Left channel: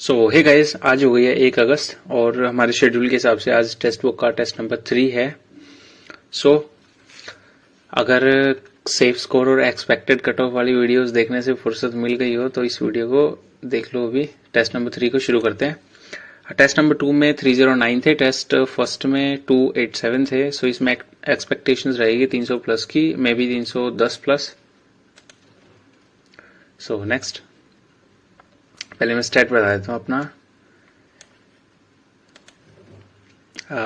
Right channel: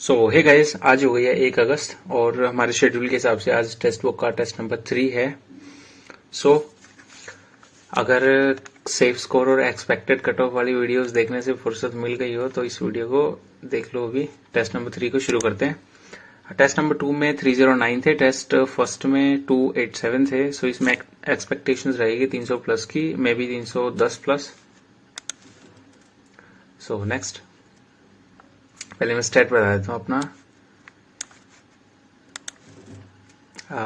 सो hey guys, आज हो गई है 1 अगस्त और हमारे शेड्यूल के हिसाब से आज टेस्ट बुक का टेस्ट नंबर 3 है। सो अगर सेफ स्कोर और एक्सपेक्टेड कट ऑफ वाली वीडियोस देखने से फुर्सत मिल गई हो तो इस वीडियो को देख लो। अभी टेस्ट नंबर 3 को शुरू करते हैं। टेस्ट नंबर 2 में 309 थे, टेस्ट फर्स्ट में 287 थे। सो इसमें एक्सपेक्टेशंस रहेगी 300 प्लस की, may be 310 plus. So next, पहले मैं स्टेट बता देता हूँ अपना।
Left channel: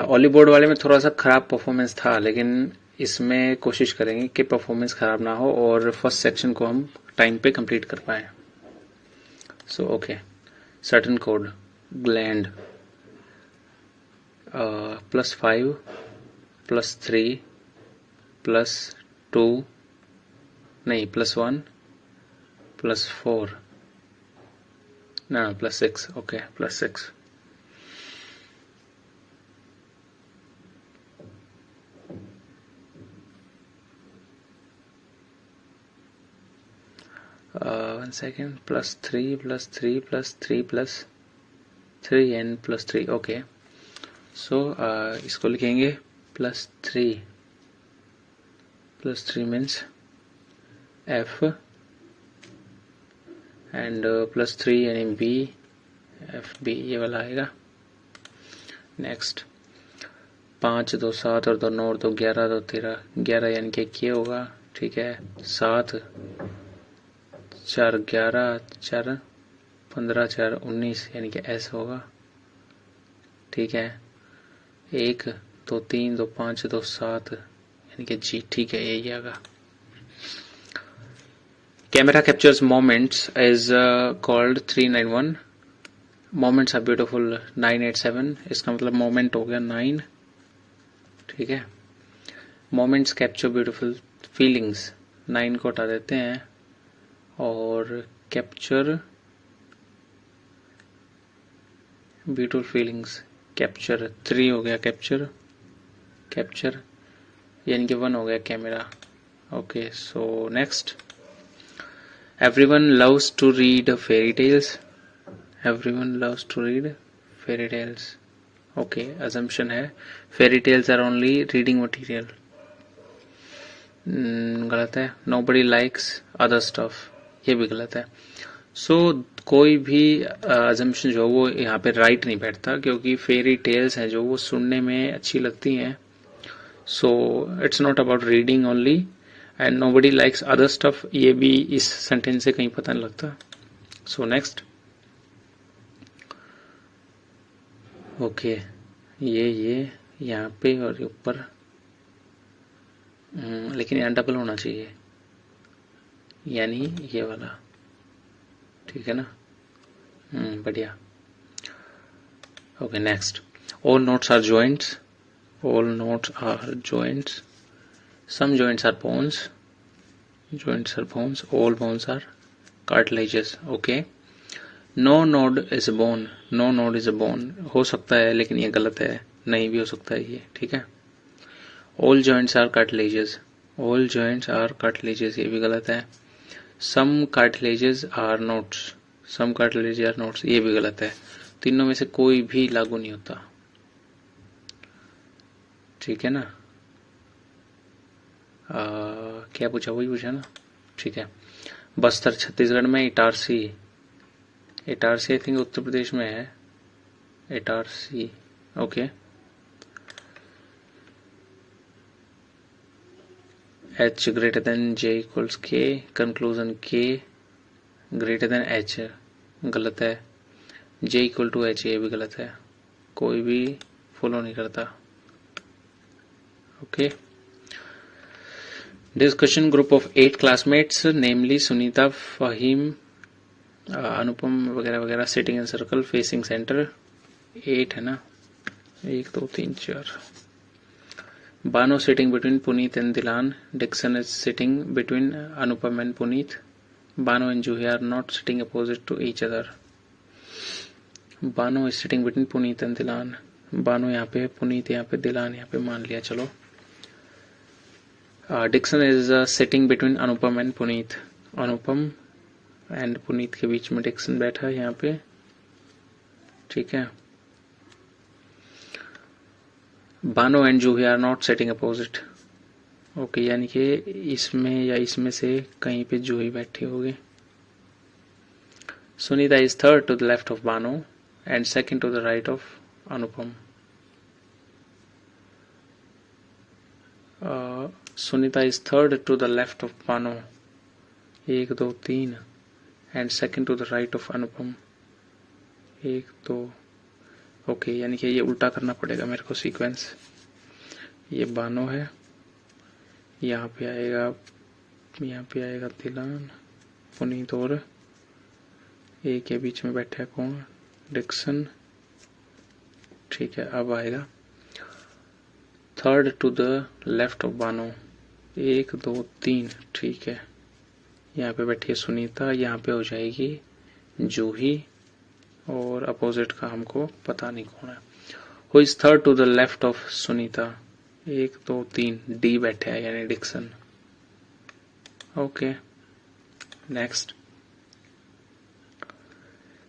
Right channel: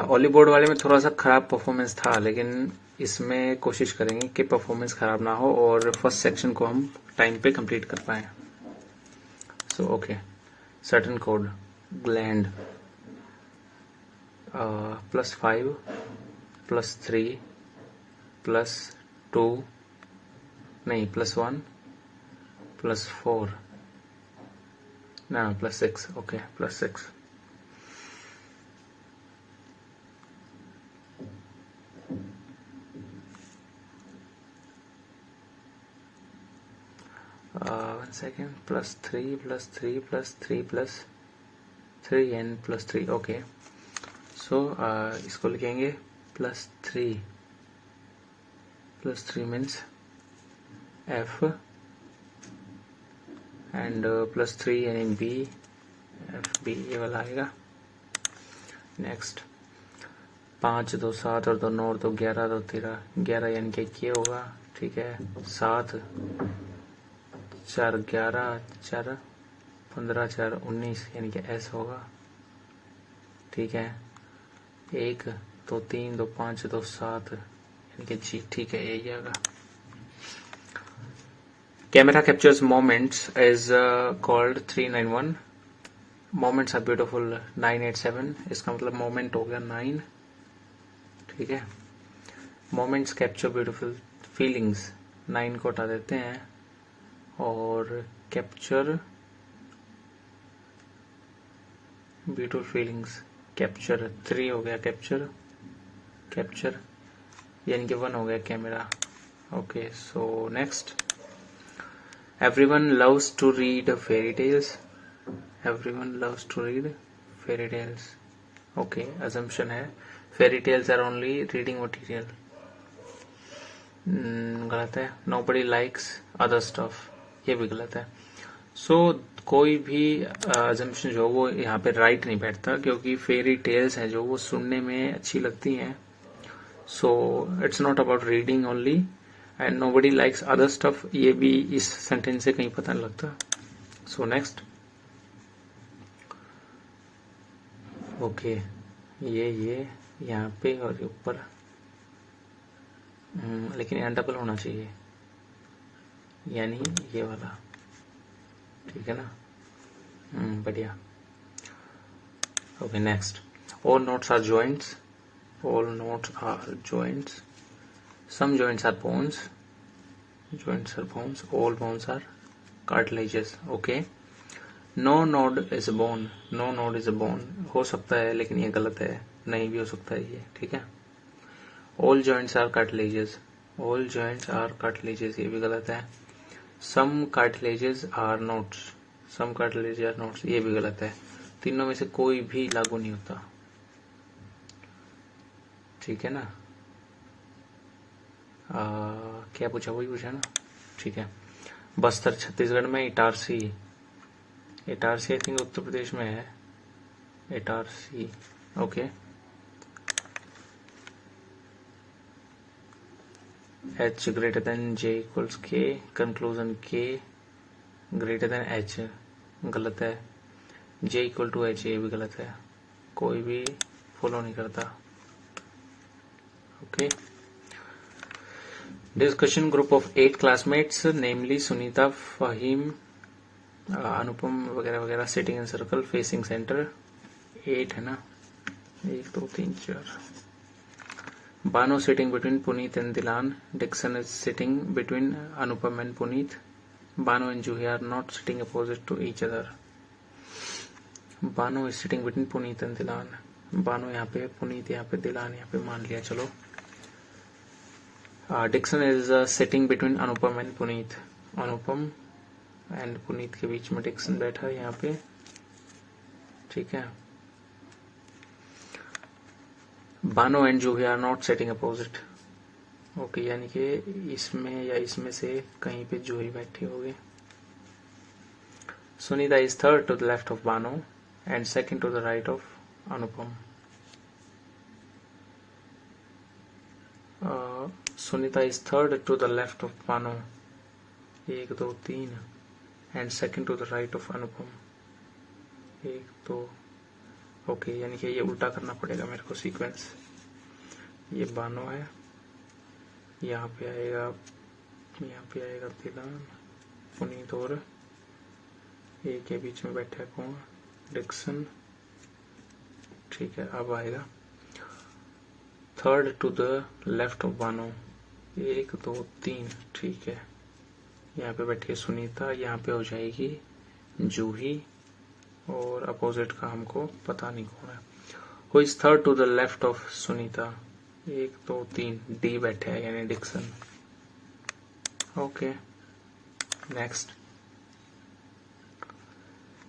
ऑली बोर्ड वाले में थोड़ा सा खराब परफॉर्मेंस था, लेकिन इसमें कोशिश करेंगे कि परफॉर्मेंस खराब ना हो और फर्स्ट सेक्शन को हम टाइम पे कंप्लीट कर पाए। So okay, certain code gland +5 +3 +2 नहीं +1 +4 ना +6 ओके +6 1 second +3 +3 +3 +3 and +3 ओके। सो इसको लिखेंगे +3 मीन्स F एंड +3 यानी B, FB ये वाला आएगा। नेक्स्ट 5 2 7 और 2 9 और 2 11 2 13 11 यानी कि ये होगा, ठीक है। 7 4 11 4 15 4 19 यानी कि S होगा, ठीक है। 1 2 3 2 5 2 7 यानी कि G, ठीक है, यही आएगा। Camera captures moments is called 391, moments are beautiful 987, इसका मतलब मोमेंट हो गया 9, ठीक है। मोमेंट्स कैप्चर ब्यूटीफुल फीलिंग्स 9 को हटा देते हैं और कैप्चर ब्यूटीफुल फीलिंग्स कैप्चर 3 हो गया। कैप्चर यानी कि 1 हो गया camera, okay. So next, everyone loves to read fairy tales, everyone loves to read fairy tales, okay. Assumption है fairy tales are only reading material, गलत है। नोबडी लाइक्स अदर स्टफ, ये भी गलत है। सो कोई भी अजम्पशन जो वो यहाँ पे राइट नहीं बैठता, क्योंकि फेरी टेल्स हैं जो वो सुनने में अच्छी लगती हैं। So it's not about reading only and nobody likes other stuff, ये भी इस सेंटेंस से कहीं पता नहीं लगता। सो नेक्स्ट, ओके, ये यहाँ पे और ऊपर, लेकिन यहाँ डबल होना चाहिए, यानी ये वाला, ठीक है ना। बढ़िया, okay. Next, all notes are joints, all notes are joints, some joints are bones, all bones are cartilages, okay। no node is a bone, no node is a bone हो सकता है, लेकिन ये गलत है, नहीं भी हो सकता है ये, ठीक है। all joints are cartilages, all joints are cartilages ये भी गलत है। some cartilages are nodes, some cartilages are nodes ये भी गलत है। तीनों में से कोई भी लागू नहीं होता, ठीक है ना। क्या पूछा, वही पूछा ना, ठीक है। बस्तर छत्तीसगढ़ में, इटारसी आई थिंक उत्तर प्रदेश में है, Itarsi, okay. H greater than J equals K, conclusion K greater than H गलत है। J equal to H ये भी गलत है, कोई भी फॉलो नहीं करता, okay. Discussion group of 8 classmates, namely Sunita, Fahim, अनुपम वगैरह वगैरह, sitting in circle facing centre, 8 है ना, 1 2 3 4। Bano sitting between Puneet and Dilan, Dixon is sitting between Anupam and Puneet, Bano and Juhi are not sitting opposite to each other, Bano is sitting between Puneet and Dilan, Bano यहाँ पे, पुनीत यहाँ पे, दिलान यहाँ पे, मान लिया, चलो। Dixon is sitting between Anupam and Puneet, Anupam and Puneet के बीच में डिक्सन बैठा है यहाँ पे, ठीक है। Bano and Juhi are not sitting opposite. Okay, यानी कि इसमें या इसमें से कहीं पे जूही बैठी होगी। Sunita is third to the left of Bano and second to the right of Anupam. Sunita is third to the left of Bano, 1 2 3, and second to the right of Anupam, 1 2। Okay, यानी कि ये उल्टा करना पड़ेगा मेरे को सीक्वेंस। ये बानो है, यहाँ पे आएगा तिलान, पुनीत, और ए के बीच में बैठा है कौन, डिक्सन। ठीक है, अब आएगा third to the left of Bano, 1 2 3। ठीक है, यहाँ पे बैठी है सुनीता, यहाँ पे हो जाएगी जूही, और अपोजिट का हमको पता नहीं कौन है। Who is third to the left of Sunita, 1 2 3, D बैठे है यानी Dixon. Okay, next.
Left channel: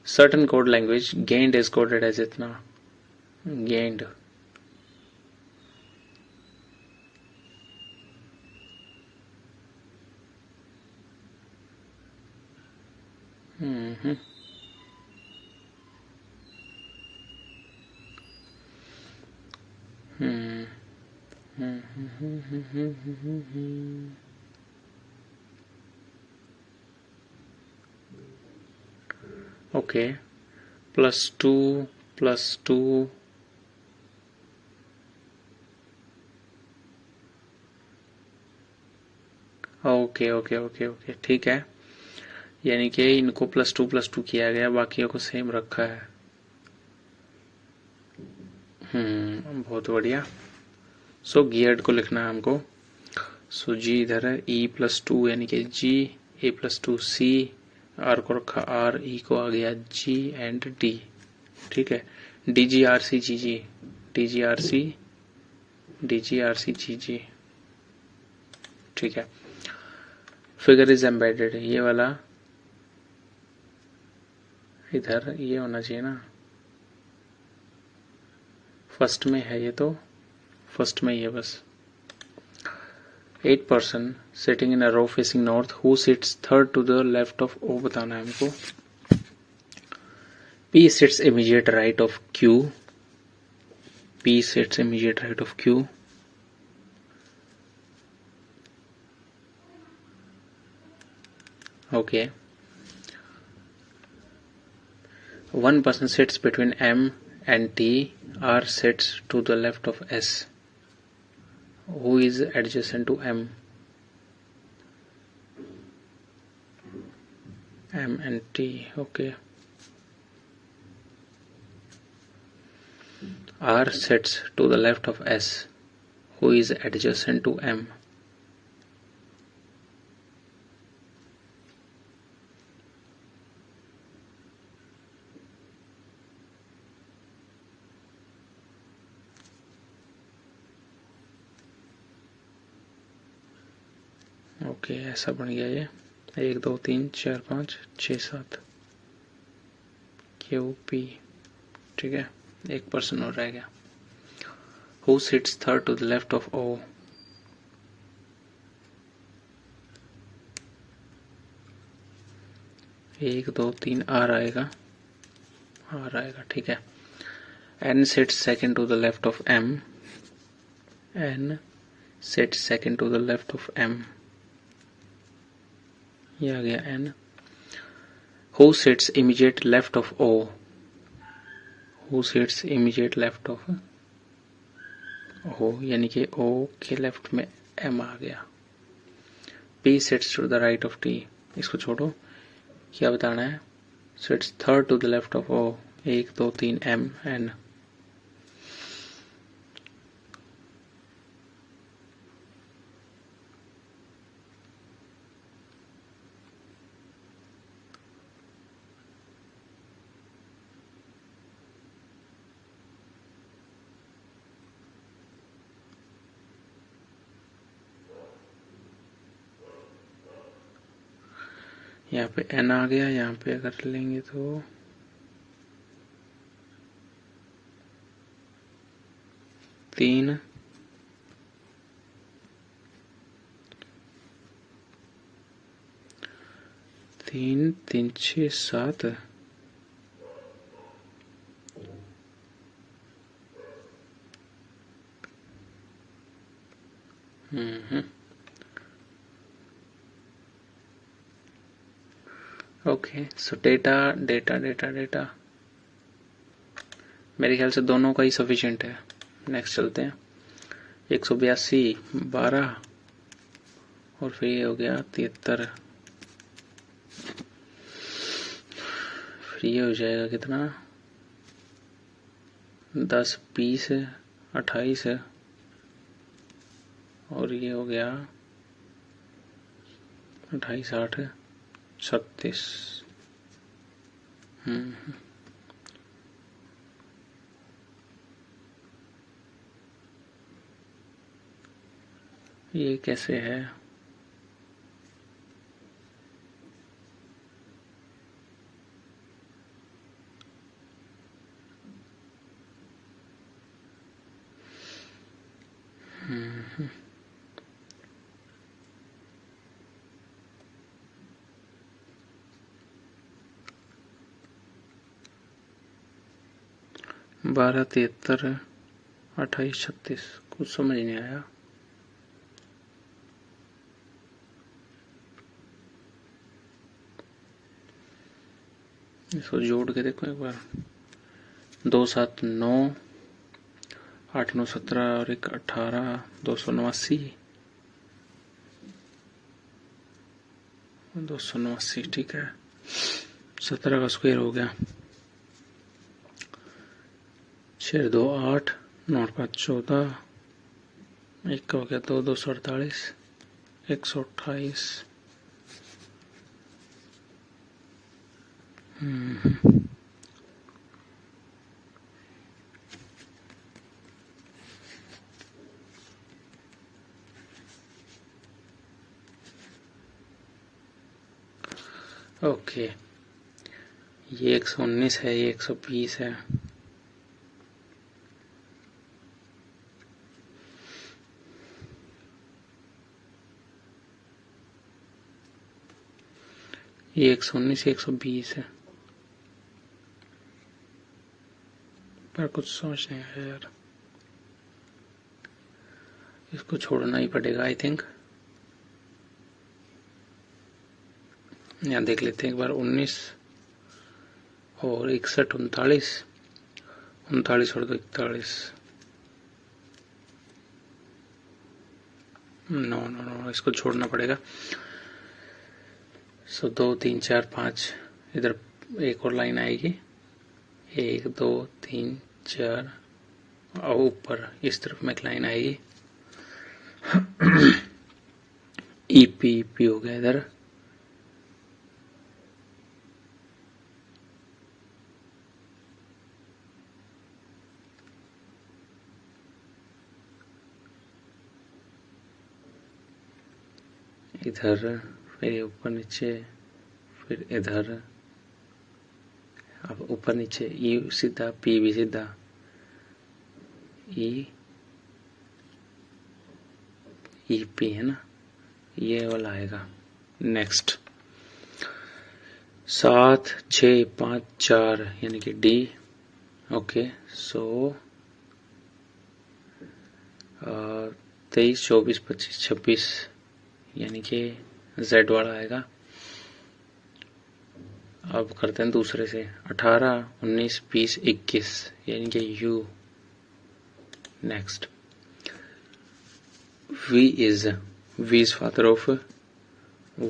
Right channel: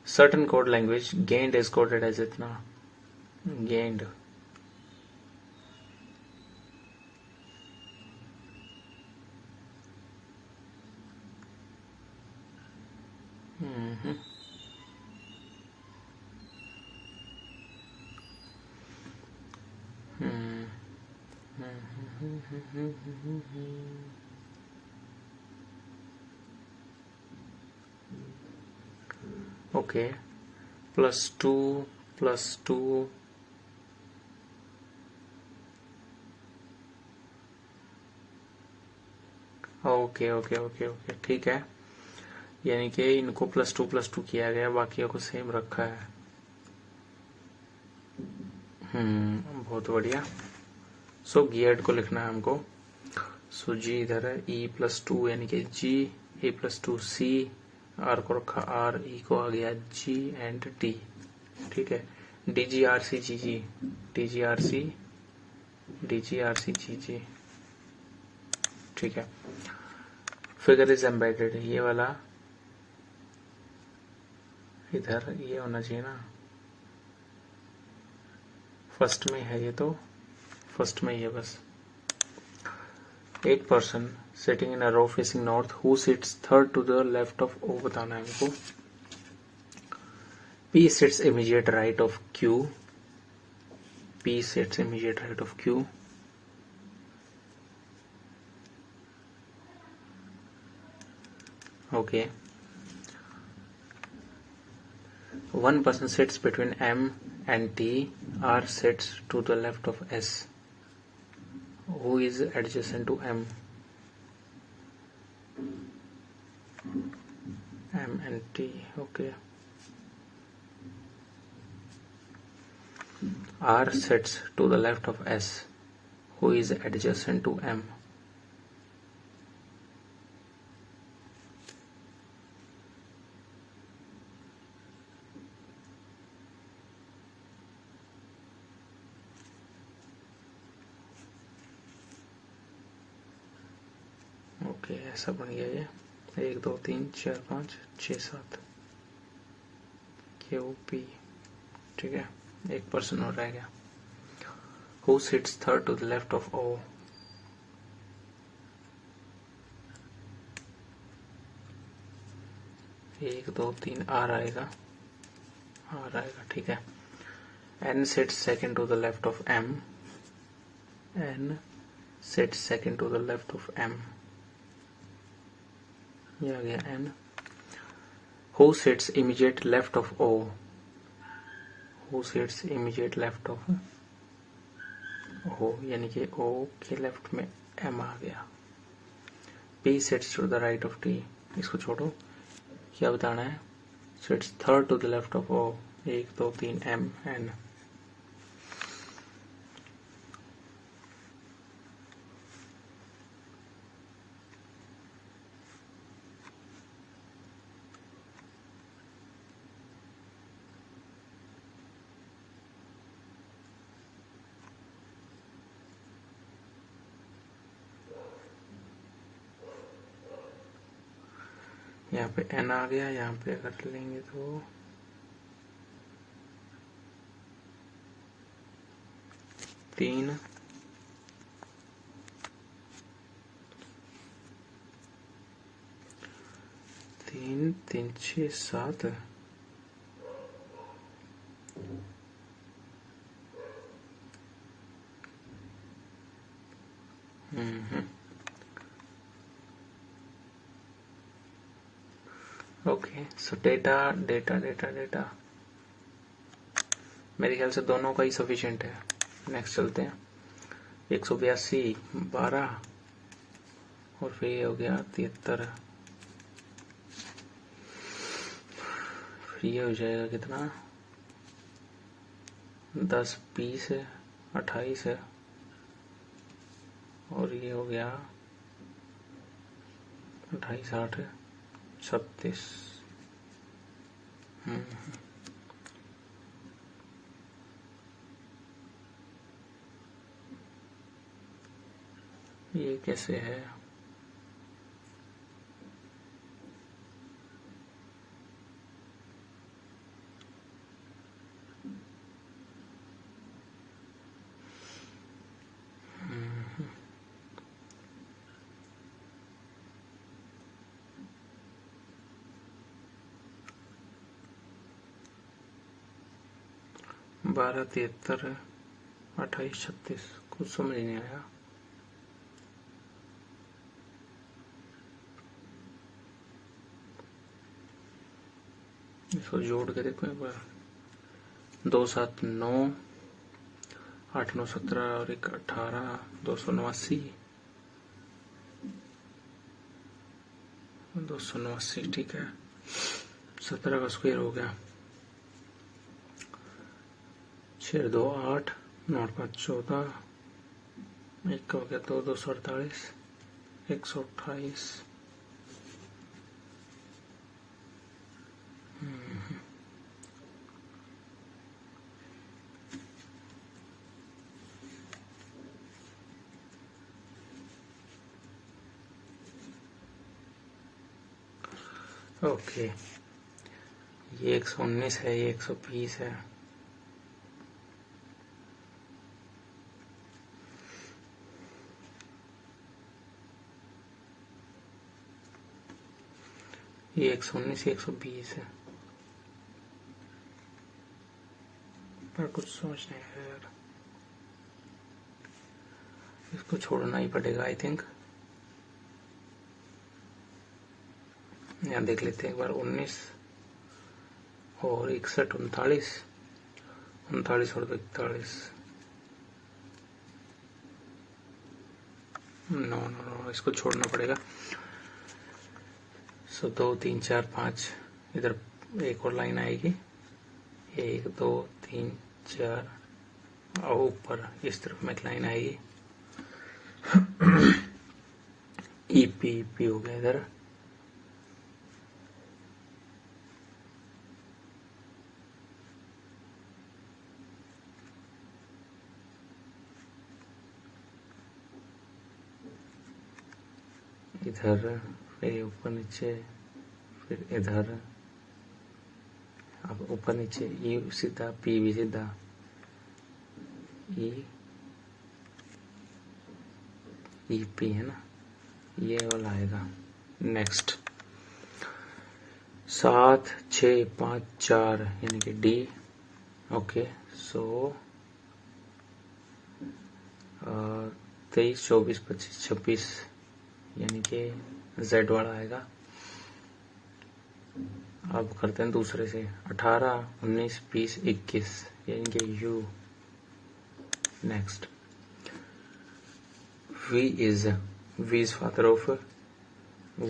Certain code language gend is coded as इतना, gend. Okay, +2 +2 okay okay okay okay, ठीक है। यानी कि इनको +2 किया गया, बाकियों को सेम रखा है। बहुत बढ़िया। सो गियर्ड को लिखना है हमको। सो जी इधर है, E+2 यानी कि G, A+2 C, R को रखा R, E को आ गया G एंड D। ठीक है, DGRC GG, DGRC DGRC GG। ठीक है, फिगर इज एम्बेडेड, ये वाला इधर ये होना चाहिए ना, फर्स्ट में है ये, तो फर्स्ट में ही है बस। 8 person sitting in a row facing north, who sits third to the left of O बताना है हमको। P sits immediate right of Q, P sits immediate right of Q। Okay, one person sits between M and T, R sits to the left of S, who is adjacent to M, M and T। okay, R sits to the left of S, who is adjacent to M। Okay, ऐसा बन गया ये। 1 2 3 4 5 6 7 QP। ठीक है, 1 person और रह गया। Who sits third to the left of O, 1 2 3 R आएगा, R आएगा। ठीक है, N sits second to the left of M, N sits second to the left of M, ये आ गया N। Who sits immediate left of O, who sits immediate left of O, यानी कि O के left में M आ गया। P sits to the right of T, इसको छोड़ो, क्या बताना है। Sits third to the left of O, 1 2 3 M N। यहाँ पे N आ गया, यहाँ पे अगर लेंगे तो 3 3 3 6 7 ओके। सो डेटा मेरे ख्याल से दोनों का ही सफिशिएंट है। नेक्स्ट चलते हैं। 182 12 और फिर ये हो गया 73। फिर ये हो जाएगा कितना 10 20 28 और ये हो गया 28 8 36। ये कैसे है? बारह 73 28 36 कुछ समझ नहीं आया। इसको जोड़ के देखो एक बार। 2 7 9 8 9 17 और 1 18 289 289 ठीक है। 17 का स्क्वायर हो गया 6 2 8 9 5 14 1 का हो गया 2 248 128। ओके ये 119 है, ये 120 है। ये 119 120 है, पर कुछ सोच नहीं है यार। इसको छोड़ना ही पड़ेगा आई थिंक। यहाँ देख लेते हैं एक बार। 19 और 61 39 39 और 41। नो इसको छोड़ना पड़ेगा। सो 2 3 4 5 इधर एक और लाइन आएगी 1 2 3 4 और ऊपर इस तरफ में एक लाइन आएगी ईपी हो गया इधर। इधर फिर ऊपर नीचे फिर इधर। अब ऊपर नीचे ई सीधा पी भी सीधा ई पी है ना, ये वाला आएगा। नेक्स्ट 7 6 5 4 यानी कि डी। ओके सो 23 24 25 26 यानी कि Z वाला आएगा। अब करते हैं दूसरे से 18 19 20 21 यानी कि U। Next V is father of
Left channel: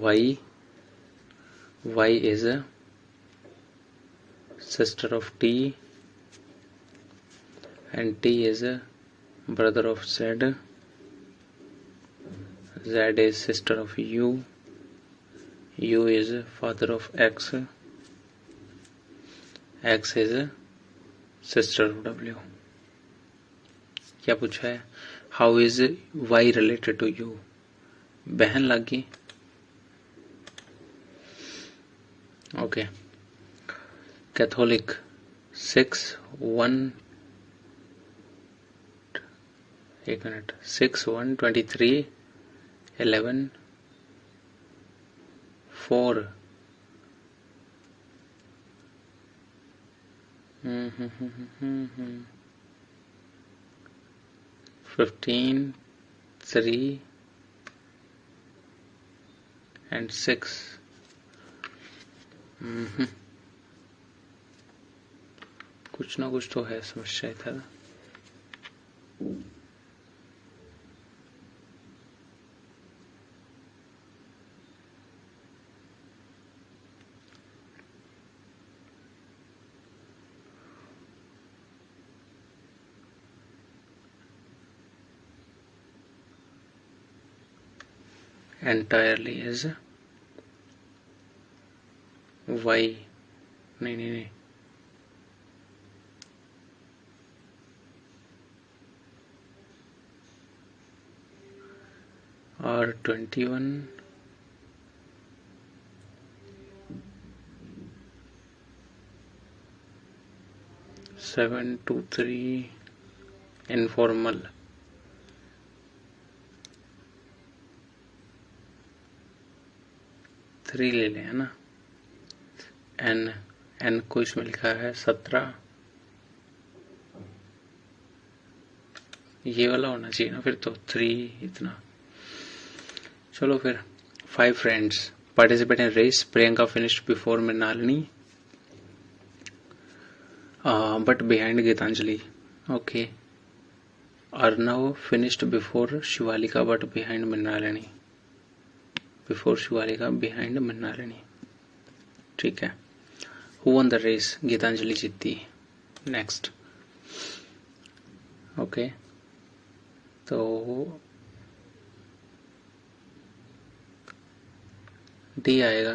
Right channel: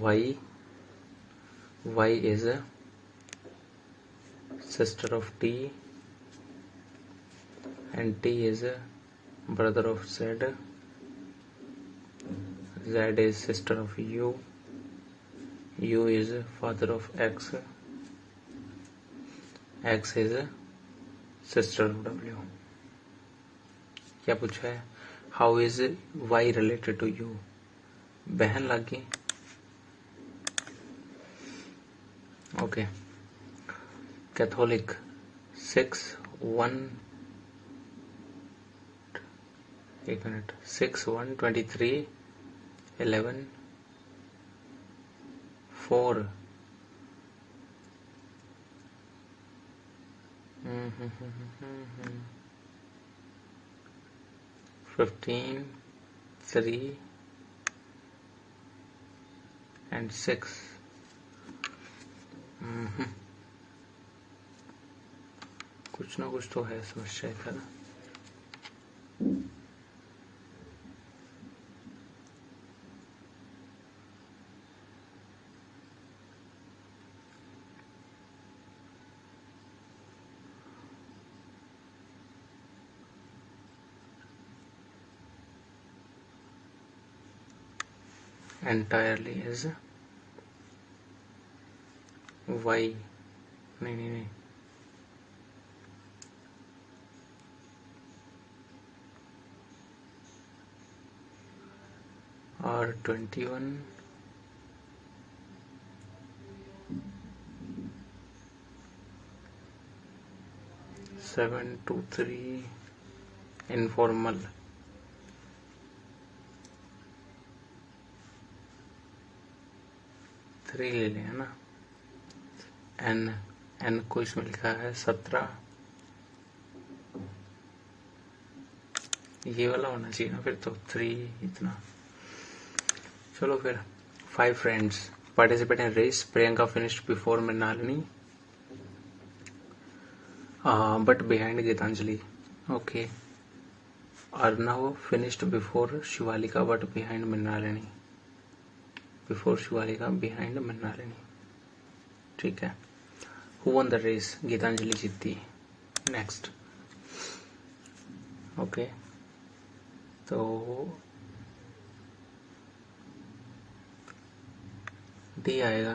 Y is sister of T and T is brother of Z. Z is sister of U is father of X is sister of W। क्या पूछा है? How is Y related to U? बहन लगी। Okay Catholic 6 1 एक minute, 6 1 23 11 4 15 3 and 6। कुछ ना कुछ तो है समस्या था। entirely is y, नहीं और 21 7 2 3 इनफॉर्मल। थ्री ले लें, है ना। एन को इसमें लिखा है 17, ये वाला होना चाहिए ना फिर तो 3 इतना। चलो फिर 5 friends participate in race. Priyanka finished before Mrinalini but behind Geetanjali. Okay. Arnav finished before Shivalika but behind Mrinalini. Before Shivalika behind Mrinalini, ठीक है। Who won the race? Geetanjali जीती। नेक्स्ट। ओके, तो डी आएगा।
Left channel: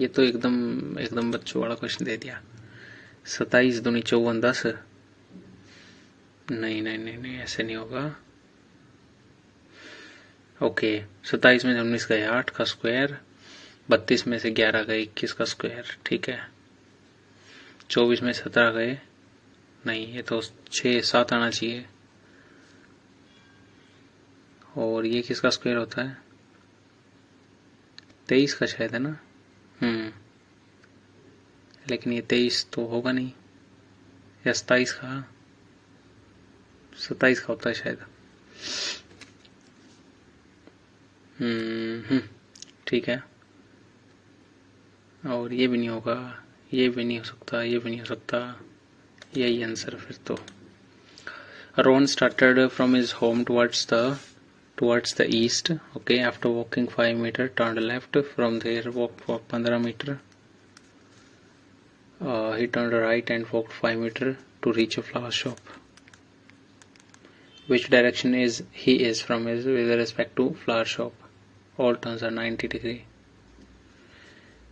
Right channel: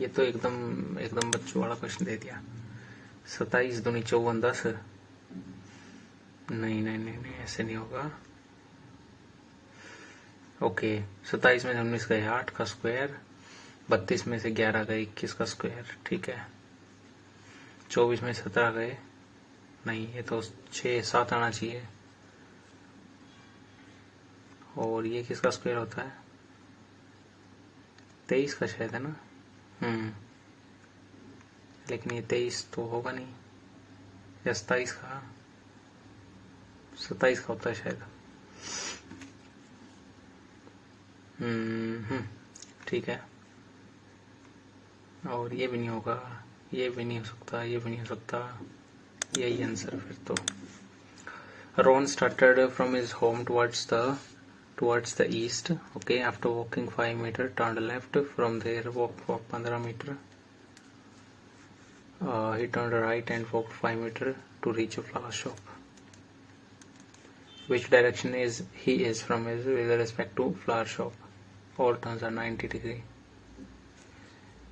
ये तो एकदम बच्चों वाला क्वेश्चन दे दिया। 27 दूनी 54 10। नहीं ऐसे नहीं होगा। ओके, 27 में 19 गए 8 का स्क्वायर, 32 में से 11 गए 21 का स्क्वायर, ठीक है। 24 में 17 गए, नहीं ये तो 6 7 आना चाहिए। और ये किसका स्क्वायर होता है? 23 का शायद, है ना। लेकिन ये 23 तो होगा नहीं, या 27 का, 27 का होता है शायद। ठीक है। और ये भी नहीं होगा, ये भी नहीं हो सकता, ये भी नहीं हो सकता, यही आंसर फिर तो। Ron started from his home towards the east. Okay, after walking 5 meters, turned left. From there, walked 15 meters. He turned right and walked 5 meters to reach a flower shop. Which direction is he is from his with respect to flower shop? All turns are 90 degree.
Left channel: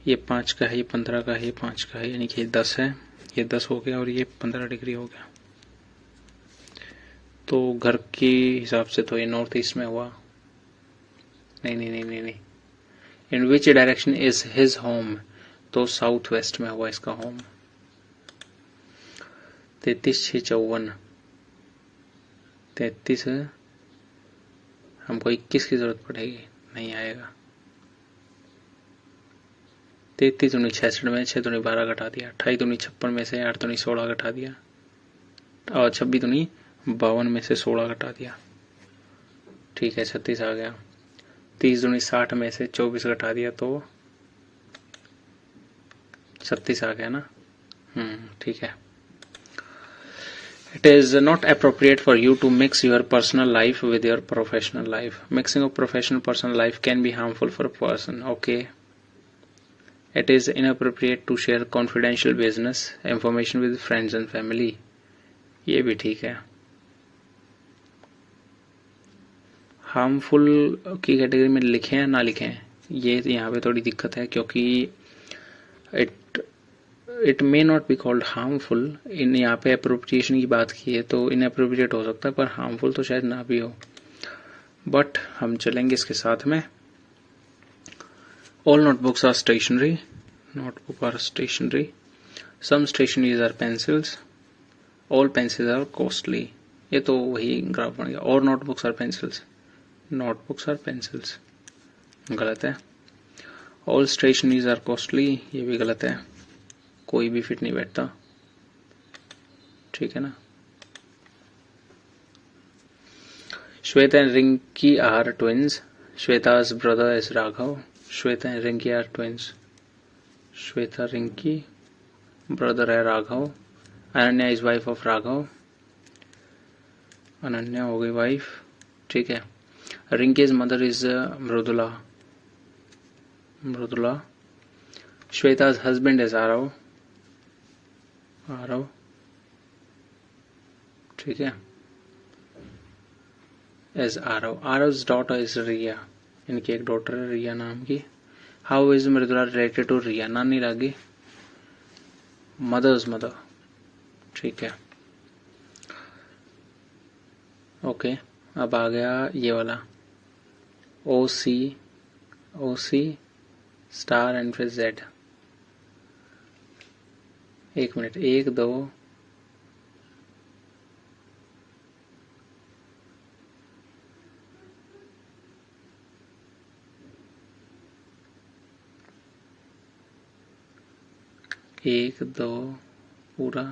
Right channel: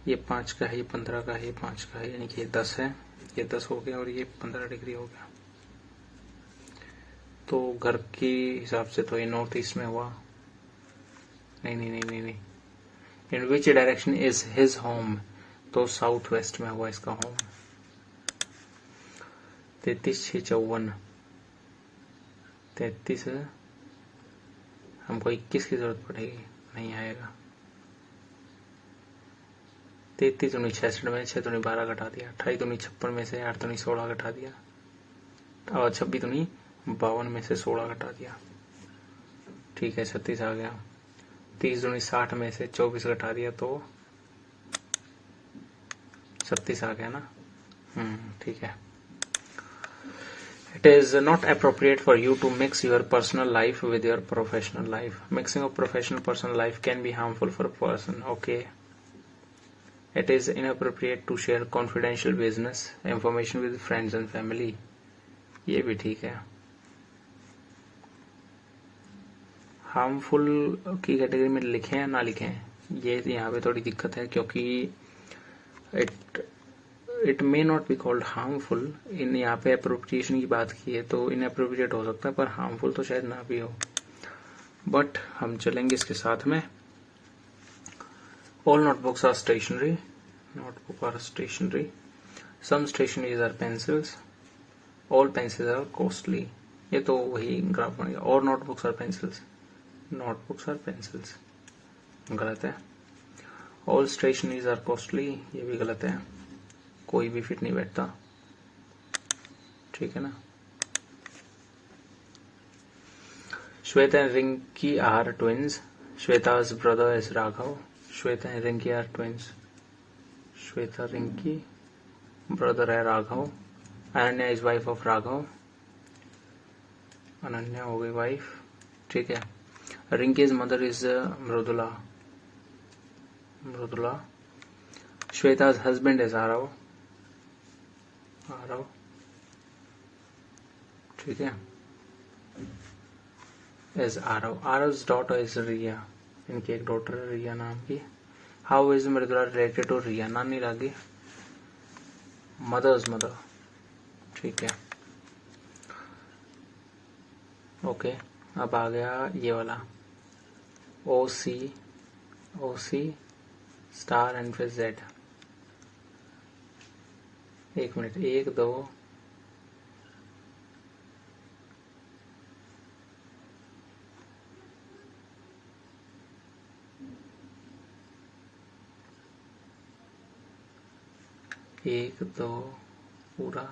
ये 5 का है, ये 15 का है, ये 5 का है, यानी कि ये 10 है, ये 10 हो गया और ये 15 डिग्री हो गया। तो घर के हिसाब से तो ये नॉर्थ ईस्ट में हुआ। नहीं। In which direction is his home? तो साउथ वेस्ट में हुआ इसका होम। 33 6 54, 33 हमको 21 की जरूरत पड़ेगी, नहीं आएगा। 33 दूनी 66 में 6 दूनी 12 घटा दिया, 28 दूनी 56 में से 8 दूनी 16 घटा दिया, और 26 दूनी 52 में से 16 घटा दिया, ठीक है। 36 आ गया। 30 दूनी 60 में से 24 घटा दिया तो 36 आ गया ना। ठीक है। It is not appropriate for you to mix your personal life with your professional life. Mixing of professional personal life can be harmful for a person. Okay. It is inappropriate to share confidential business information with friends and family. ये भी ठीक है। Harmful की category में लिखें या ना लिखें, ये यहाँ पे थोड़ी दिक्कत है, क्योंकि it may not be called harmful. इन यहाँ पे अप्रोप्रिएशन की बात की है तो इनअप्रोप्रिएट हो सकता है, पर हार्मफुल तो शायद ना भी हो। बट हम चलेंगे इसके साथ में। All notebooks are stationery, notebook are stationery, some stationeries are pencils, all pencils are costly. ये तो वही ग्राफ बन गया। और नोटबुक्स और पेंसिल्स, नोटबुक्स और पेंसिल्स गलत है। ऑल स्टेशनरीज आर कॉस्टली, ये भी गलत है, कोई भी फिट नहीं बैठता, ठीक है ना। Shweta and Rinky are twins, श्वेता's brother is Raghav, Shweta and Rinky are twins, Shweta Rinky, brother है Raghav, Ananya is wife of Raghav, Ananya हो गई वाइफ, ठीक है। रिंकीज मदर इज मृदुला, मृदुला, श्वेता's हस्बैंड इज आरव, आरव, ठीक है, is Aarav, Aarav's daughter is Riya, इनकी एक डॉटर है रिया नाम की। How is Mridula related to Riya, नानी लागी, मदर्स मदर, ठीक है, ओके। अब आ गया ये वाला ओ सी स्टार एंड फिर जेड। एक मिनट, 1 2 1 2 पूरा,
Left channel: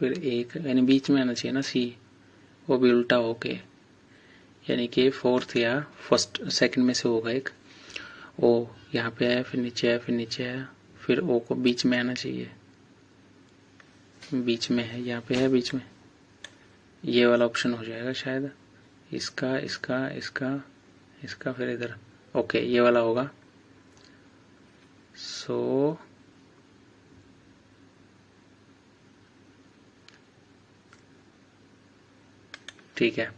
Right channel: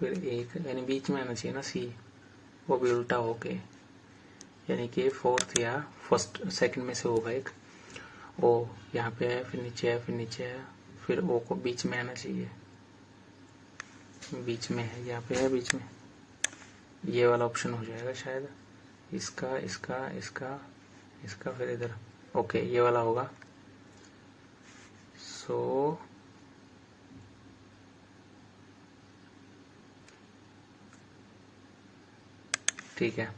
फिर 1, यानी बीच में आना चाहिए ना सी, वो भी उल्टा होके, यानी कि फोर्थ या फर्स्ट सेकंड में से होगा एक ओ, यहाँ पे है, फिर नीचे है, फिर नीचे है, फिर ओ को बीच में आना चाहिए, बीच में है, यहाँ पे है बीच में, ये वाला ऑप्शन हो जाएगा शायद, इसका इसका इसका इसका फिर इधर, ओके ये वाला होगा। सो ठीक है,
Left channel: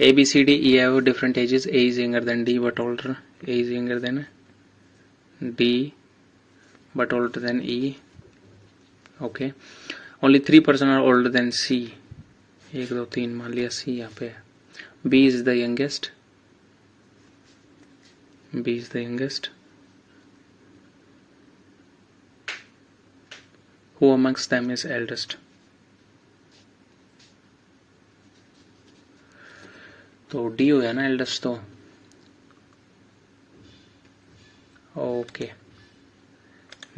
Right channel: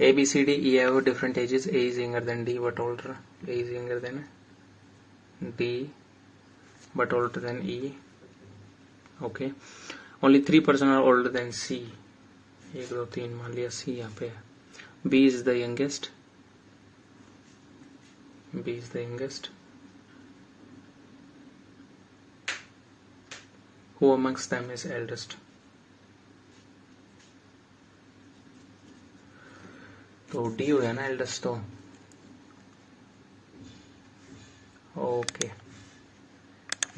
A B C D E have different ages, A is younger than D but older, A is younger than D but older than E, okay, only 3 person are older than C, 1 2 3 मान लिया C यहाँ पे, B is the youngest, B is the youngest, who amongst them is eldest, तो D हो गया ना eldest तो, okay.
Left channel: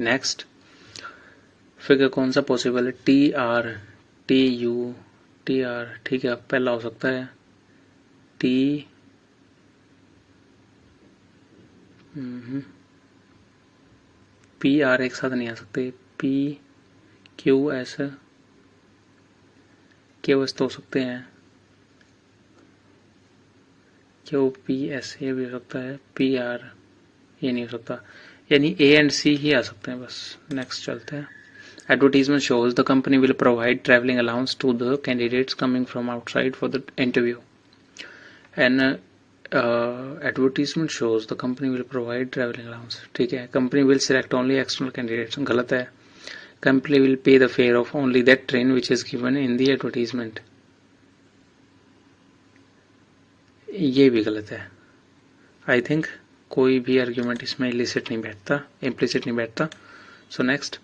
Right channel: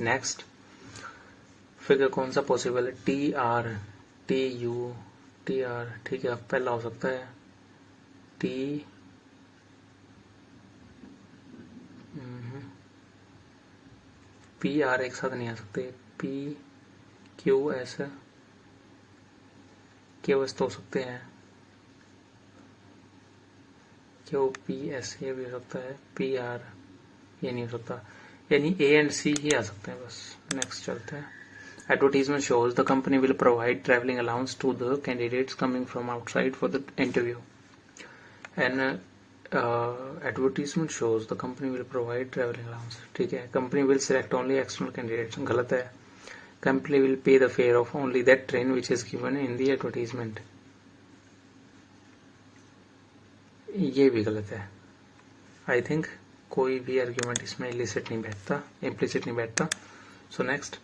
Next figure कौन सा पॉसिबल है, T R T U T R, ठीक है, पहला हो सकता है टी पी आर एक साथ नहीं आ सकते, P Q S, Q S तो हो सकते हैं, क्यू पी एस ये भी हो सकता है, पी आर ये नहीं हो सकता, यानी ए एंड सी ही आ सकते हैं बस। नेक्स्ट चलते हैं। Advertisement shows the company will provide travelling allowance to the candidates coming from outside for the interview, and advertisement shows the company will provide travelling allowance, ठीक है। Company will select only external candidates, गलत है। Company will pay the fare of only that train which is given in the advertisement, ये भी गलत है। I think कोई भी आर्ग्यूमेंट इसमें इलिसिट नहीं बैठता, इम्प्लिसिट नहीं बैठता। सो नेक्स्ट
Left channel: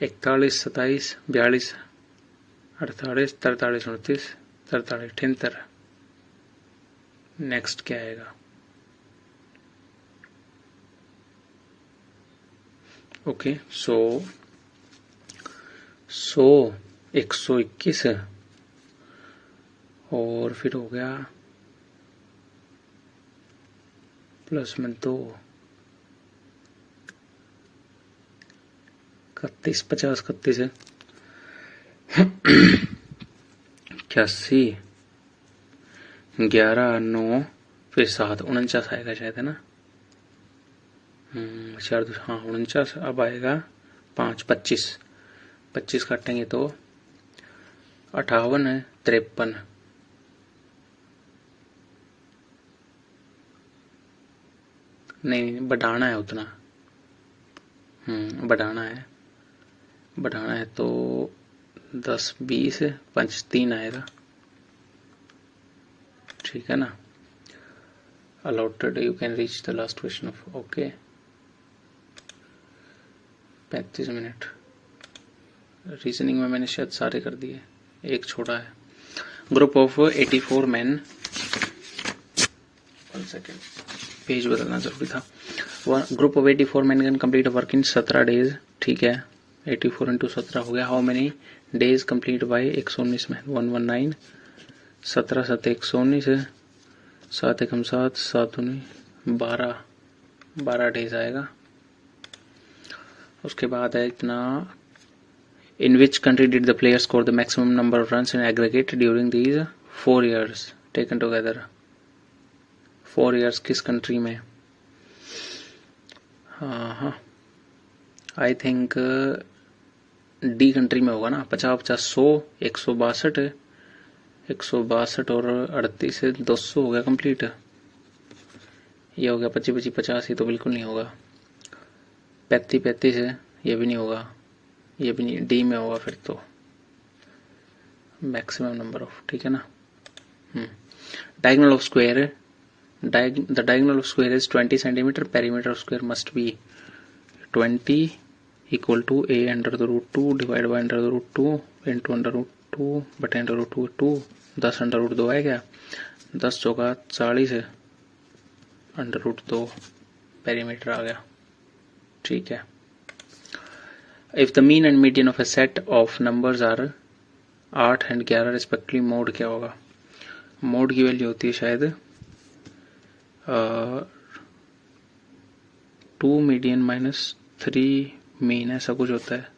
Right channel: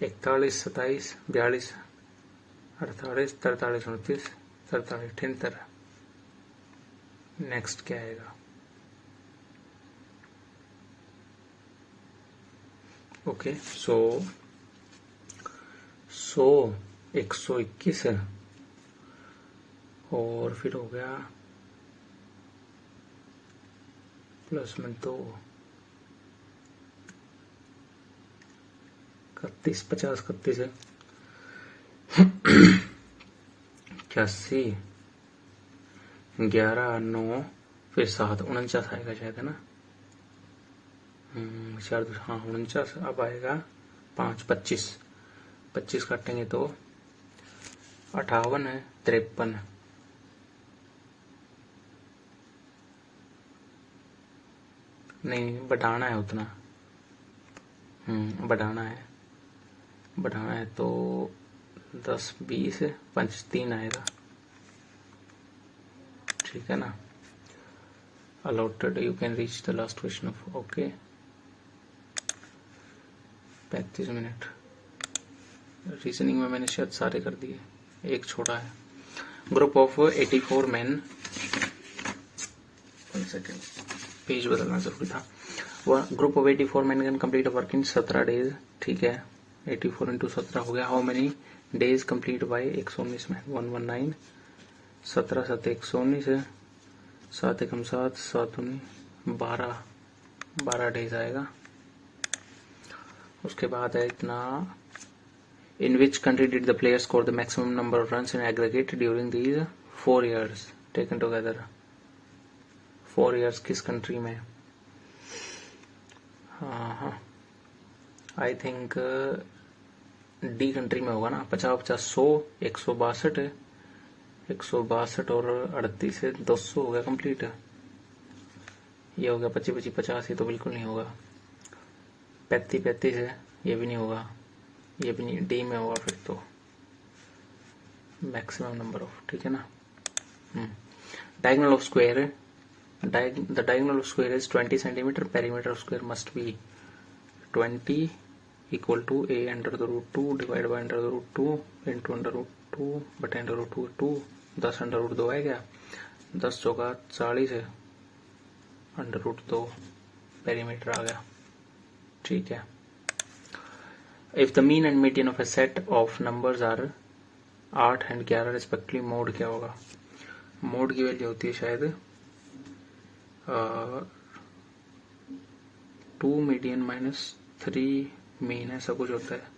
41 27 42 48 43 29 43 78, नेक्स्ट क्या आएगा, ओके। सो 121 और फिर हो गया प्लस में 2 31 50 31 है 81 11 9 फिर 7 49 आएगा शायद, है ना, 4 हाँ 49, अब आएगा 5 25 काटेंगे तो 58 है 53, नहीं बढ़ाना है उतना, बढ़ाना है तो 10 20 5 3 आएगा, ठीक है ना। allotted you can reach the last question of, okay 35 minute. Reasoning में मैंने शायद सारे कर दिए, एक छोड़ा है। Group of 84 man, second page बदलना जरूरी था। Group of 84 man can complete work in 17 days, ठीक है। 84 इंटू 17 हो गया। How many days complete bye 119 में 119, 17 7 119 है, 7 1 7, 7 12, 12 डेज आएगा। उसके बाद है इतना, in which country did the player score the maximum number of runs in aggregate during these 4 years taken together. 4 years किस कंट्री में? हाँ, आई थिंक डी कंट्री में होगा ना। 50 50 100, 162, 162 और 38 से 200 हो गया कंप्लीट। ये हो गया 25 25 50, ये तो बिल्कुल नहीं होगा। 35 35 है, ये भी नहीं होगा, ये भी नहीं, डी में होगा फिर तो मैक्सिमम नंबर ऑफ, ठीक है ना। Diagonal of square, the diagonal of square is 20 centimetre, perimeter of square must be 20 equal to a under the root 2 divide by under the root 2 into under root 2 बटे under root 2 2, 10 under root 2 आएगा, 10 चौका 40 है, under root 2 perimeter आ गया, ठीक है। If the mean and median of a set of numbers are 8 and 11 respectively, mode क्या होगा? Mode की वैल्यू होती है शायद 2 मीडियन माइनस 3 मीन, ऐसा कुछ होता है।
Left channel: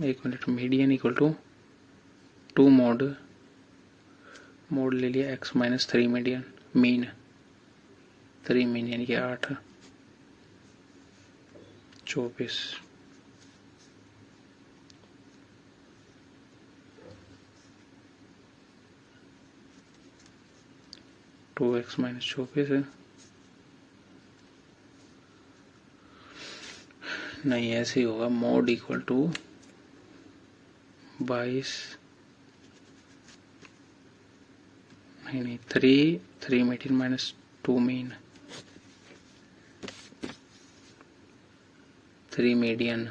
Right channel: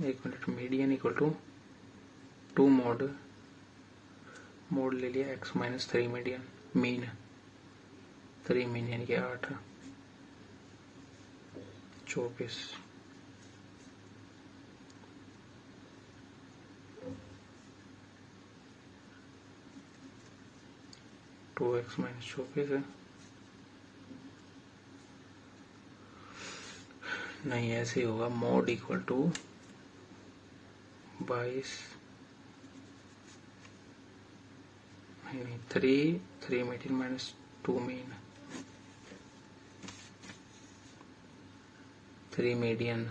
एक minute, median equal to 2 mode, mode ले लिया x minus 3 median, mean 3 mean यानी कि 8, 24, टू एक्स माइनस 24 है, नहीं ऐसे ही होगा। मोड इक्वल टू 22, नहीं 3 मीडियन माइनस 2 मीन, 3 मीडियन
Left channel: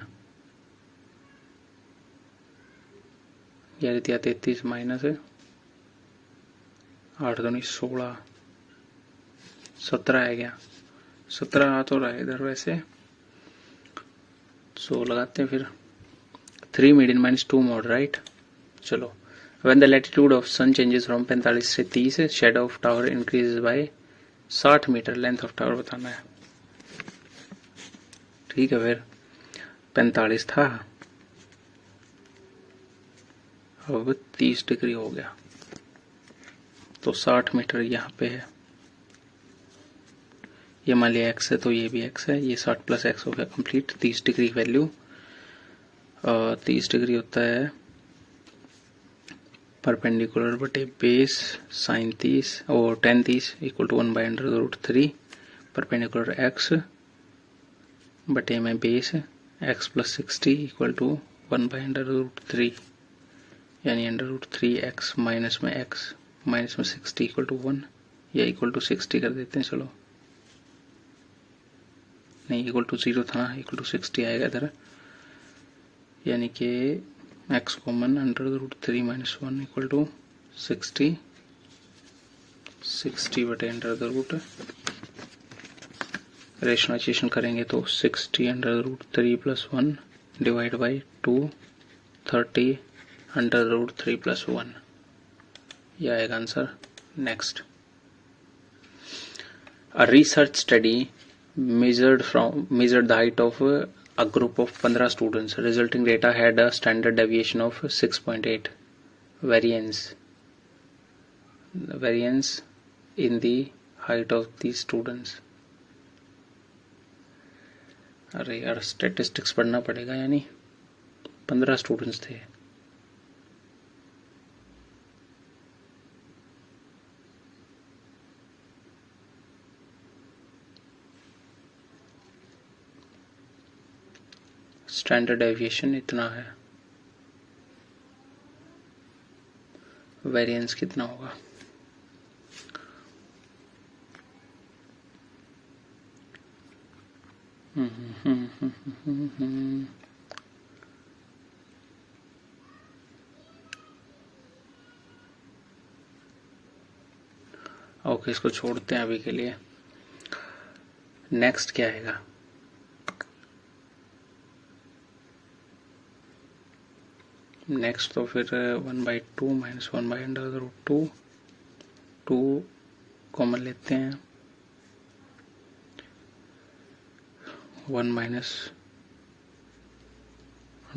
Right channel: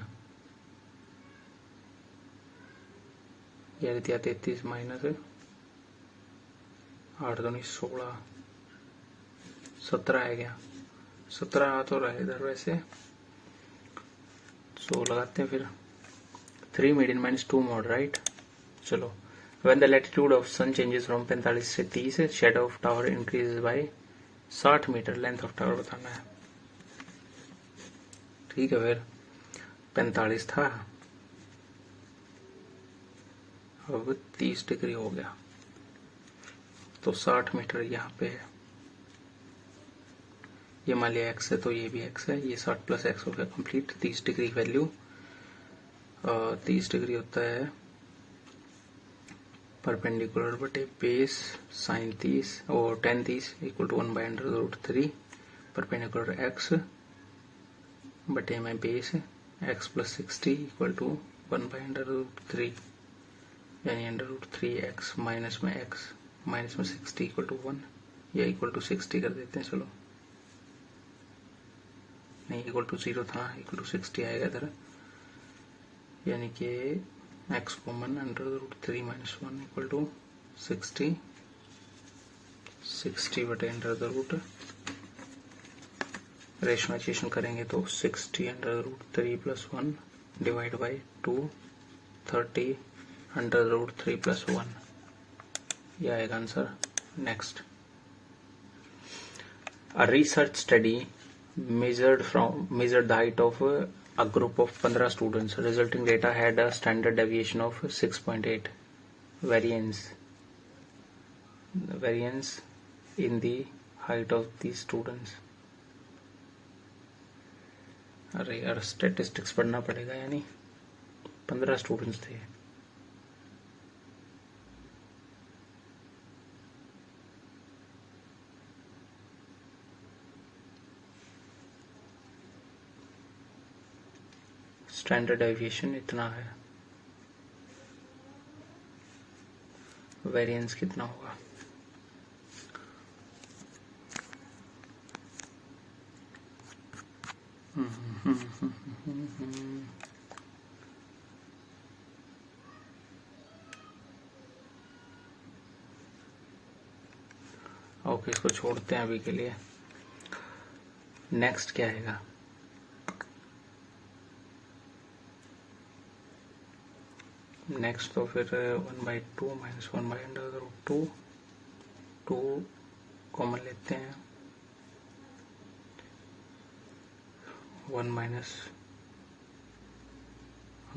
यानी 33 माइनस 8 2 16, 17 आ गया। 17 आ तो रहा है इधर वैसे, 100 लगाते हैं फिर। 3 मीडियन माइनस 2 मोड, राइट। चलो, when the latitude of sun changes from 45 से 30, shadow of tower increases by 60 metre, length of tower बताना है, ठीक है। फिर 45 था, अब 30 डिग्री हो गया, तो 60 मीटर यहाँ पे है। ये मान लिया x है तो ये भी x है, ये 60 प्लस x हो गया कंप्लीट। 30 डिग्री वैल्यू, 30 डिग्री होता है परपेंडिकुलर बटे बेस साइन 30 और tan 30 equal to 1 by under root 3 perpendicular x बटे में base x plus 60 equal to 1 by under root 3, यानी अंडर रूट 3x माइनस में x माइनस में 60 इक्वल टू 1, या इक्वल टू 60 कर देते हैं। चलो, नहीं इक्वल टू 0 था ना, इक्वल टू 60 आएगा इधर, यानी कि x common under root 3 minus 1 equal to 60, 60 बटे अंडर द रूट, रेशनलाइजेशन करेंगे तो 60 under root 3 plus 1 divide by 2, 30 under root 3 plus 1, यह आएगा answer. Next, a research study measured the height of a group of 15 students. Resulting data had a standard deviation of 6.8. Variance in the height of these students. अरे यार, statistics पढ़ना पड़ेगा, यानी 15 students थे। Standard deviation इतना है, variance कितना होगा? ओके, इसको छोड़ते हैं अभी के लिए। नेक्स्ट क्या आएगा? नेक्स्ट तो फिर 1/2 माइनस 1/√2, 2 कॉमन लेते हैं, 1 माइनस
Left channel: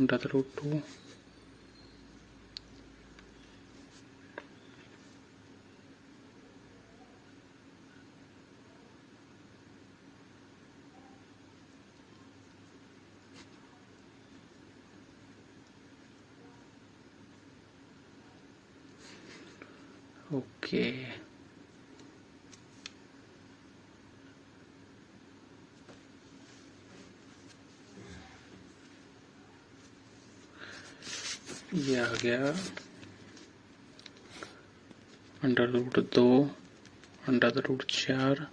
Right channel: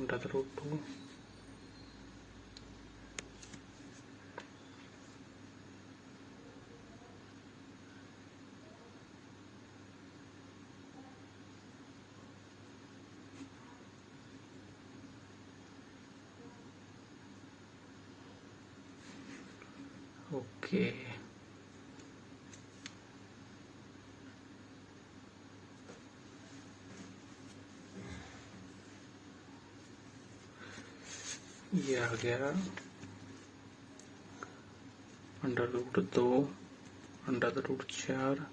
√2, ओके। ये आ गया √2, √4,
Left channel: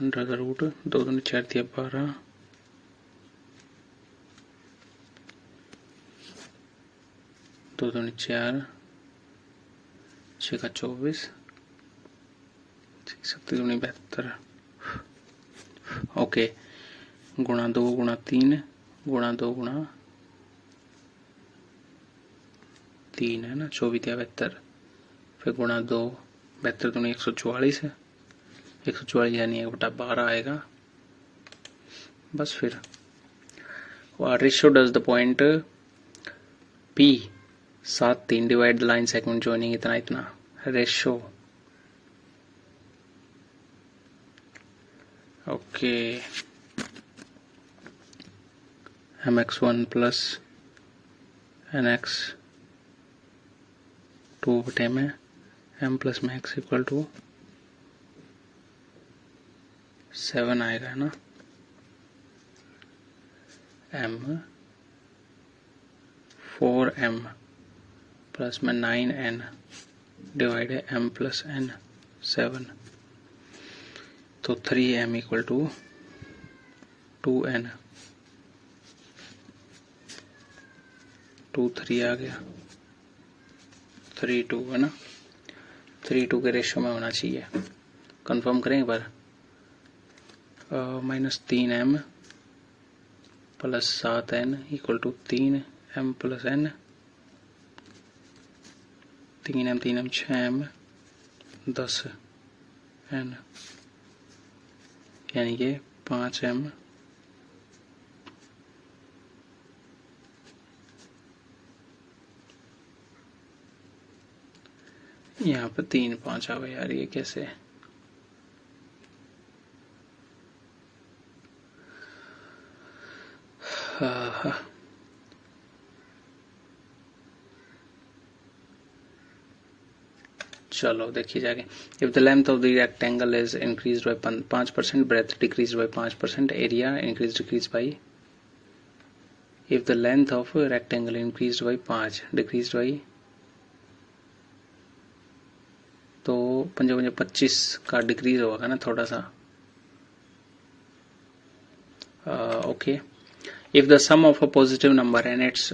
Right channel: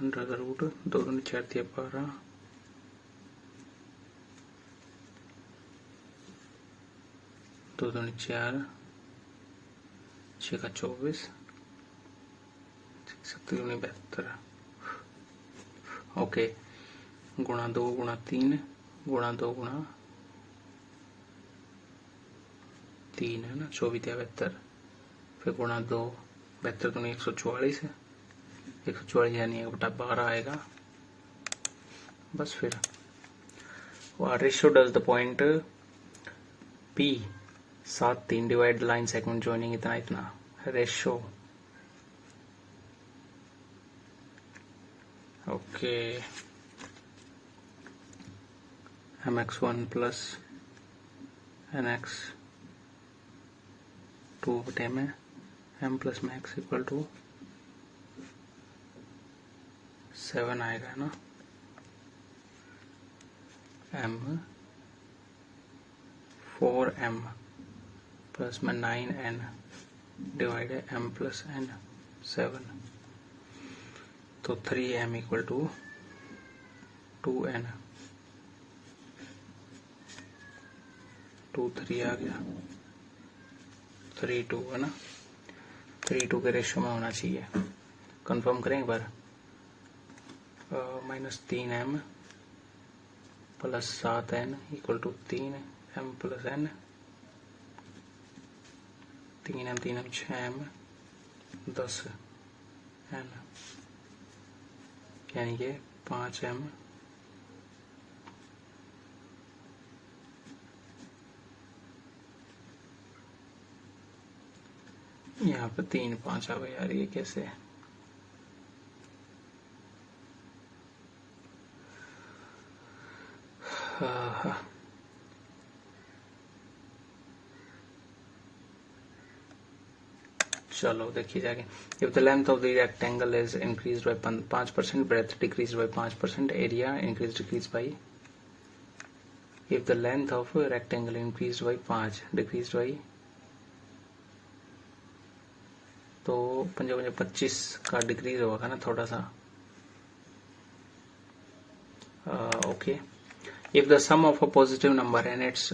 √2 दूनी 4 दिया 12, 2 दूनी 4, 6 का 24, 7 दूनी 72, ओके। गुणा 2 गुणा 3 गुणा 2 गुणा 3 है ना, 24 या 72, फिर गुणा 2, 72 दूनी 144 है, 144 यानी 1/12 आएगा। बस फिर what ratio does the point P 7 3 divide the line segment joining इतना इतना, ratio, okay. mx1 plus nx2 बटे में m plus max equal to 7 आएगा ना, m 4m प्लस में 9n डिवाइड है m प्लस n 7, तो 3m इक्वल टू 2n, 2 3 आ गया, 3 2 है ना, 3 2 के रेशियो में होना चाहिए। कंफर्म करें एक बार, -3m plus 7n equal to 3m plus n, 3m 3m 6m 10n, यानी कि 5m यहाँ पे 3 5 आ गया यार, ये कैसे? चलो देखिए जाके, if the length of the rectangle is increase by 5%, breadth decrease by 5%, area increase decrease by, if the length of rectangle increase by 5 decrease by, तो 5 25 का डिक्रीज होगा ना थोड़ा सा, okay. If the sum of a positive number and its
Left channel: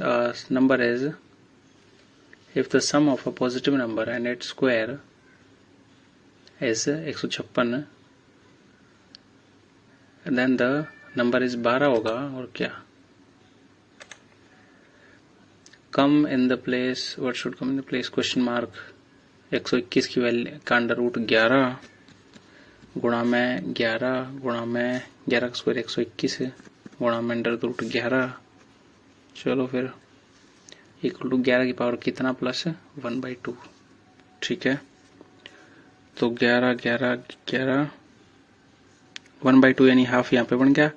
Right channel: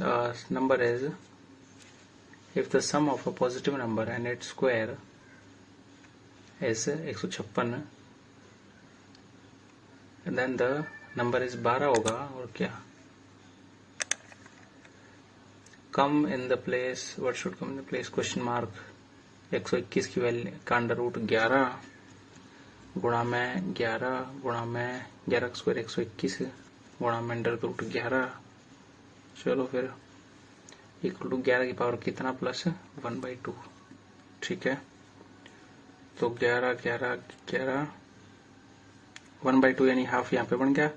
number is, if the sum of a positive number and its square is 156, then the number is 12 होगा, और क्या? come in the place, what should come in the place, question mark। 121 की value का under root 11 गुणा में 11 गुणा में 11 का स्क्वायर 121 गुणा में अंडर रूट 11, चलो फिर इक्वल टू 11 की पावर कितना प्लस 1/2, ठीक है। तो 11 11 11 1/2 यानी हाफ यहाँ पे बन गया,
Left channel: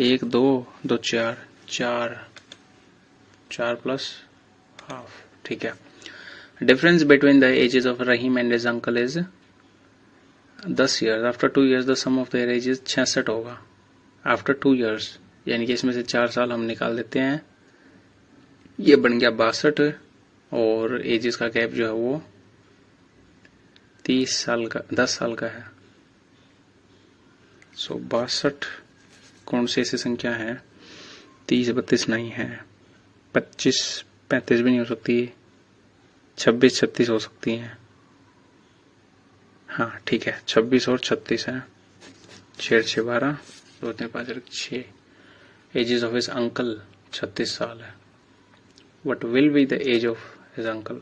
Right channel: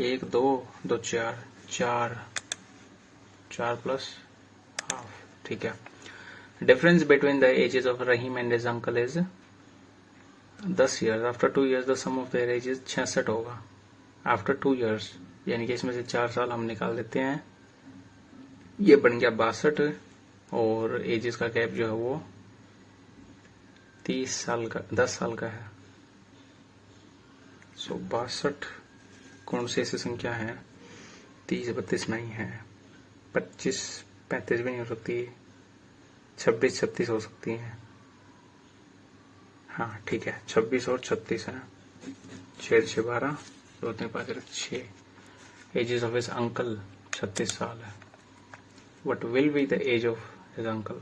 1 2 2 4 4 4 प्लस हाफ, ठीक है। Difference between the ages of Rahim and his uncle is 10 years, after 2 years the sum of their ages 66 होगा, आफ्टर 2 ईयर्स, यानी कि इसमें से 4 साल हम निकाल देते हैं, ये बन गया 62, और एजेस का गैप जो है वो 30 साल का 10 साल का है। सो 62 कौन सी ऐसी संख्या है, 30 32 नहीं है, 25 35 भी नहीं हो सकती, 26 36 हो सकती है, हाँ ठीक है, 26 और 36 है, 6 6 12, 2 3 5 6। एजेस ऑफ हिज अंकल 36 साल है। What will be the age of his uncle?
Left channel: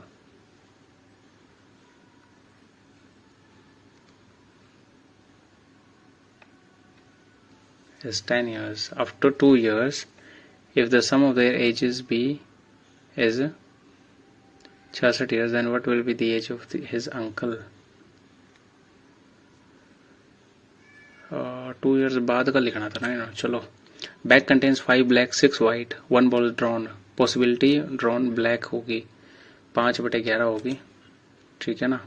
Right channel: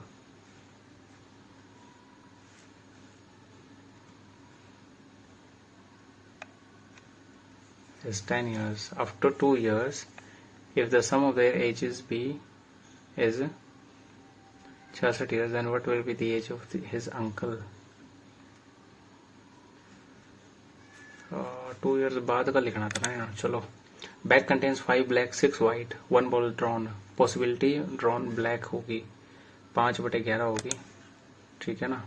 Is 10 years. After 2 years, if the sum of their ages is 66 years, then what will be the age of his uncle? 2 years बाद का लिखना था ना। चलो, bag contains 5 black 6 white, 1 ball drawn, possibility drawn black होगी 5/11 होगी, ठीक है ना।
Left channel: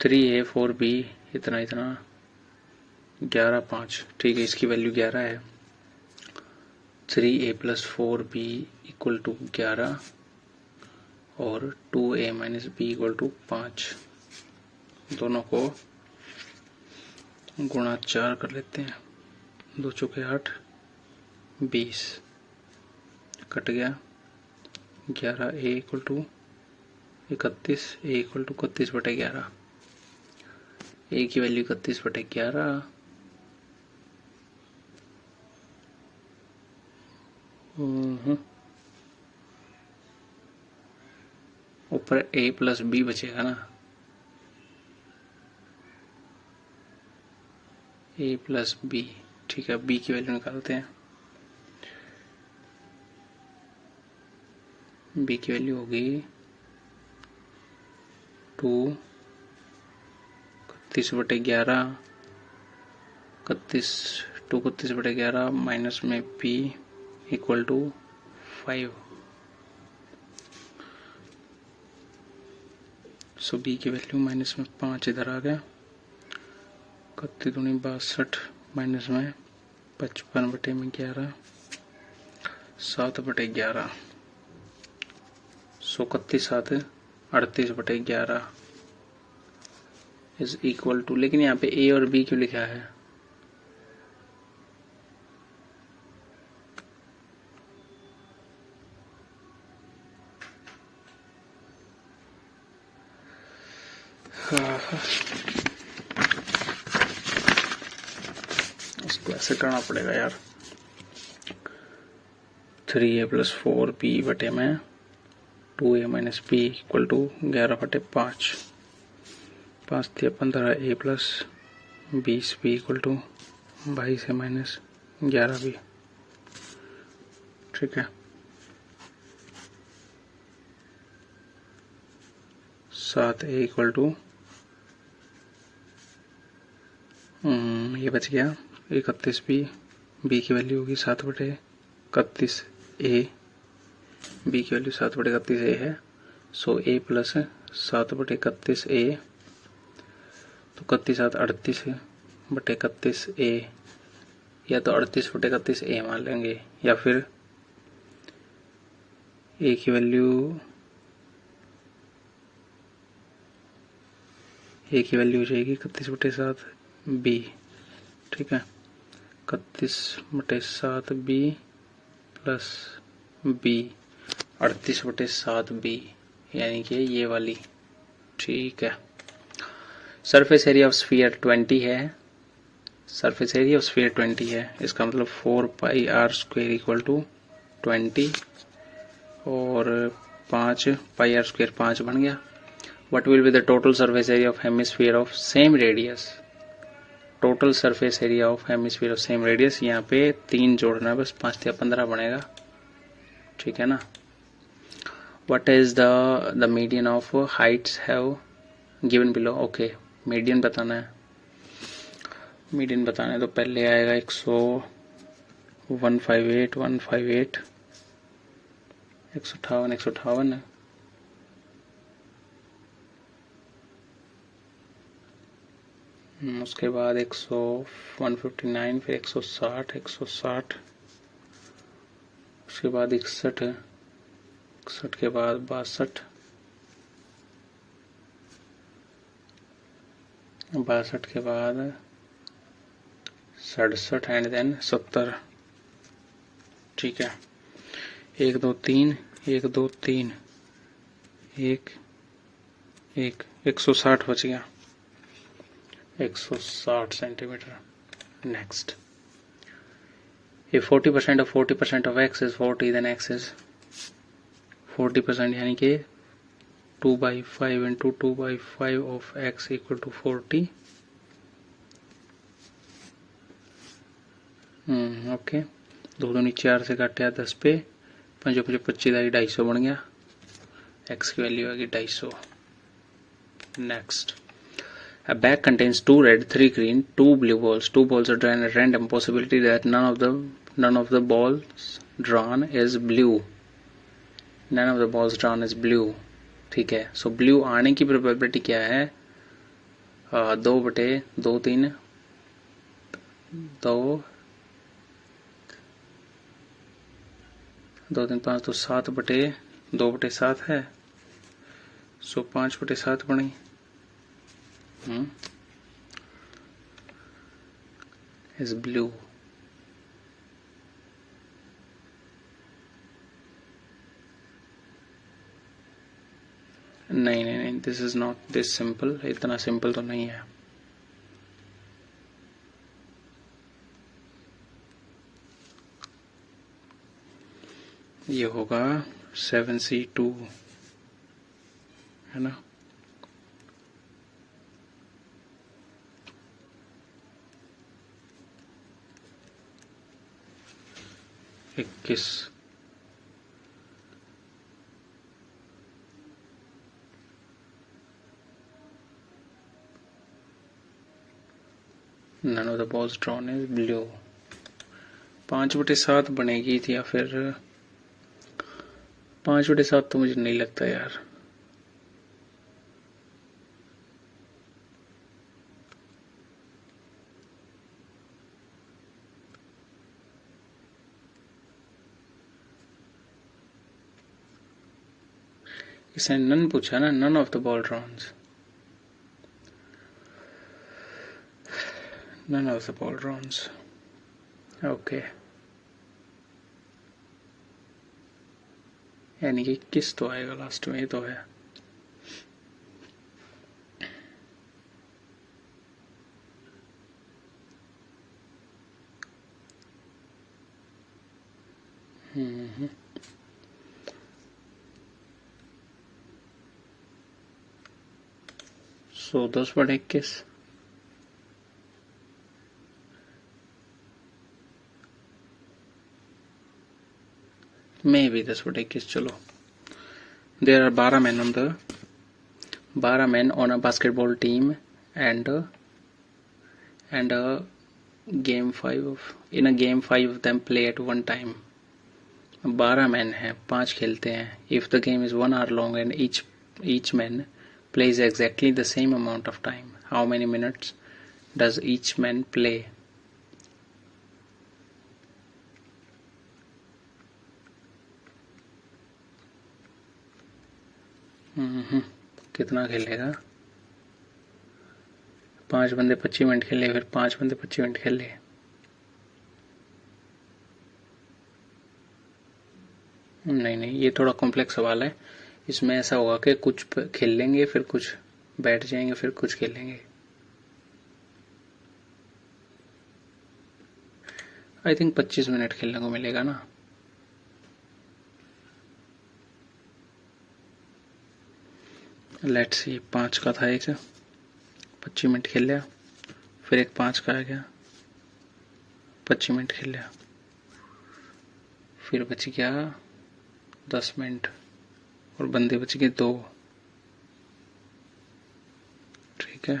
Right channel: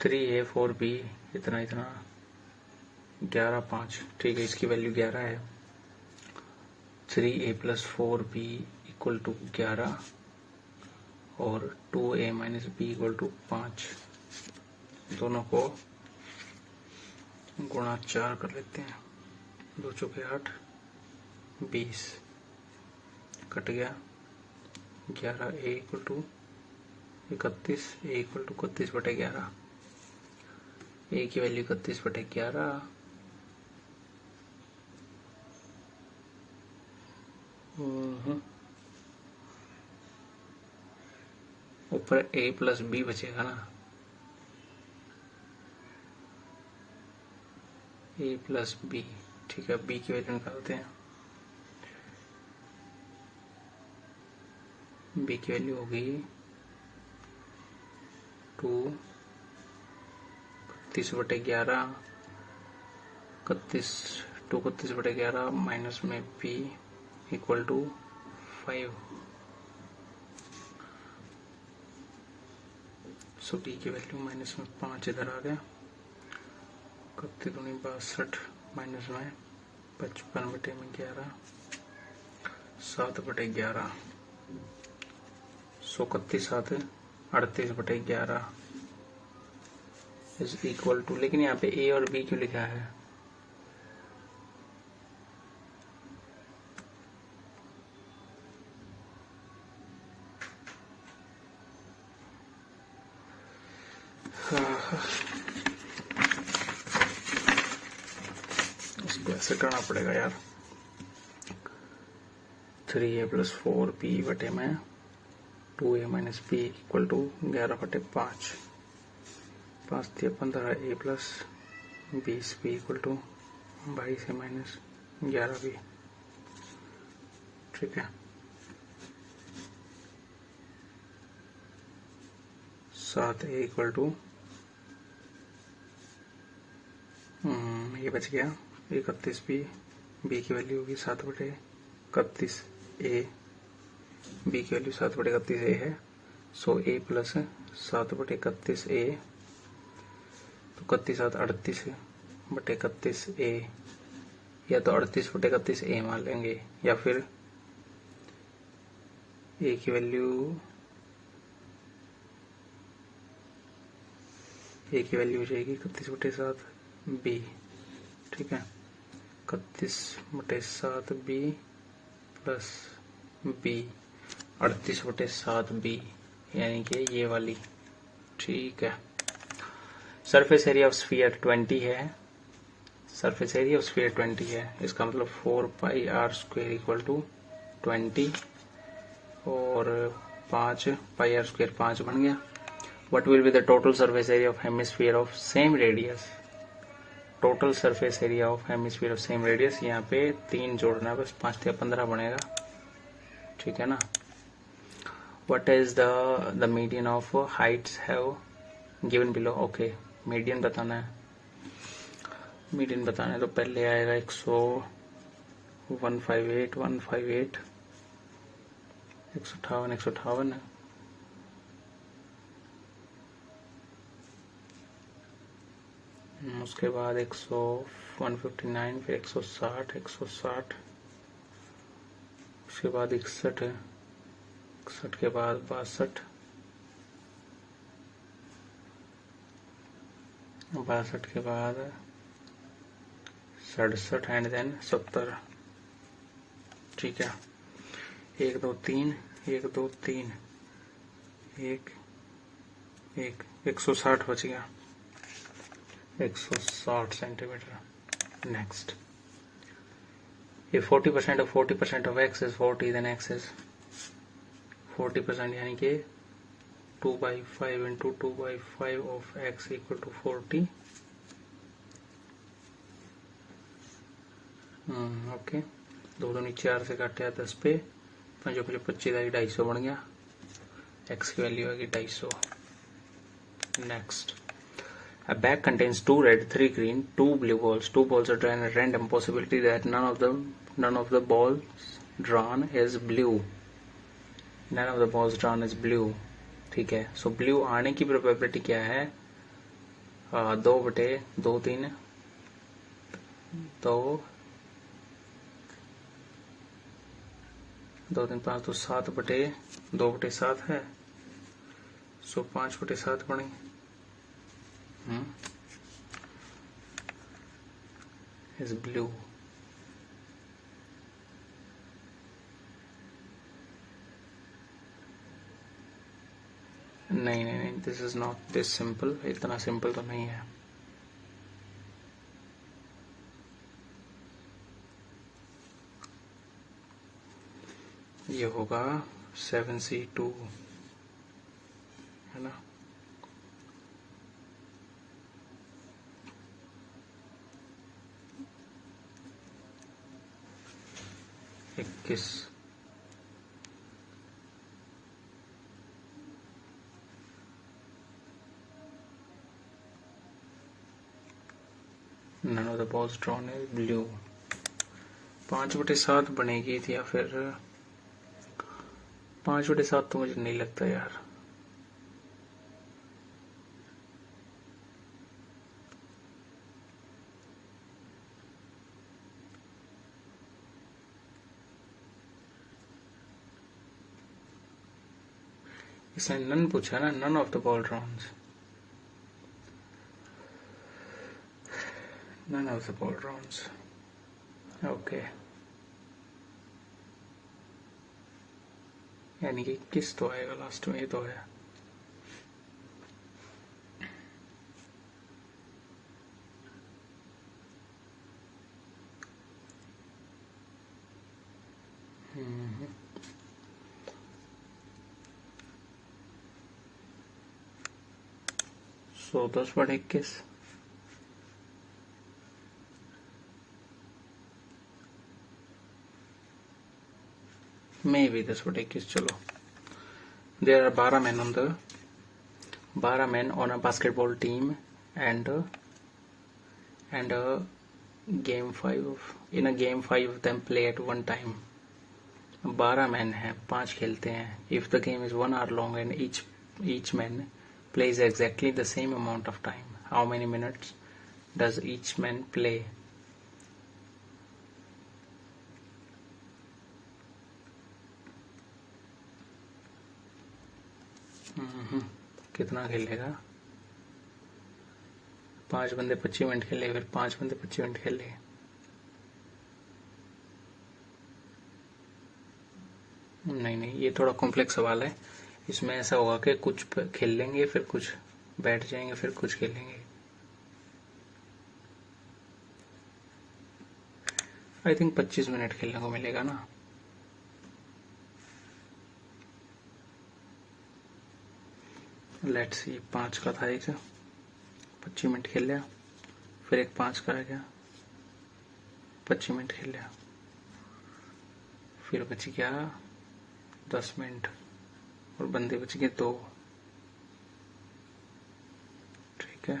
3A 4B इतना 11 5, ठीक है, इसकी वैल्यू 11 है। 3A + 4B = 11 और 2A - B = 5। दोनों को गुणा 4 कर लेते हैं। 2 चौके 8, 20 कट गया। 11A = 31, A = 31/11। A की वैल्यू 31/11, ऊपर A + B बचेगा ना, A + B, ठीक है। B की वैल्यू निकालते हैं। B की वैल्यू होगी 2 31/11, 31/11 माइनस में P = 5। सो B की वैल्यू माइनस में 5 इधर आ गया। 31 दूनी 62 माइनस में 55/11, 7/11। सो 31 7 38/11 इज इक्वल टू, लेकिन यहाँ पे A और B क्यों लिखा है? इसको ऐसे करना पड़ेगा यार। 3A + 4B बटे में 2A - B = 11/5। 5 × 15, A + 20, B = 22 - 11B, ठीक है। 7A = ये बच गया 31B। B की वैल्यू होगी 7/31A, B की वैल्यू 7/31A है। सो A + 7/31A, तो 31 7 38/31A, या तो 38/31A मान लेंगे, या फिर A की वैल्यू हो जाएगी 31/7B, ठीक है। 31/7B + B 38/7B, यानी कि ये वाली, ठीक है। सरफेस एरिया ऑफ स्फीयर 20 है। सरफेस एरिया ऑफ स्फीयर 20 है, इसका मतलब 4πr² = 20 और 5πr² 5 बन गया। What will be the total surface area of hemisphere of same radius? Total surface area of hemisphere of same radius, यहाँ पे 3 जोड़ना है बस, 5 या 15 बनेगा, ठीक है ना। What is the median of heights have given below? Okay, median बताना है। मीडियन बताना है तो पहले आएगा 158 158, 158 158 है। उसके बाद 159, फिर 160 160, उसके बाद 61 है, 61 के बाद 62, 62 के बाद 67 एंड देन 70, ठीक है। 1 2 3 1 2 3 1 एक 160 बच गया, 160 centimetre. Next, if 40% of 40% of x is 40, then x is 40%, यानी कि 2/5 into 2/5 of x equal to 40। Okay, 2 दूनी 4 से काटे 10 पे 5 5 25 250 बन गया। x की वैल्यू आएगी 250। Next, a bag contains 2 red, 3 green, 2 blue balls. 2 balls are drawn at random. Possibility that none of the balls drawn is blue. None of the balls drawn is blue. ठीक है, सो blue आने की probability क्या है? 2/2 3 5 तो 7/2/7 है, so 5/7 बनी। Is blue. नहीं, this is not this simple, इतना सिंपल तो नहीं है। ये होगा 7C2, है ना? इक्कीस। None of the balls drawn is blue। 5/7 बनेगी थी, या फिर 5/7 तो मुझे नहीं लगता यार। इसने नन पूछा ना, none of the ball drawns, none of the ball drawns. Okay, यानी कि किस तो आएगा लास्ट में, ये तो है। सो 10/21। मे भी 10/21, चलो। There are 12 men on a basketball team, and game 5 of them play at one time। 12 man हैं, 5 खेलते हैं। If the game is 1 hour long and each man plays exactly the same amount of time, how many minutes does each man play? कितना खेलेगा? 5 बंदे 25 minute खेले, फिर 5 बंदे 25 minute खेले। नहीं, ये थोड़ा कॉम्प्लेक्स सवाल है। इसमें ऐसा होगा कि कुछ खेल लेंगे, फिर कुछ बैठ जाएंगे, फिर कुछ खेलेंगे। आई थिंक 25 मिनट खेलने को मिलेगा ना। लेट्स सी, 5 का था एक, 25 मिनट खेल लिया, फिर एक 5 का आ गया, 25 मिनट खेल लिया, फिर बच गया 10 मिनट, और बंदे बच गए 2। ठीक है,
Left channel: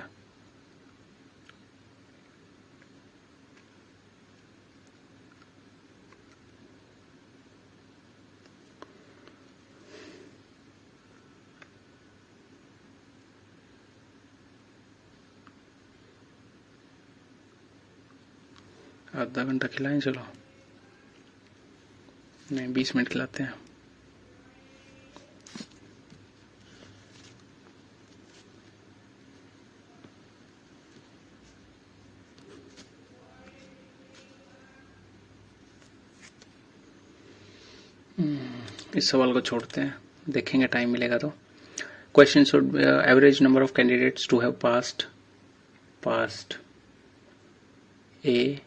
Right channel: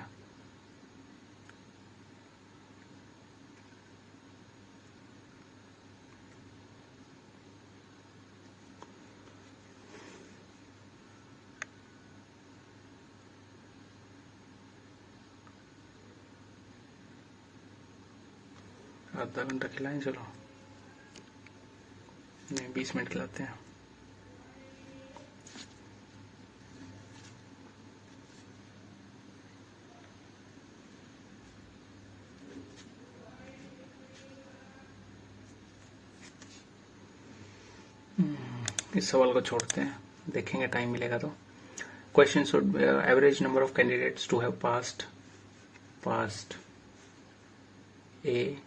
आधा घंटा खिलाएं, चलो। नहीं, 20 मिनट खिलाते हैं। इस सवाल को छोड़ते हैं, देखेंगे टाइम मिलेगा तो। Question should be average number of candidates to have passed A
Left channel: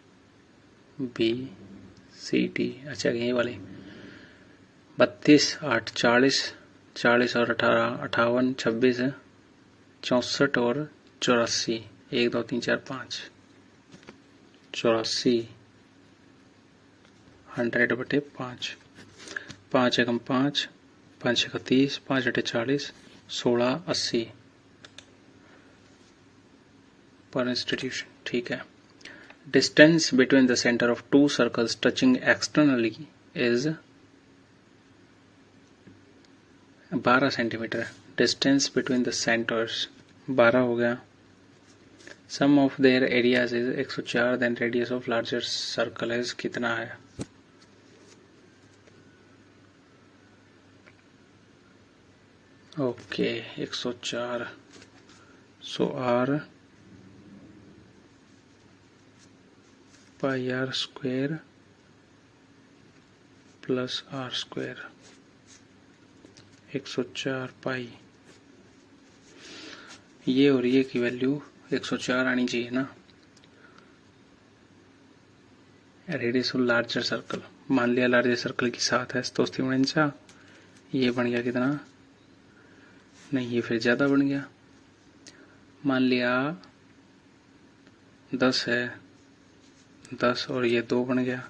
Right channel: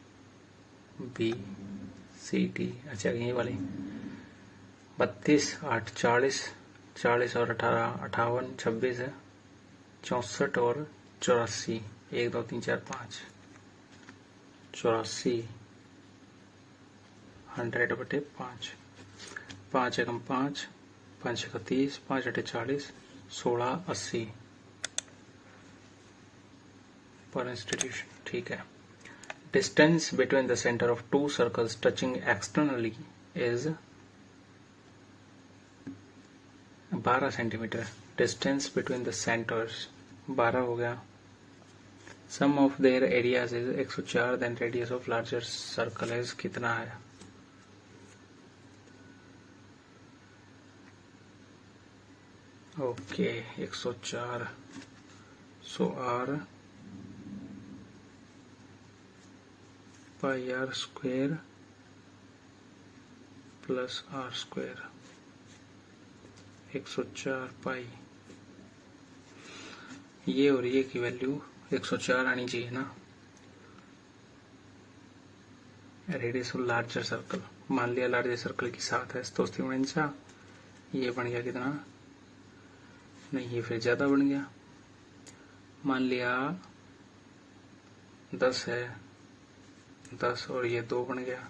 B C D। अच्छा यही वाली 32 8 40 40 और 18 58 26 64 और 84 1 2 3 4 5 84 100/5 5 एकम 5 5 एक 30 5 8 40 16 80 पर इंस्टीट्यूशन। ठीक है। Distance between the centre of two circles touching externally is 12 centimetre. Distance between the centres 12 हो गया। Sum of their areas is 104। Then radius of larger circle is कितना है? Okay 104 so R pi R square plus R square 104 pi ये और ये की value 104 आनी चाहिए ना। रेडियस ऑफ लार्जर सर्कल मान लिया लार्जर सर्कल की 7 है तो ये बन गया कितना? नहीं ये फिर ज्यादा बन गया। मान लिया 10 है 10 और ये 2 बन गया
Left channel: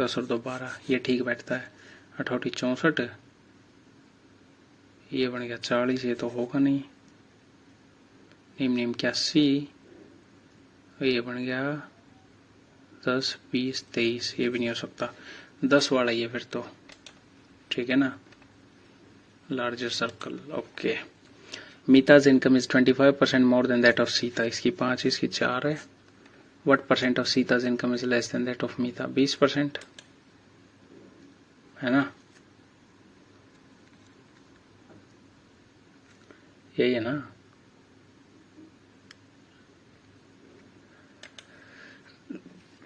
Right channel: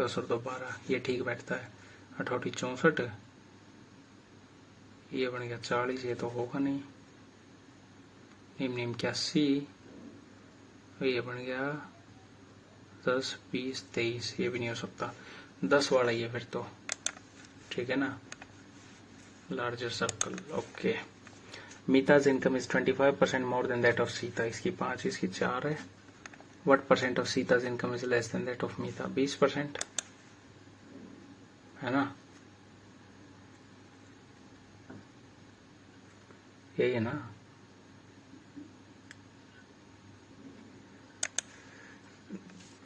10 और 2 12 ये ठीक बैठता है। 88 64 ये बन गया 40 ये तो होगा नहीं। निम 81 ये बन गया 10 20 23 ये भी नहीं हो सकता 10 वाला ये फिर तो ठीक है ना लार्जर सर्कल। ओके मीता's income is 25% more than that of Sita. इसकी 5 इसकी 4 है। व्हाट परसेंट ऑफ सीता's income is less than that of Meeta? 20% है ना यही है ना।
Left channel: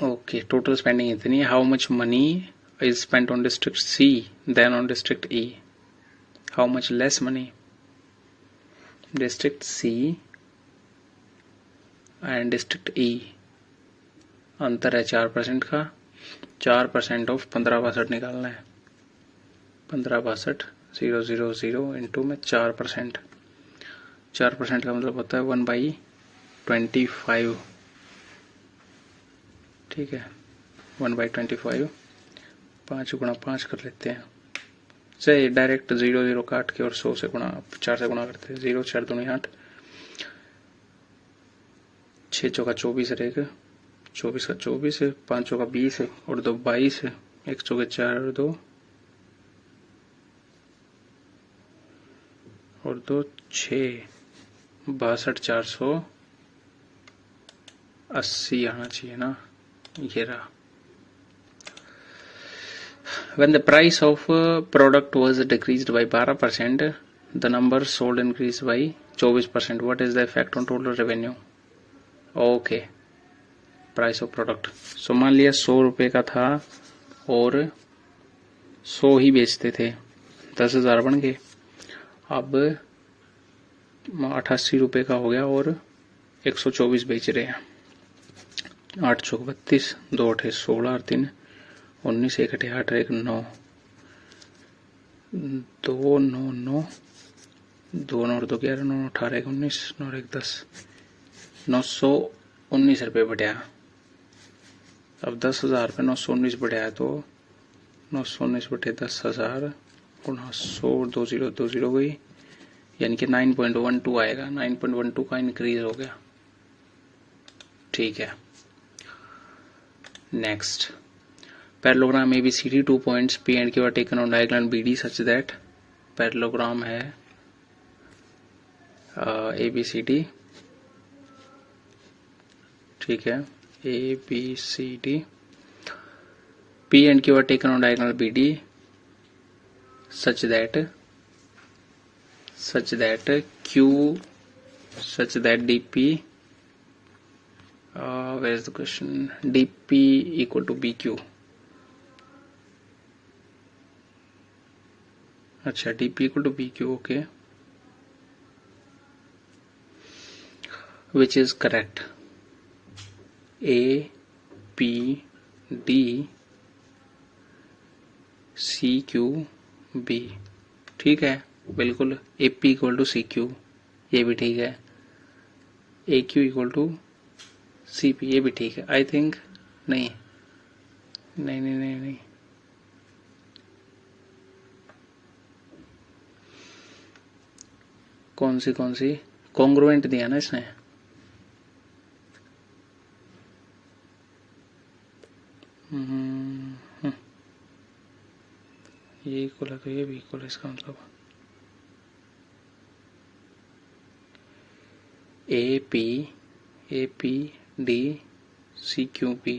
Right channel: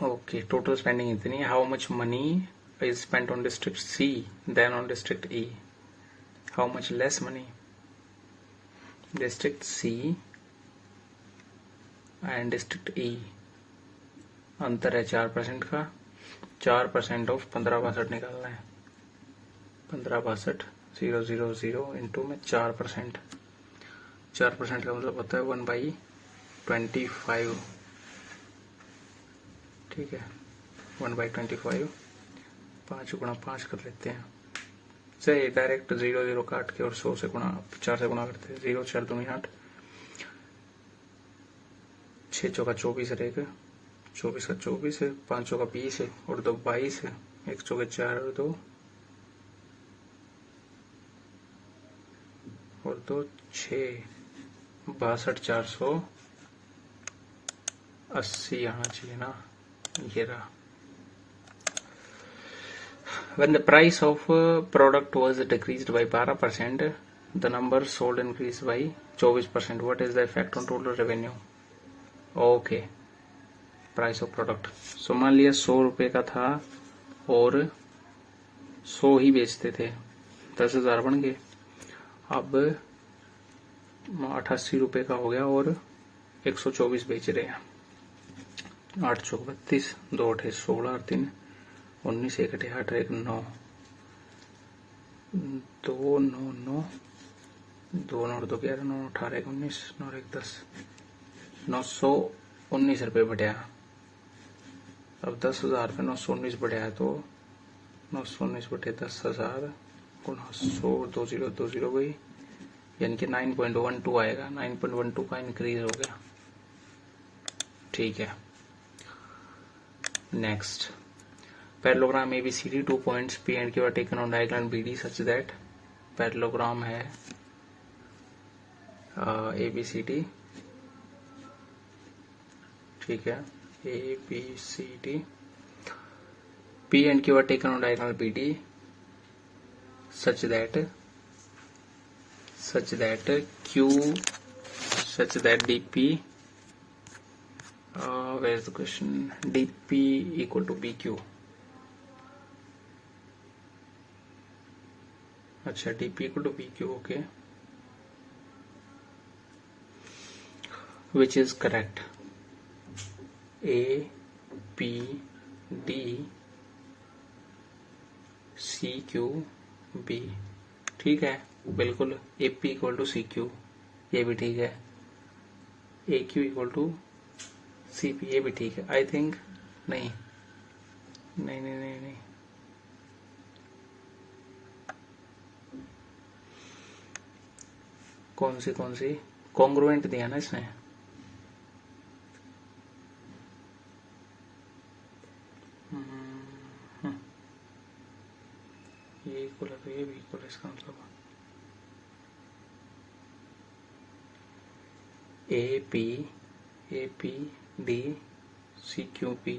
ओके टोटल स्पेंडिंग इतनी है। How much money is spent on district C then on district E? How much less money? District C and District E अंतर है 4% का। 4% ऑफ 1562 निकालना है। 1562 000 इंटू में 4%। 4% का मतलब होता है 1/25। ठीक है 1/25 5 गुणा 5 कर लेते हैं से डायरेक्ट 0 काट के और 100 से गुणा 4 से गुणा करते हैं। 0 4 2 8 6 चौका 24 रहेगा 24 का 24 5 चौका 20 और 2 22 1 चौके 4 और 2 और 2 6 62 480 आना चाहिए ना ये रहा। When the price of product was decreased by 12%, the number sold increased by 24%. What is the effect on total revenue? Okay, price of product. So मान लिया 100 रुपए का था और 100 ही बेचते थे 10,000 बन गए। अब 88 रुपए का हो गया और 124 बेच रहे हैं। 8 चौक 32 2 8 16 और 3 19 1 8 8 1 9 2 9 9 2 9 2 11 9 18 1 19 9 1 10 919 रुपये बढ़िया। अब 10,000 पे 919 बढ़िया है तो 919 बटे 10,000 गुणा 100 2020 गई यानी कि 9.12 आएगा। 9.12 का इंक्रीज हो गया। ठीक है next parallelogram ABCD 2 points P and Q are taken on diagonal BD such that parallelogram है ABCD ठीक है ABCD P and Q are taken on diagonal BD such that DP where is the question? DP equal to BQ अच्छा DP equal to PQ, okay, which is correct? APD CQB, ठीक है बिल्कुल। AP equal to CQ, ये भी ठीक है। AQ equal to CP, ये भी ठीक है। आई थिंक नहीं नहीं नहीं नहीं नहीं, कौन सी कॉन्ग्रुएंट दिया ना इसने? ये इक्वल है तो ये भी इक्वल है, इसका मतलब APD CQP,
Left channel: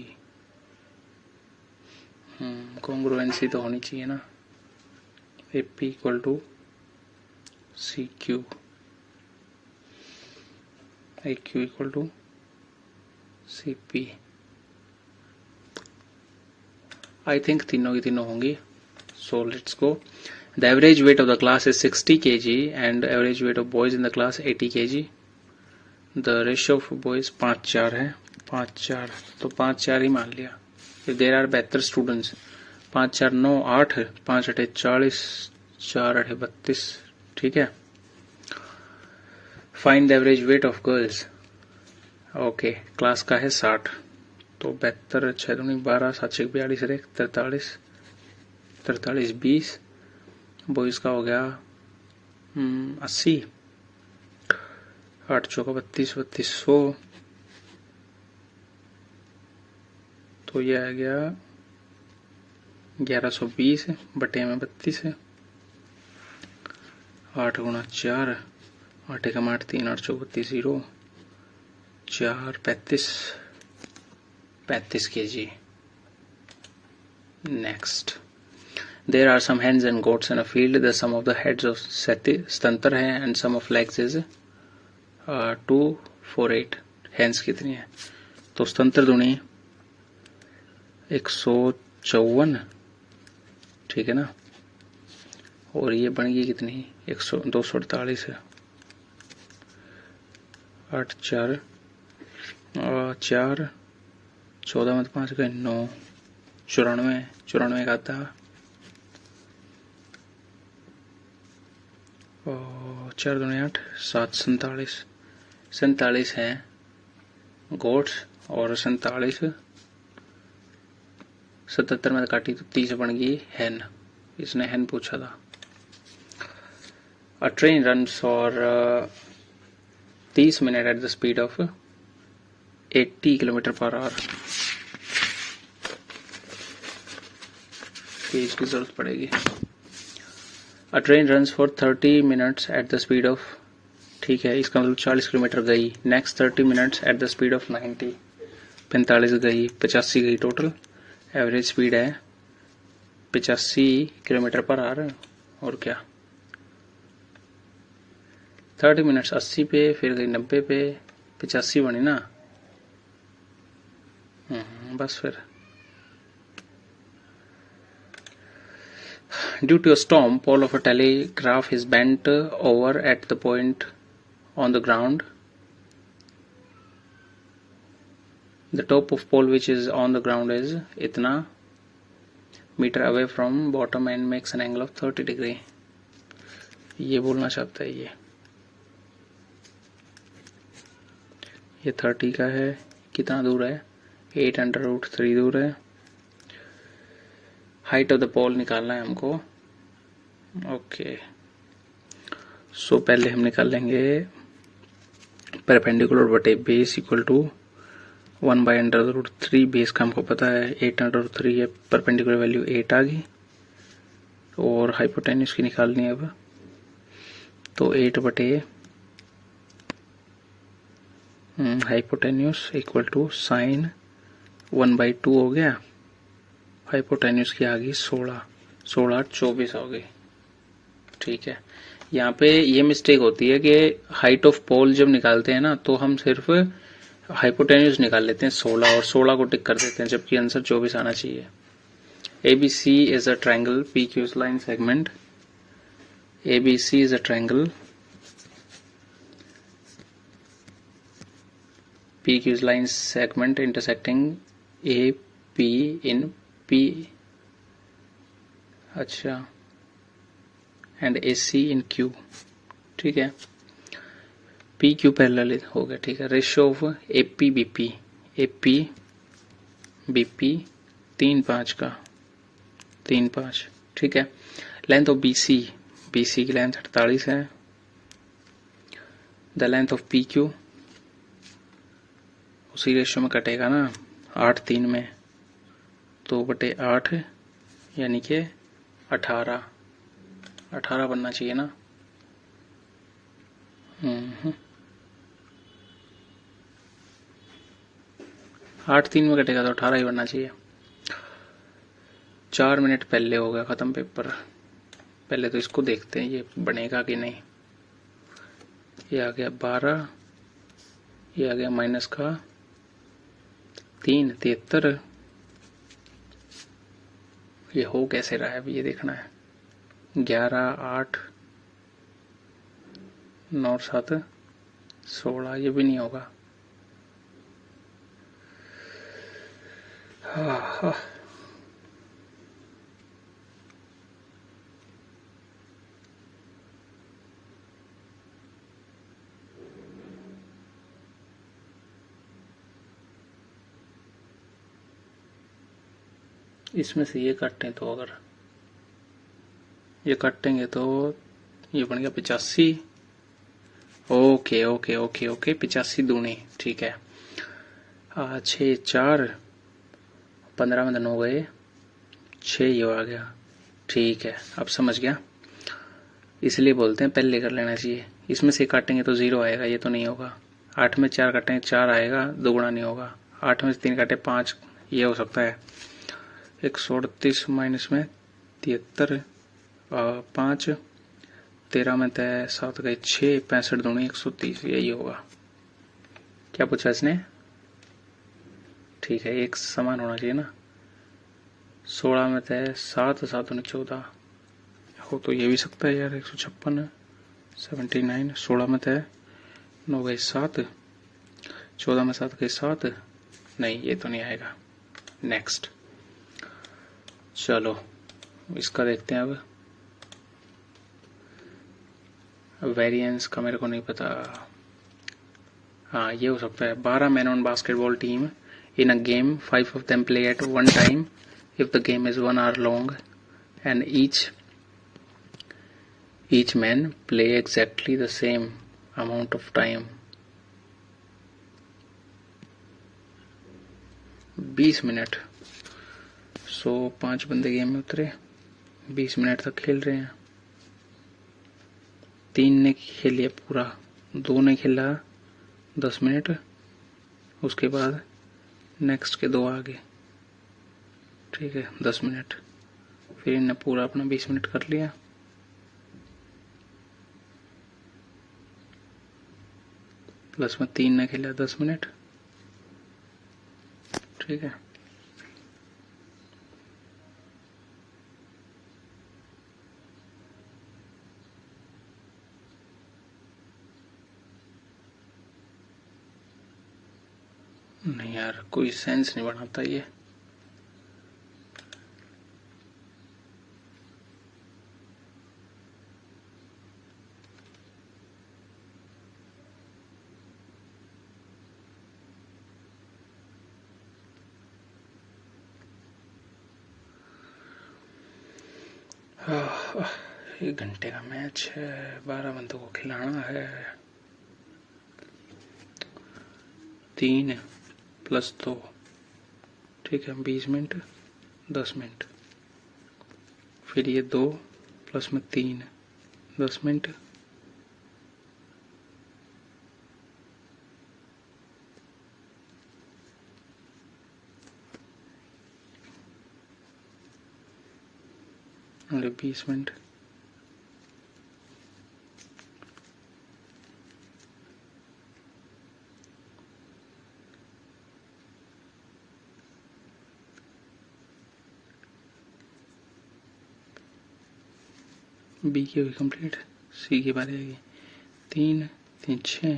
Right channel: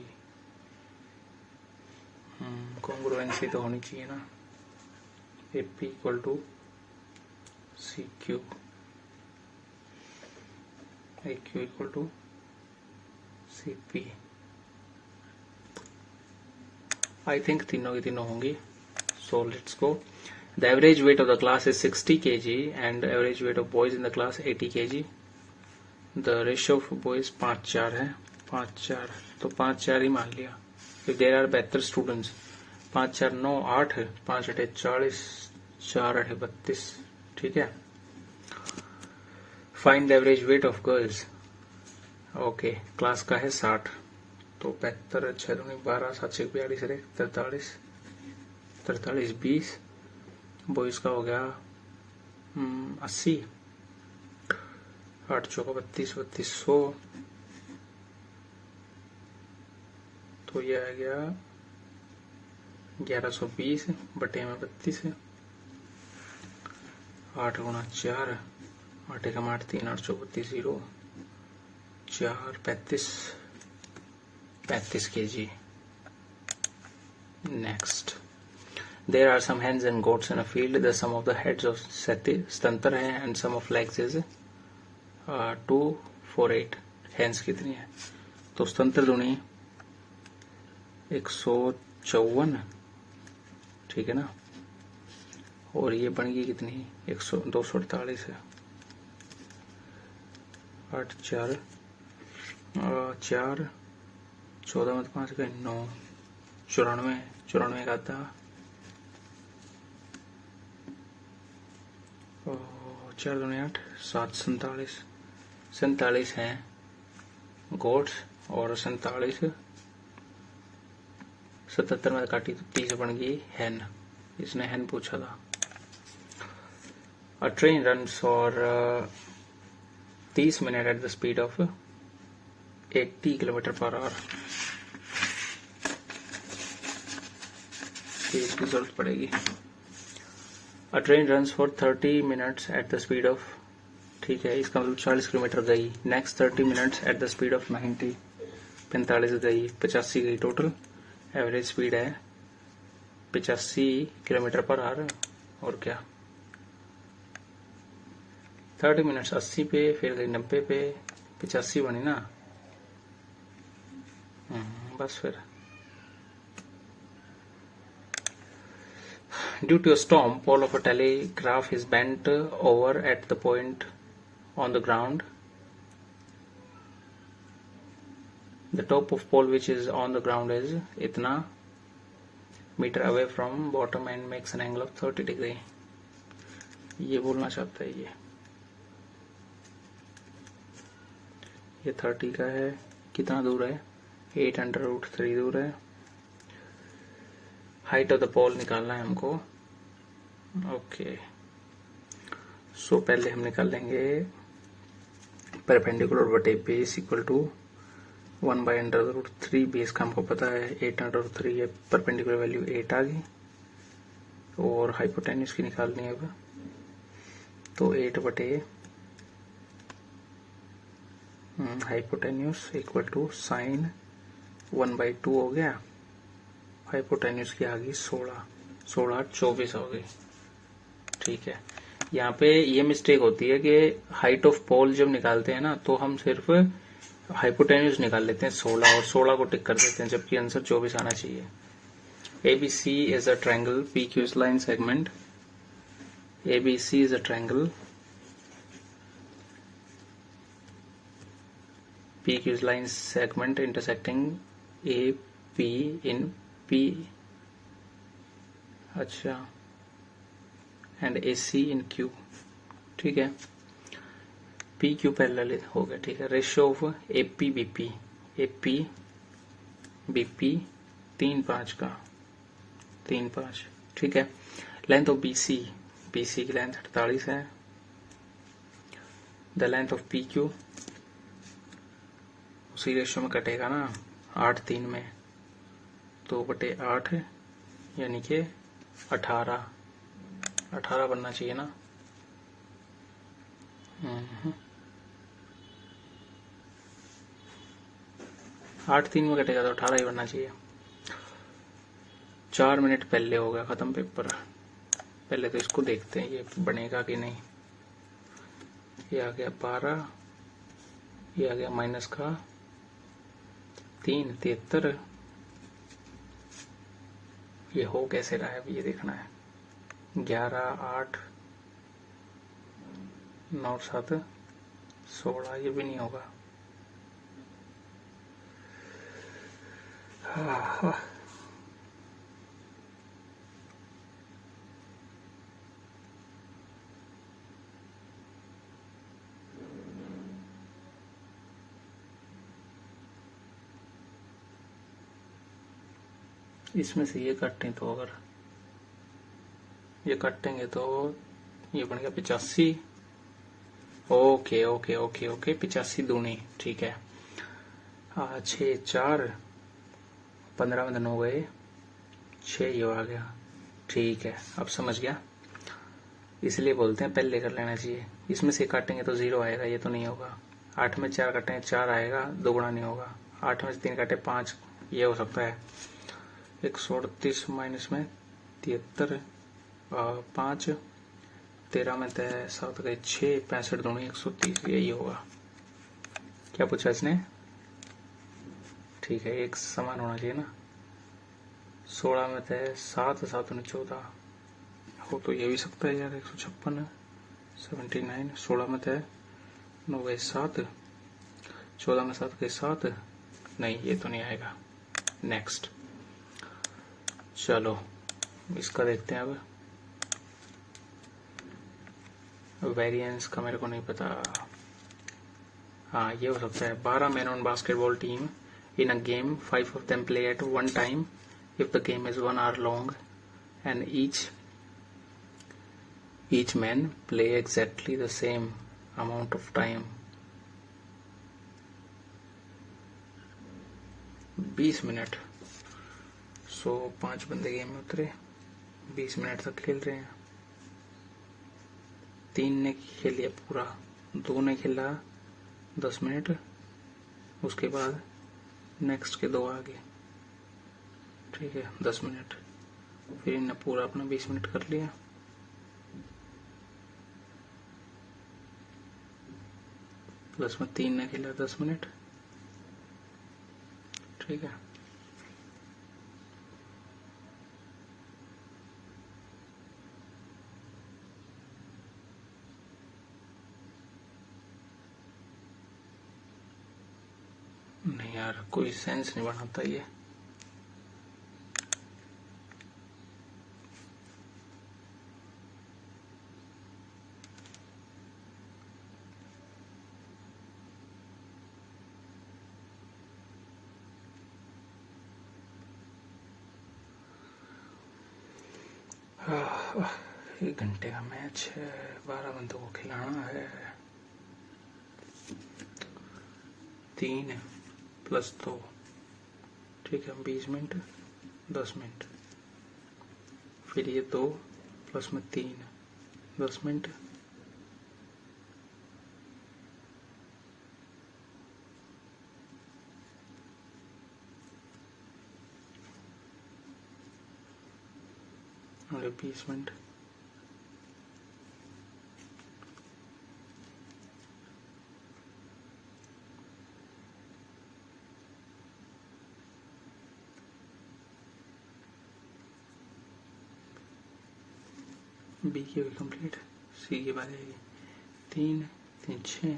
कॉन्ग्रुएंसी तो होनी चाहिए ना। AP equal to CQ, AQ equal to CP। I think तीनों की तीनों होंगी। So let's go. The average weight of the class is 60 kg and average weight of boys in the class 80 kg। The ratio of boys 5-4 है, 5-4 तो 5-4 ही मान लिया। If there are 72 students, 5-4 9 8 है, 5-8 40, 4-8 32, ठीक है। Find the average weight of girls, okay, class का है 60, तो 72 6 दूनी 12 7 6 42 43 43 20, बॉयज का हो गया 80, 8 चौका 32 3200, तो ये आ गया 1120 बटे में 32 है। 8 गुणा 4, 8 एकम 8 3 8 चौक 32 0 4 35 kg। Next, there are some hens and goats in a field. The sum of the heads of स्तंतर है and sum of legs is 248। hens कितनी है? तो स्तंतर दूनी 154, ठीक है ना, और ये बन गई कितनी 248 है। 8 4 4 14 में 5 गए 9, 94 का आता, और 4 दूनी 8 7 47 हैं गोट्स और 47 77 में काटी तो 30 बन गई हैन। इसने हैन पूछा था। अ train run for 30 minute at the speed of 80 kilometre per hour. इसकी जरूरत पड़ेगी। अ train run for 30 minutes at the speed of, ठीक है, इसका मतलब 40 किलोमीटर गई। Next 30 minutes at the speed of 90, 45 गई, 85 गई टोटल। एवरेज स्पीड है 85 किलोमीटर पर आवर। और क्या 30 मिनट्स 80 पे, फिर गई 90 पे, 85 बनी ना। बस फिर due to a storm, pole of a telegraph is bent over at the point on the ground. The top of pole which is on the ground is itna meter away from bottom and makes an angle of 30 degree. ये बोलना चाहता है ये 30 का है, कितना दूर है 8√3 दूर है। हाइट ऑफ द पोल निकालना है हमको। ओके, सो पहले हम निकाल लेंगे परपेंडिकुलर बटे बेस इक्वल टू 1/√3। बेस का हमको पता है 8√3 है, परपेंडिकुलर वैल्यू 8 आ गई, और हाइपोटेन्यूज की निकालनी है अब, तो 8 बटे हाइपोटेन्यूज इक्वल टू साइन 1/2 हो गया। हाइपोटेन्यूज की आ गई 16 24 हो गई, ठीक है। यहाँ पे ये मिस्टेक होती है कि हाइट ऑफ पोल जब निकालते हैं ना तो हम सिर्फ हाइपोटेन्यूज निकाल लेते हैं 16 और 16 को टिक कर देते हैं, जबकि आंसर 24 आना चाहिए। ABC is a triangle PQ line segment ABC is a triangle. PQ is line segment intersecting AP in P. अच्छा, and AC in Q. ठीक है, PQ पैरेलल हो गया. ठीक है, ratio of AP BP. AP BP 3-5 का 3-5. ठीक है, लेंथ ऑफ BC. BC की लेंथ 48 है. द लेंथ ऑफ PQ उसी रेशियो में कटेगा ना, 8-3 में, 2/8 यानी कि 18 बनना चाहिए ना. 8-3 में कटेगा तो 18 ही बनना चाहिए. 4 मिनट पहले हो गया खत्म पेपर. पहले तो इसको देखते हैं ये बनेगा कि नहीं. ये आ गया 12, ये आ गया माइनस का 3, 73. ये हो कैसे रहा है अभी ये देखना है. 11, 8, 9, 7, 16. ये भी नहीं होगा. हाँ. इसमें से ये काटें तो, अगर ये काटेंगे तो ये बन गया 85. ओके ओके ओके ओके 85 दूनी. ठीक है, 6, 4, 15 में 9 गए, 6 ये आ गया. ठीक है, अब समझ गया. इसलिए बोलते हैं पहले कर लेना चाहिए. इसमें से काटेंगे तो 0 आएगा, ये तो नहीं होगा. 8 में 4 काटेंगे 4 आएगा, दुगुना नहीं होगा. 8 में से 3 काटे 5, ये हो सकता है. 138 माइनस में 73, 5, 13 में 7 गए 6, 65 दूनी 130. यही होगा. क्या पूछा इसने? ठीक है, एक समान होना चाहिए ना. 16 में 7, 7 दूनी 14 हो तो ये भी सकता है यार. 156, 79. 16 में 9 गए 7, 14 में 7 गए 7. नहीं, ये तो नहीं आएगा. नेक्स्ट. चलो इसका देखते हैं. अब वेरिएंस का मेरे को नहीं पता. हाँ, ये हो सकता है. 12 men on basketball team in a game, 5 of them play at one time. If the game is 1 hour long and each man play exactly the same amount of time. 20 minute. 5 बंदे गेम में उतरे, 20 minute तक खेल रहे हैं. 3 ने खेल लिया पूरा, 2 ने खेला 10 मिनट, उसके बाद नेक्स्ट के 2 आगे. ठीक है, 10 मिनट. फिर इनने पूरा अपना 20 मिनट कर लिया. प्लस में 3 ने खेला 10 मिनट. ठीक है, नहीं यार कोई सेंस नहीं बनाता ये. एक घंटे का मैच है, 12 बंदों को खिलाना है. 3 प्लस 2. ठीक है, 20 मिनट 10 मिनट. फिर ये 2 प्लस में 3 10 मिनट. और 20 मिनट. बी की हुई कंप्लीट, सी की बारी आएगी। 3 3 6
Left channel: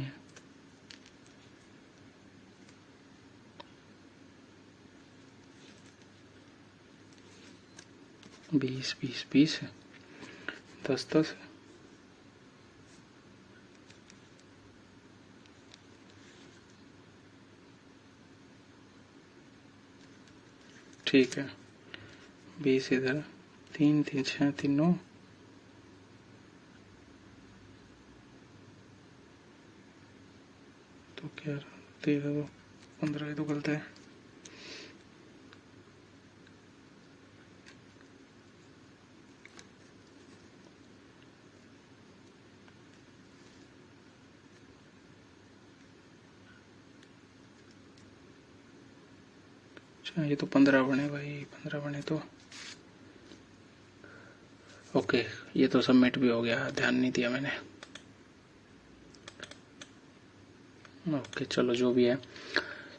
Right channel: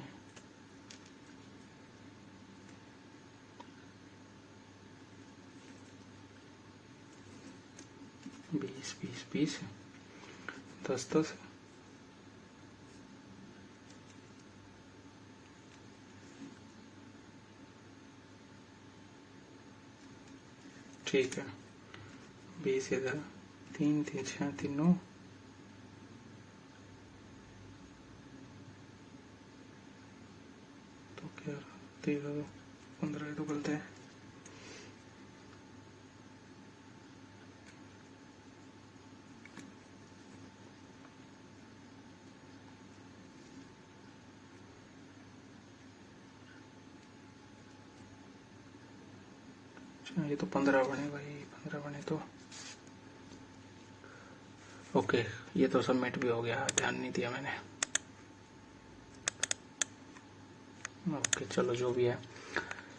20 20 20 10 10 ठीक है। 20 इधर, 3 3 6 3 9, तो क्या 13 15 तो गलत है। अच्छा ये तो 15 बने भाई, 15 बने तो ओके। ये तो सबमिट भी हो गया, ध्यान नहीं दिया मैंने। ओके चलो जो भी है।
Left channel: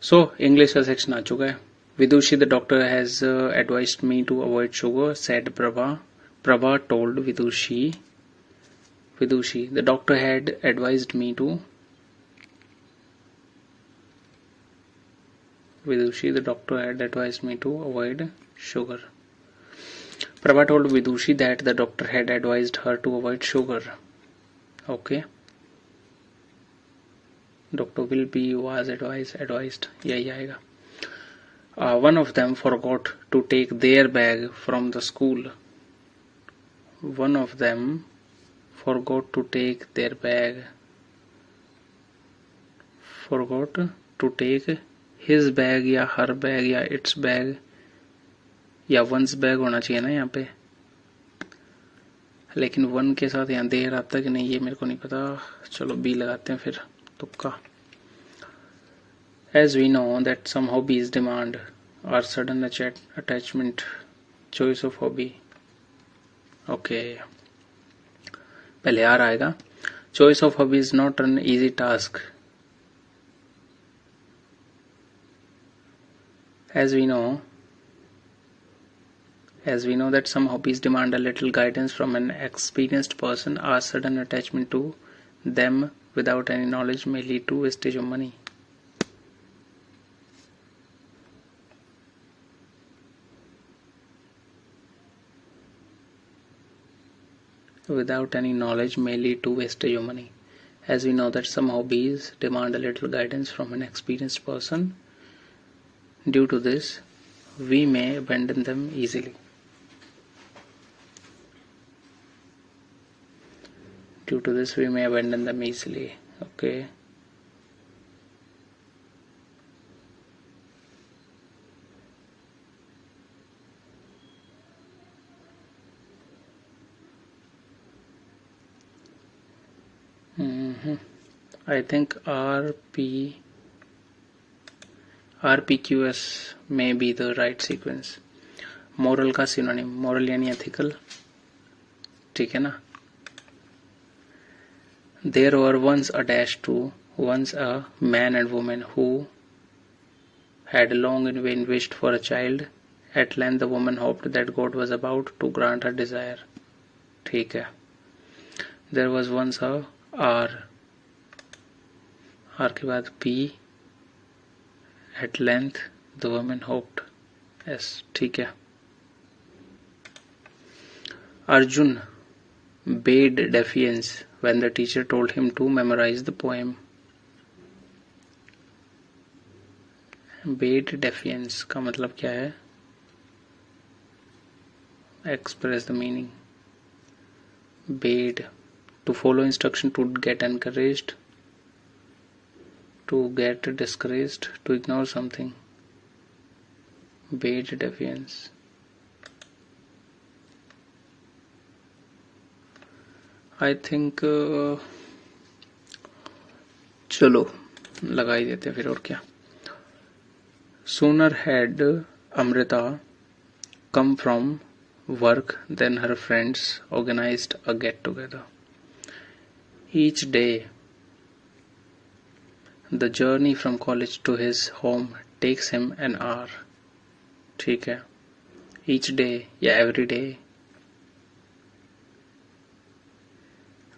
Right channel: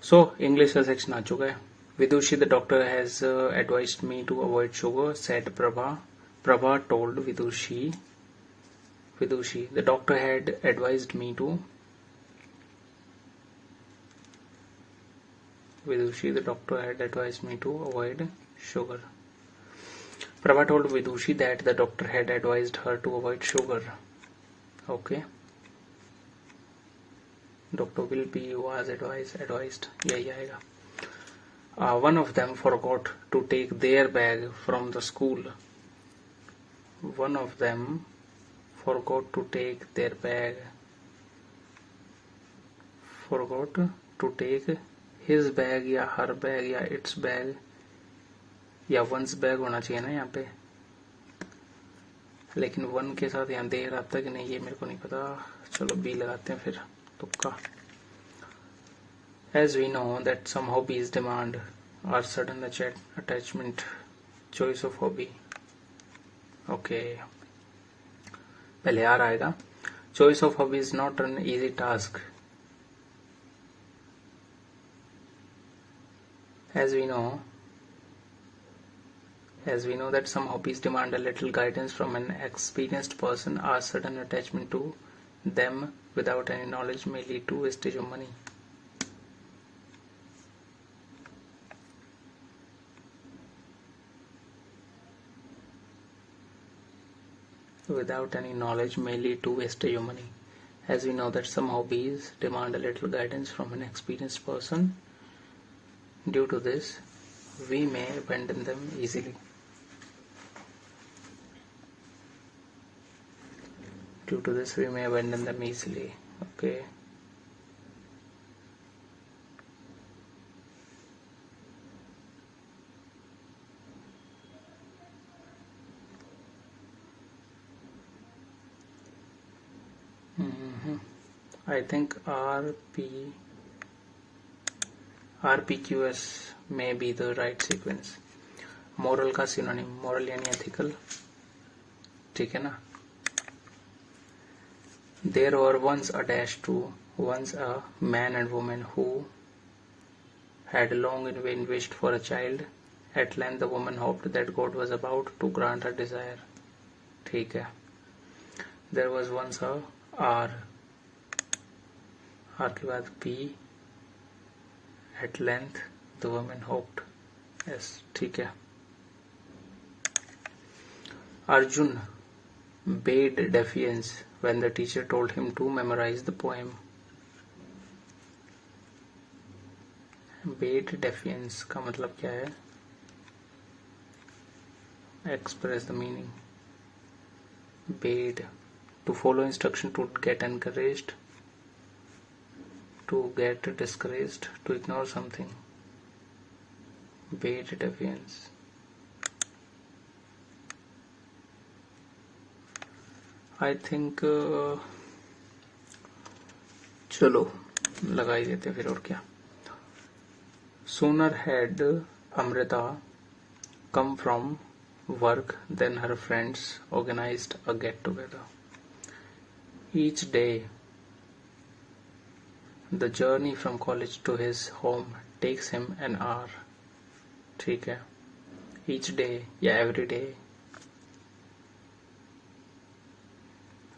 सो इंग्लिश का सेक्शन आ चुका है। Vidushi the doctor has advised me to avoid sugar said Prabha. Prabha told Vidushi the doctor had advised me to Vidushi the doctor had advised me to avoid sugar. Prabha told Vidushi that the doctor had advised her to avoid sugar. Okay. Doctor will be was advised. यही आएगा. One of them forgot to take their bag from the school. One of them forgot to take their bag. Forgot to take his bag या her bag या its bag या one's bag होना चाहिए ना यहाँ पे, लेकिन one के साथ यहाँ देर आता कि नहीं ये मेरे को नहीं पता। चलो B लगाते हैं फिर तुक्का। As we know that some hobbies demand our sudden attachment, choice of hobby. Okay. पहले R आएगा। Choice of hobby is not an easy task. As we know that some hobbies demand a little guidance from an experienced person, our sudden attachment to them without any knowledge may lead to wastage of money. Without any knowledge may lead to wastage of money. As we know that some hobbies demand a little guidance from an experienced person, due to this we may abandon them easily. Due to this we may abandon them easily. Okay. I think RPQS may be the right sequence. Moral का synonym, moral यानी ethical, ठीक है ना। There were once a man and woman who had long in vain wished for a child. At length the woman hoped that God was about to grant her desire. ठीक है। There was once a R के बाद P, at length the woman hoped S, ठीक है। Arjun bade defiance when the teacher told him to memorize the poem. Bade defiance का मतलब क्या है? Express the meaning. Bade, to follow instruction, to get encouraged, to get discouraged, to ignore something. Bade defiance. I think चलो लगा ही देते फिर, और क्या। Sooner had Amrita come from work than her friends organized a get together. Each day the journey from college to his home takes him an hour. ठीक है। Each day या every day,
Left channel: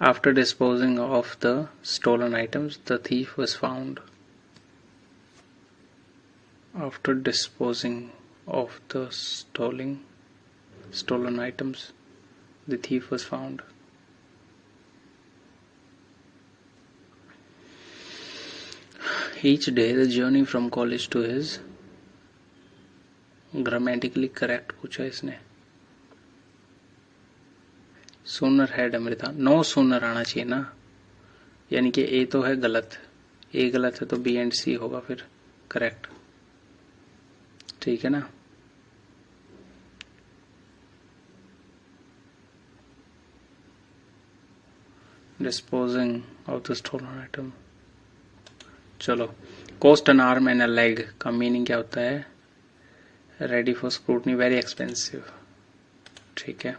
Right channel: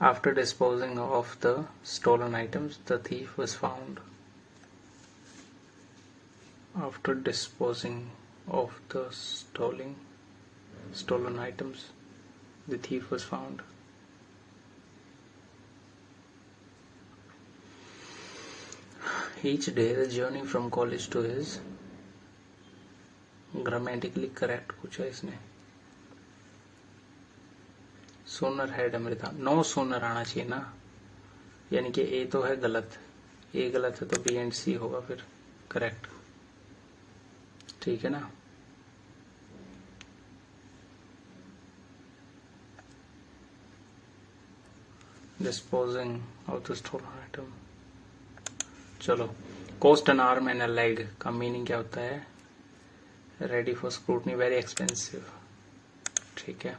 After disposing of the stolen items, the thief was found. After disposing of the stolen items, the thief was found. Each day the journey from college to his grammatically correct पूछा इसने. Sooner है Amrita. No sooner आना चाहिए ना, यानी कि ए तो है गलत, ए गलत है तो बी एंड सी होगा फिर करेक्ट. ठीक है ना. Disposing of the stolen item. चलो, cost an arm and a leg का मीनिंग क्या होता है? Ready for scrutiny, very expensive. ठीक है.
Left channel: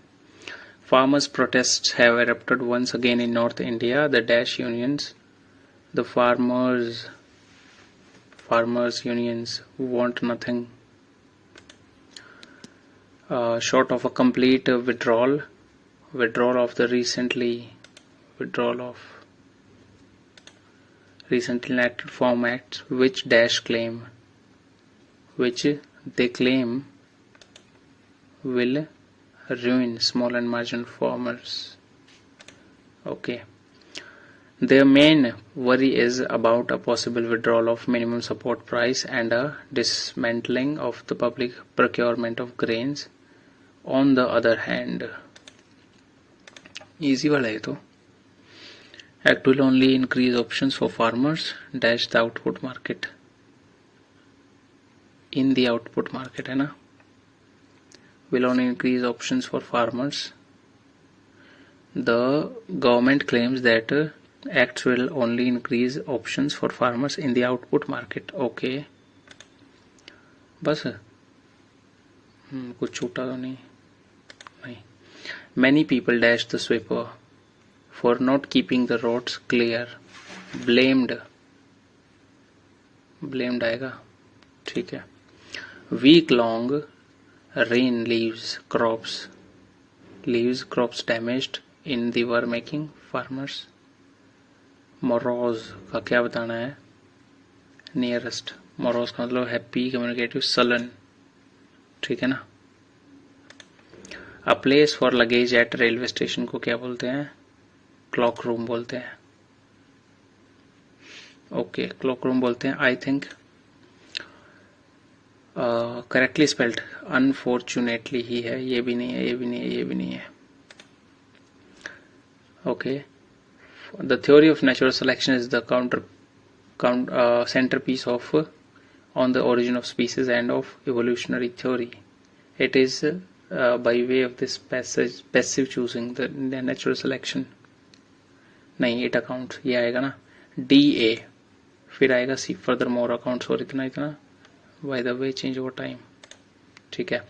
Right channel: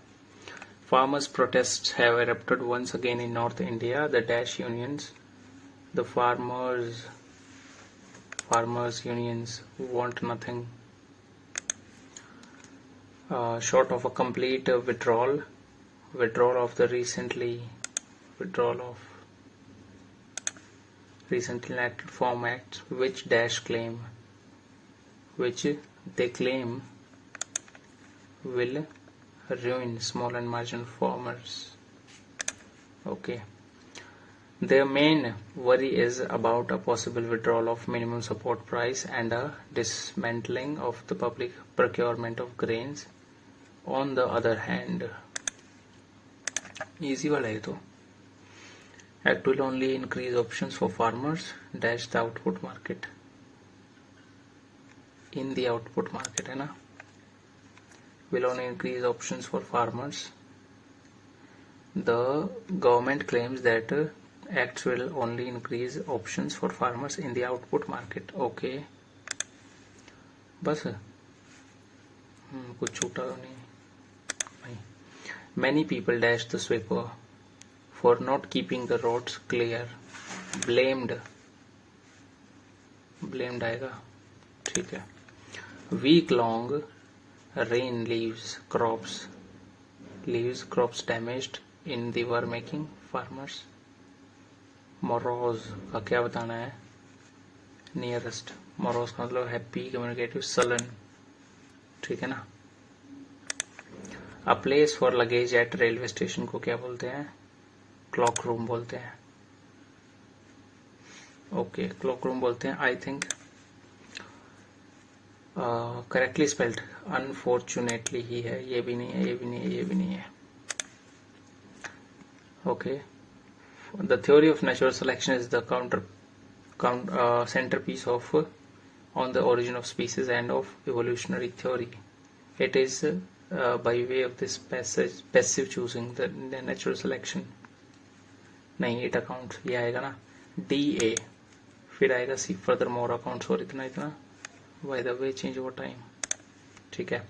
Farmers' protests have erupted once again in North India. The dash unions, the farmers unions want nothing short of a complete withdrawal of the recently enacted farm acts, which they claim will ruin small and marginal farmers. Okay. Their main worry is about a possible withdrawal of minimum support price and a dismantling of the public procurement of grains. On the other hand, easy वाला है तो. Act will only increase options for farmers dash the output market. In the output market है ना. Will only increase options for farmers. The government claims that acts will only increase options for farmers in the output market. Okay. बस कुछ छूटा तो नहीं. Many people dash the sweeper for not keeping the roads clear. Blamed आएगा. ठीक है. Week long rain leaves crops damaged in the were making farmers. Morose का क्या बताना है? Nearest. Morose का मतलब happy, communicative, sullen. ठीक है ना. A place for luggage at railway station को क्या बोलते हैं? Clock room बोलते हैं. Okay, clock room बोलते हैं. I think correctly spelled. Unfortunately ही है. ये भी नहीं है, ये भी नहीं है, ये भी नहीं है. Okay. The theory of natural selection is the centerpiece of on the origin of species and of evolutionary theory. It is by way of this passive choosing the natural selection. नहीं, it accounts. ये आएगा ना. DA फिर आएगा C furthermore accounts और इतना. By the way, change over time. ठीक है.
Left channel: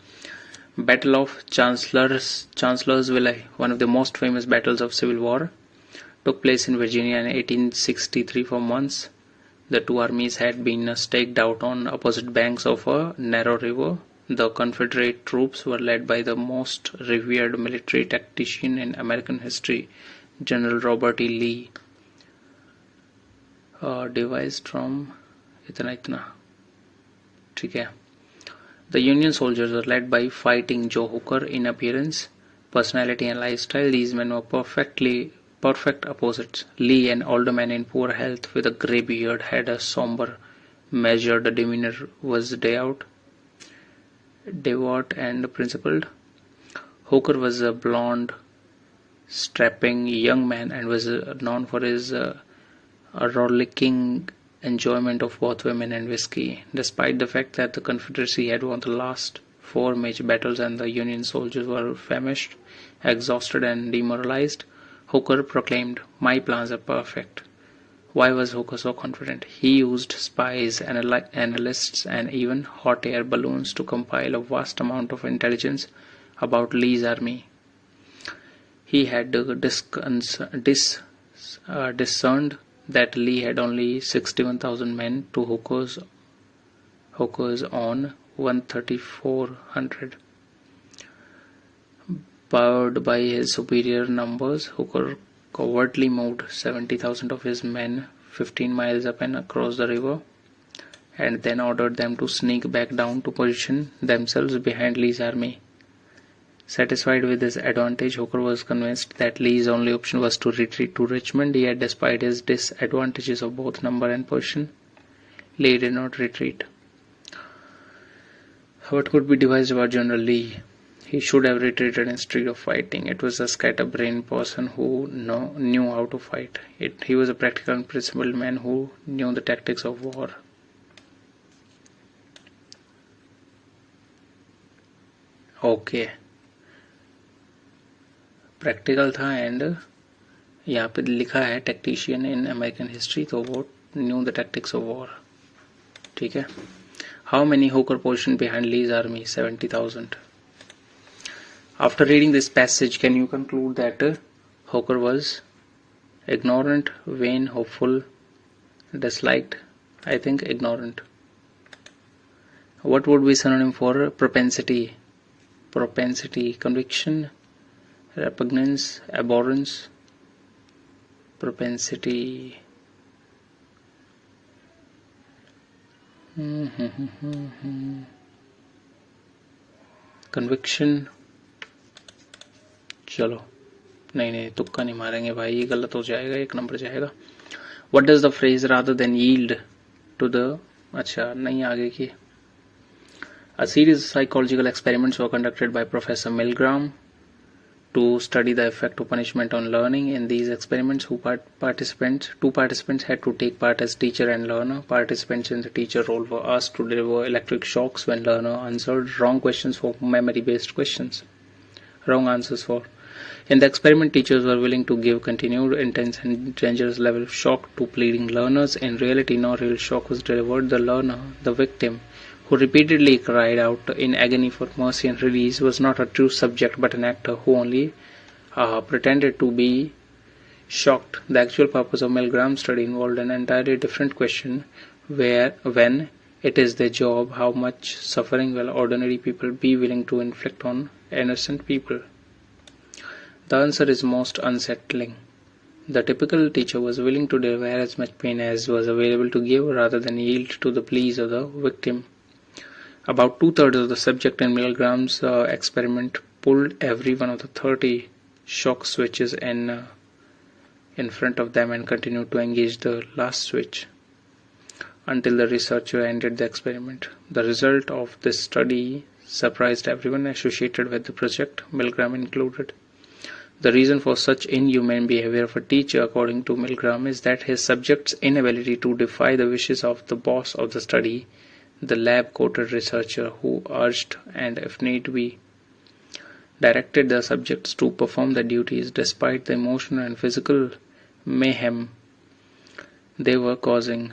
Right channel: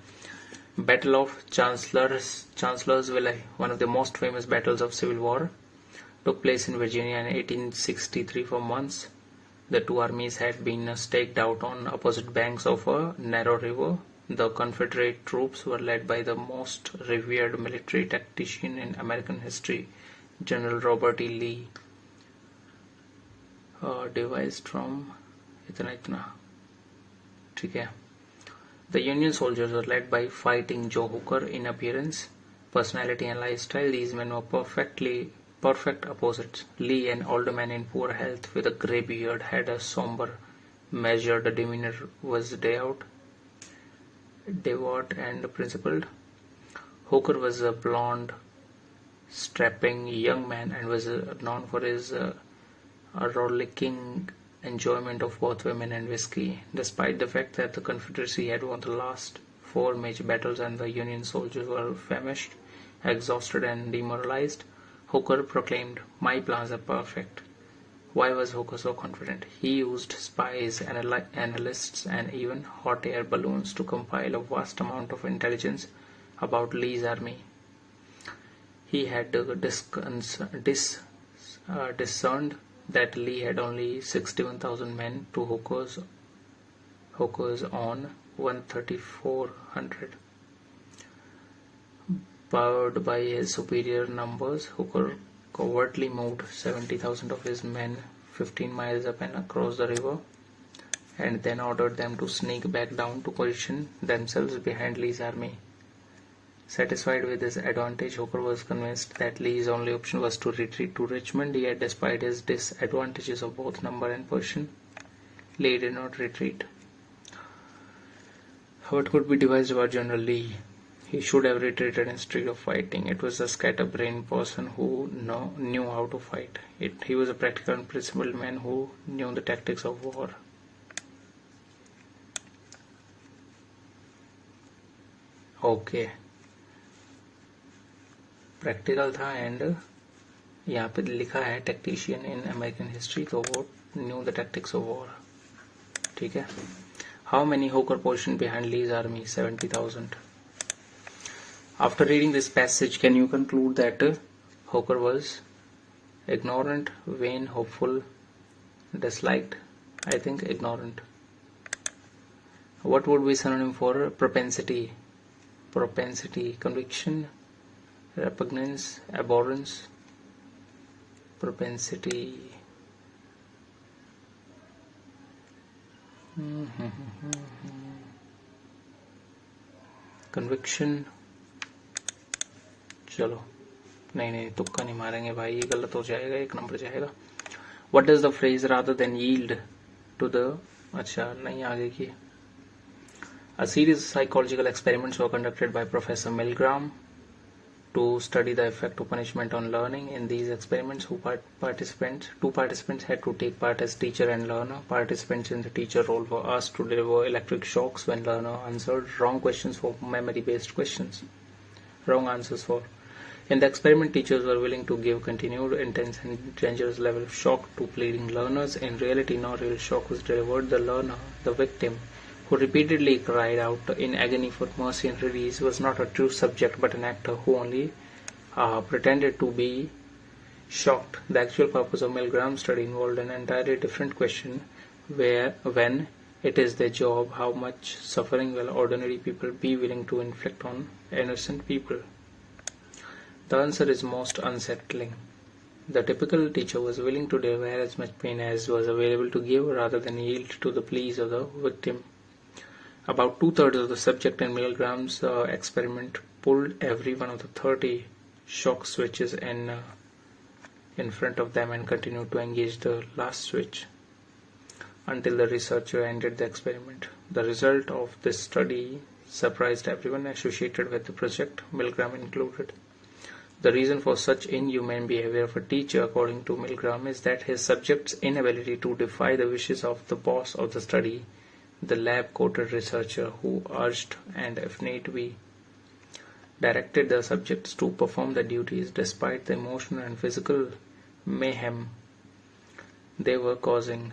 Battle of Chancellorsville, one of the most famous battles of Civil War, took place in Virginia in 1863. For months, the two armies had been staked out on opposite banks of a narrow river. The Confederate troops were led by the most revered military tactician in American history, General Robert E. Lee. Devised from इतना. ठीक है. The Union soldiers were led by Fighting Joe Hooker in appearance, personality and lifestyle. These men were perfect opposites. Lee, an older man in poor health with a grey beard, had a somber, measured demeanor, was devout and principled. Hooker was a blonde, strapping young man and was known for his rollicking enjoyment of both women and whiskey. Despite the fact that the Confederacy had won the last 4 major battles and the Union soldiers were famished, exhausted and demoralized, Hooker proclaimed, "My plans are perfect." Why was Hooker so confident? He used spies, analysts and even hot air balloons to compile a vast amount of intelligence about Lee's army. He had discerned that Lee had only 61,000 men to Hooker's on 1,300. Powered by his superior numbers, Hooker covertly moved 70,000 of his men 15 miles up and across the river, and then ordered them to sneak back down to position themselves behind Lee's army. Satisfied with this advantage, Hooker was convinced that Lee's only option was to retreat to Richmond, yet despite his disadvantages of both number and position, Lee did not retreat. What could be devised about General Lee? He should have retreated instead of fighting. It was a scatterbrained person who knew how to fight. He was a practical and principled man who knew the tactics of war. Okay. Practical था and यहाँ पे लिखा है tactician in American history, तो वो new the tactics of war. ठीक है. How many होकर position behind lease army? 70,000. After reading this passage, can you conclude that Hooker was ignorant, vain, hopeful, disliked? I think ignorant. What would be synonym for propensity? Propensity, conviction, repugnance, abhorrence, propensity. Conviction. चलो नहीं तुक्का नहीं मारेंगे भाई, ये गलत हो जाएगा, 1 नंबर जाएगा. What does the phrase rather than yield to the, अच्छा नहीं आगे की. A series of psychological experiments were conducted by Professor Milgram to study the effect of punishment on learning. In these experiments, two participants had to take part as teacher and learner. Participants in the teacher role were asked to deliver electric shocks when learner answered wrong questions for memory-based questions. Wrong answers for. In the experiment, teachers were willing to give continued, intense and dangerous level of shock to pleading learners. In reality, no real shock was delivered. The learner, the victim, who repeatedly cried out in agony for mercy and release, was not a true subject but an actor who only pretended to be shocked. The actual purpose of Milgram's study involved an entirely different question, when it is their job, how much suffering will ordinary people be willing to inflict on innocent people? The answer is most unsettling. The typical teacher was willing to deliver as much pain as was available to give rather than yield to the pleas of the victim. About 2/3 of the subject in Milgram's experiment pulled every one of the 30 shock switches in front of them and continued to engage the last switch until the researcher ended the experiment. The result of this study surprised everyone associated with the project, Milgram included. The reason for such inhumane behavior of a teacher, according to Milgram, is that his subject's inability to defy the wishes of the boss of the study, the lab-coated researcher, who urged and, if need be, directed the subjects to perform their duties despite the emotional and physical mayhem they were causing.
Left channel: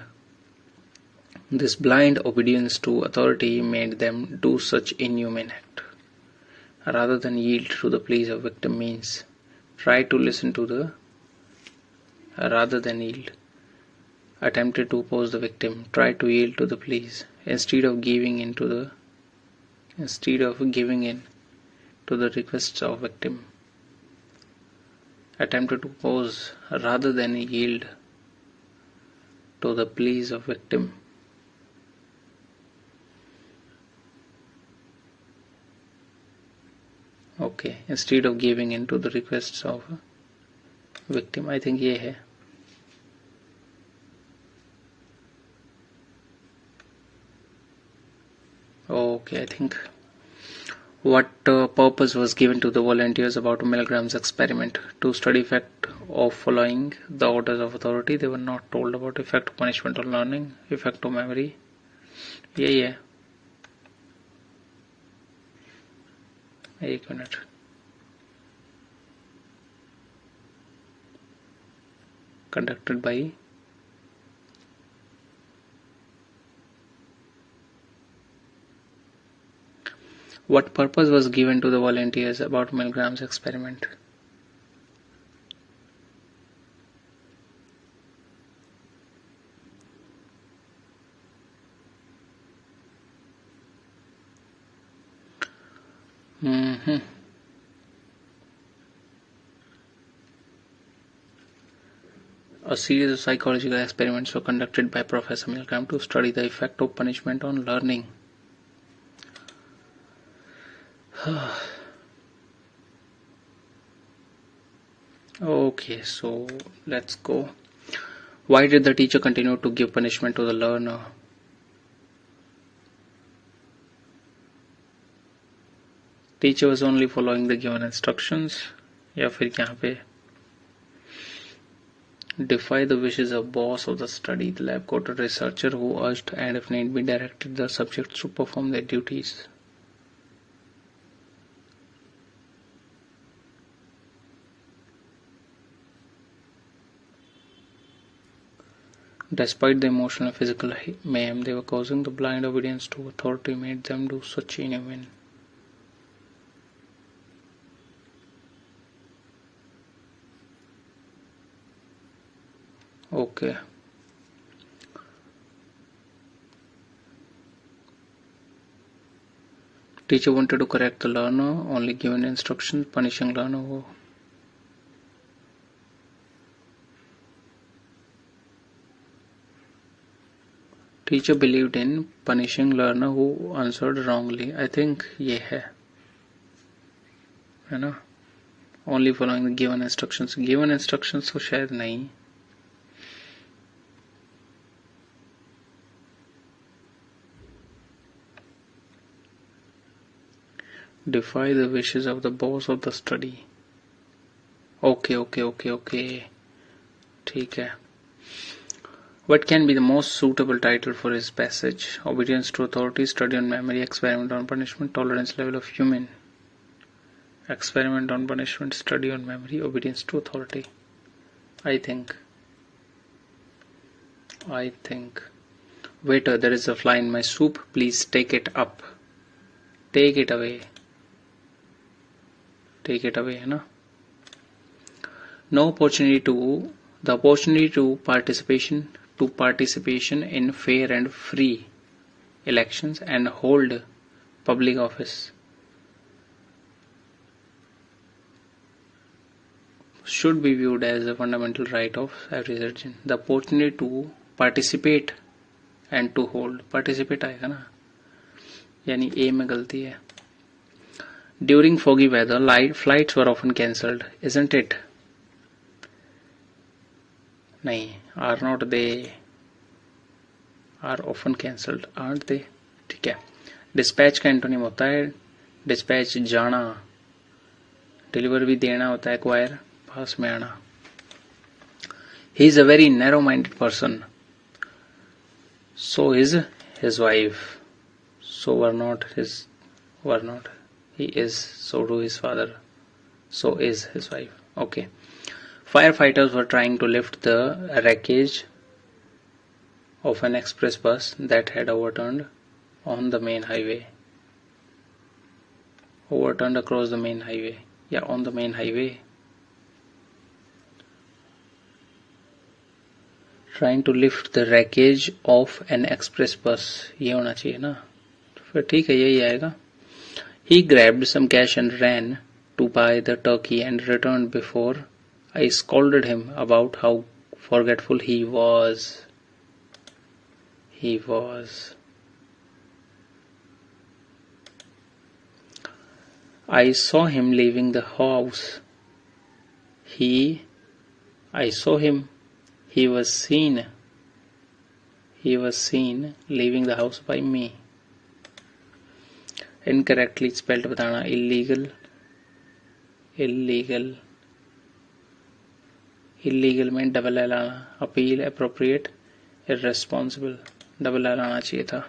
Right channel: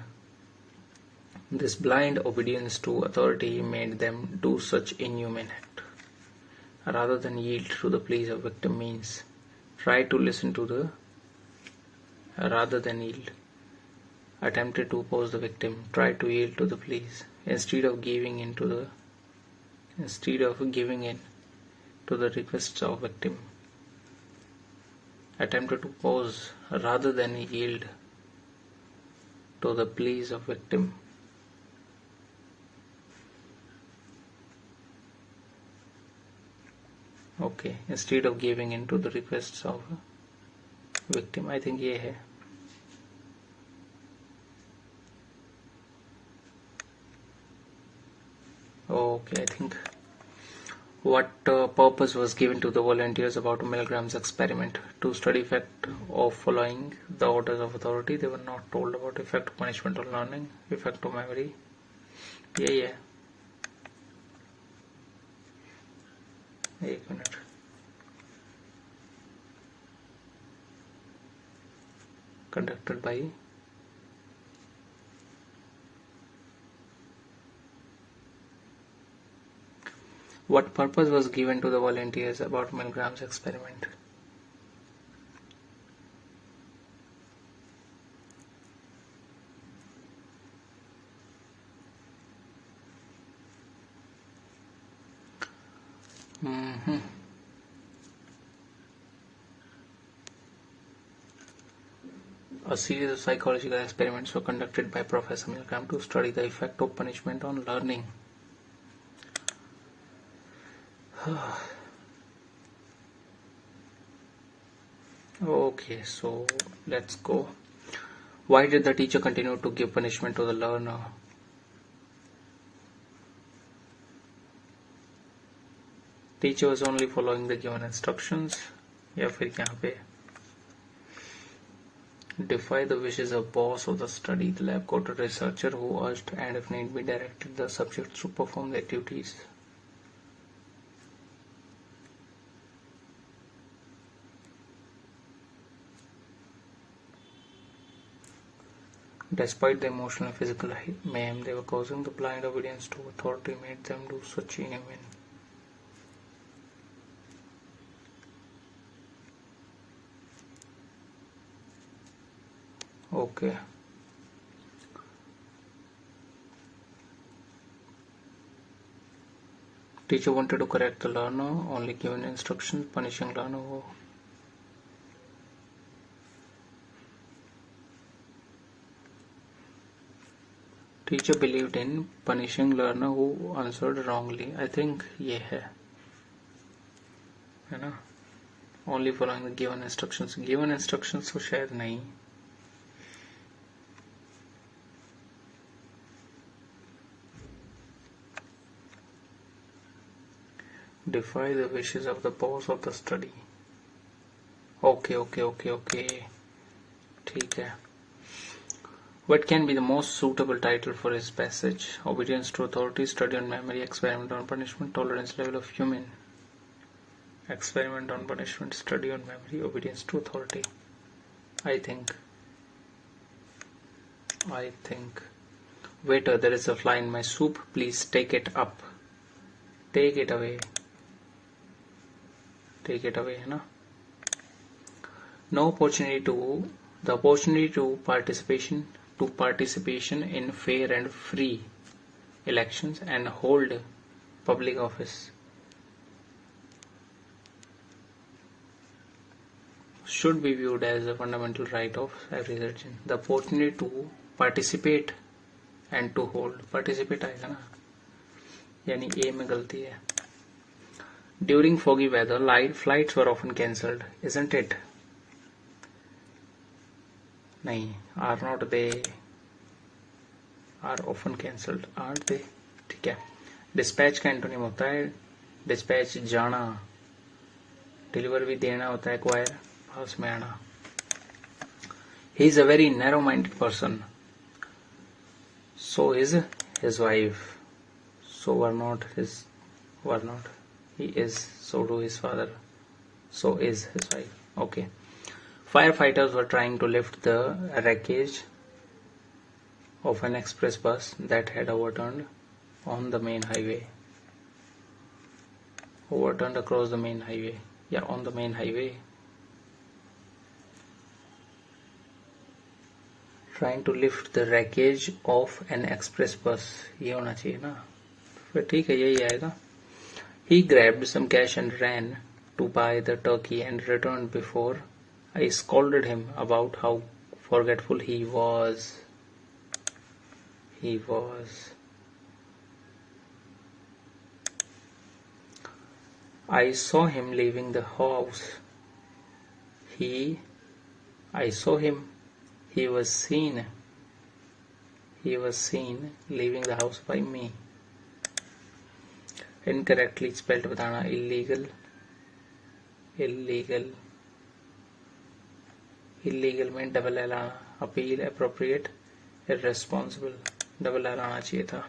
This blind obedience to authority made them do such inhumane act. Rather than yield to the pleas of victim means try to listen to the rather than yield. Attempted to oppose the victim, try to yield to the pleas. Instead of giving in to the requests of victim. Attempted to oppose rather than yield to the pleas of victim. Okay, instead of giving in to the requests of victim. I think ये है. Okay, I think what purpose was given to the volunteers about Milgram's experiment? To study effect of following the orders of authority. They were not told about effect of punishment on learning, effect of memory. यही है. एक minute. Conducted by what purpose was given to the volunteers about Milgram's experiment? series of psychological experiments were conducted by Professor Milgram to study the effect of punishment on learning. Okay, so let's go. Why did the teacher continue to give punishment to the learner? Teacher was only following the given instructions. या फिर यहाँ पे defy the wishes of boss of the study. The lab quoted a researcher who urged and if need be directed the subjects to perform their duties. Despite the emotional and physical mayhem they were causing, the blind obedience to authority made them do such inhuman. Okay. Teacher wanted to correct the learner, only given instructions, punishing learner who Teacher believed in punishing learner who answered wrongly. I think ये है ना, only following the given instructions. Given instructions तो शायद नहीं. Defy the wishes of the boss of the study. Okay. ठीक है. What can be the most suitable title for his passage? Obedience to authority, study on memory, experiment on punishment, tolerance level of human. Experiment on punishment, study on memory, obedience to authority. I think. Waiter, there is a fly in my soup. Please take it up. Take it away. Take it away, है ना? No opportunity to the opportunity to participation in fair and free elections and hold public office should be viewed as a fundamental right of every citizen. The opportunity to participate and to hold. Participate आएगा ना, यानी A में गलती है. During foggy weather, flights were often cancelled, isn't it? नहीं, are not they? Are often cancelled, aren't they? ठीक है. Dispatch का एंटोनिम होता है dispatch जाना. Deliver भी देना होता है acquire, पास में आना. He is a very narrow-minded person. So is his wife. So were not. He is. So do his father. So is his wife. Okay. Firefighters were trying to lift the wreckage of an express bus that had overturned on the main highway. Overturned across the main highway. Yeah, on the main highway. Trying to lift the wreckage of an express bus. ये होना चाहिए ना. फिर ठीक है, यही आएगा. He grabbed some cash and ran to buy the turkey and returned before I scolded him about how forgetful he was. I saw him leaving the house. He was seen leaving the house by me. Incorrectly spelled बताना. illegal में double L आना. Appeal, appropriate, irresponsible, double L आना चाहिए था.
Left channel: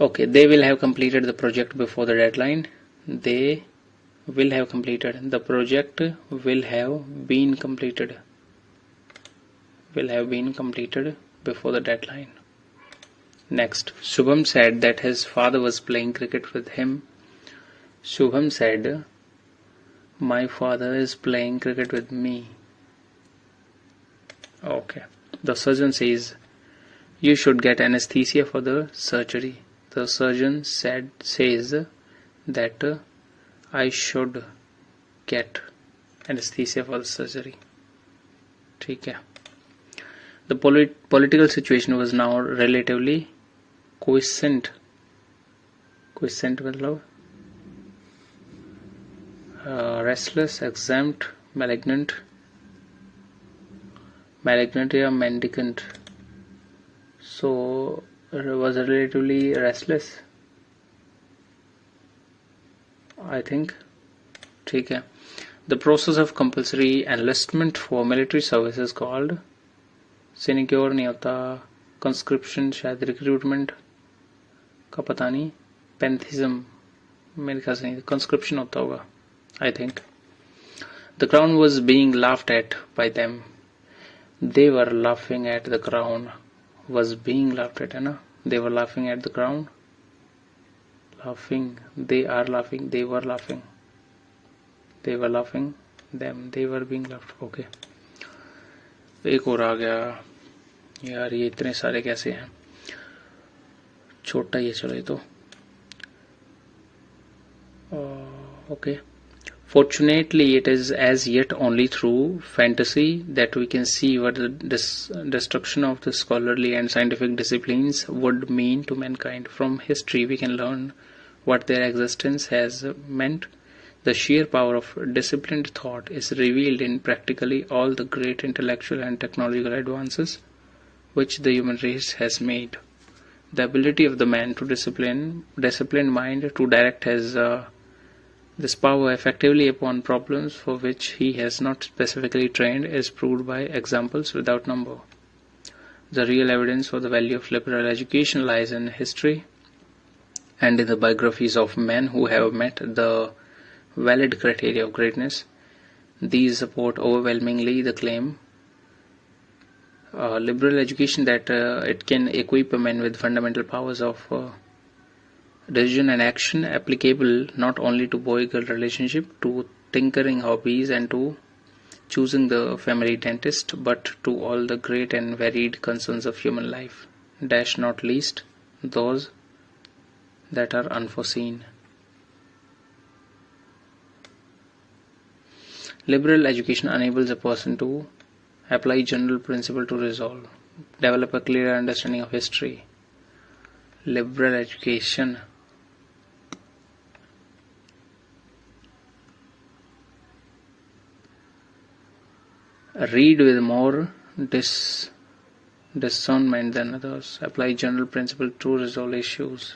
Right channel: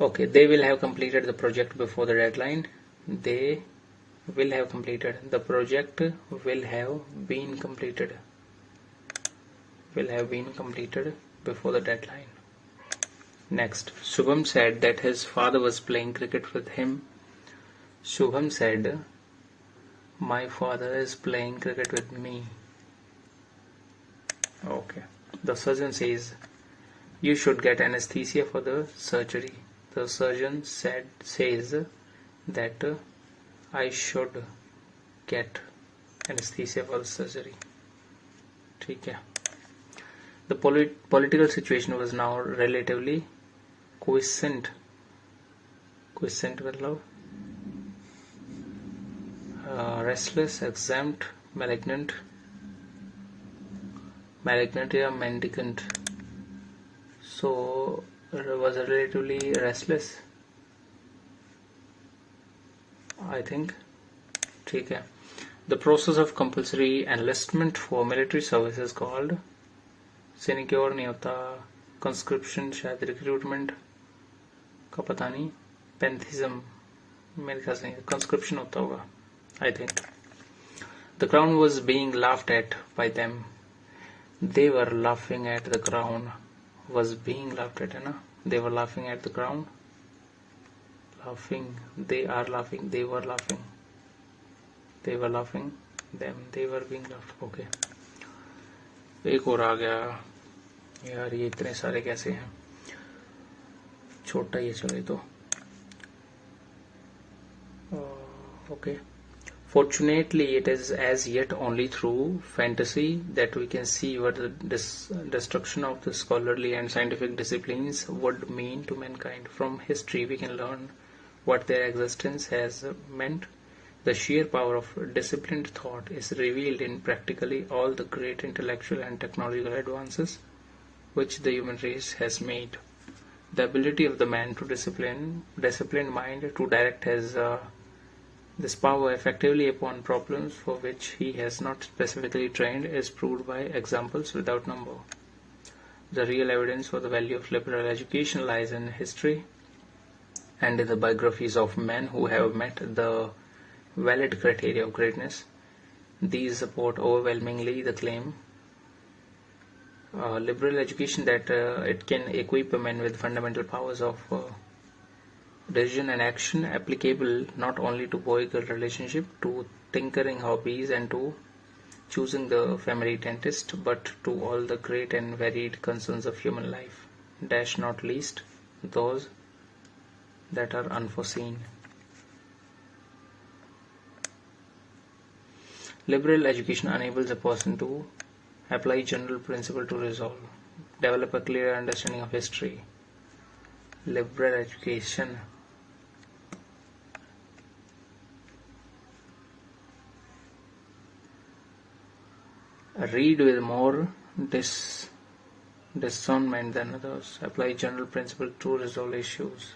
Okay, they will have completed the project before the deadline. The project will have been completed before the deadline. Next, Shubham said that his father was playing cricket with him. Shubham said, my father is playing cricket with me. Okay. The surgeon says, you should get anesthesia for the surgery. The surgeon says that I should get anesthesia for the surgery. ठीक है. The political situation was now relatively quiescent. Quiescent मतलब restless, exempt, malignant या mendicant. So it was relatively restless, I think. ठीक है. The process of compulsory enlistment for military service is called sinecure नहीं होता, conscription शायद recruitment का पता नहीं, पैंथिज्म मेरे ख्याल से नहीं, conscription होता होगा, I think. The crown was being laughed at by them. They were laughing at the crown. Was being laughed at, है ना? They were laughing at the crown. Laughing. They are laughing. They were laughing. They were laughing. Them. They were being laughed. Okay. एक और आ गया यार, ये इतने सारे कैसे हैं? छोटा ही है, चलो ये तो. Okay. Fortunately, it is as yet only through fantasy that we can see what the destruction of the scholarly and scientific disciplines would mean to mankind. From history, we can learn what their existence has meant. The sheer power of disciplined thought is revealed in practically all the great intellectual and technological advances which the human race has made. The ability of the man to disciplined mind to direct his this power effectively upon problems for which he has not specifically trained is proved by examples without number. The real evidence for the value of liberal education lies in history and in the biographies of men who have met the valid criteria of greatness. These support overwhelmingly the claim liberal education that it can equip a man with fundamental powers of decision and action applicable not only to boy-girl relationship, to tinkering hobbies and to choosing the family dentist, but to all the great and varied concerns of human life, dash not least those that are unforeseen. Liberal education enables a person to apply general principle to resolve, develop a clear understanding of history. Liberal education read with more discernment than others, apply general principle to resolve issues.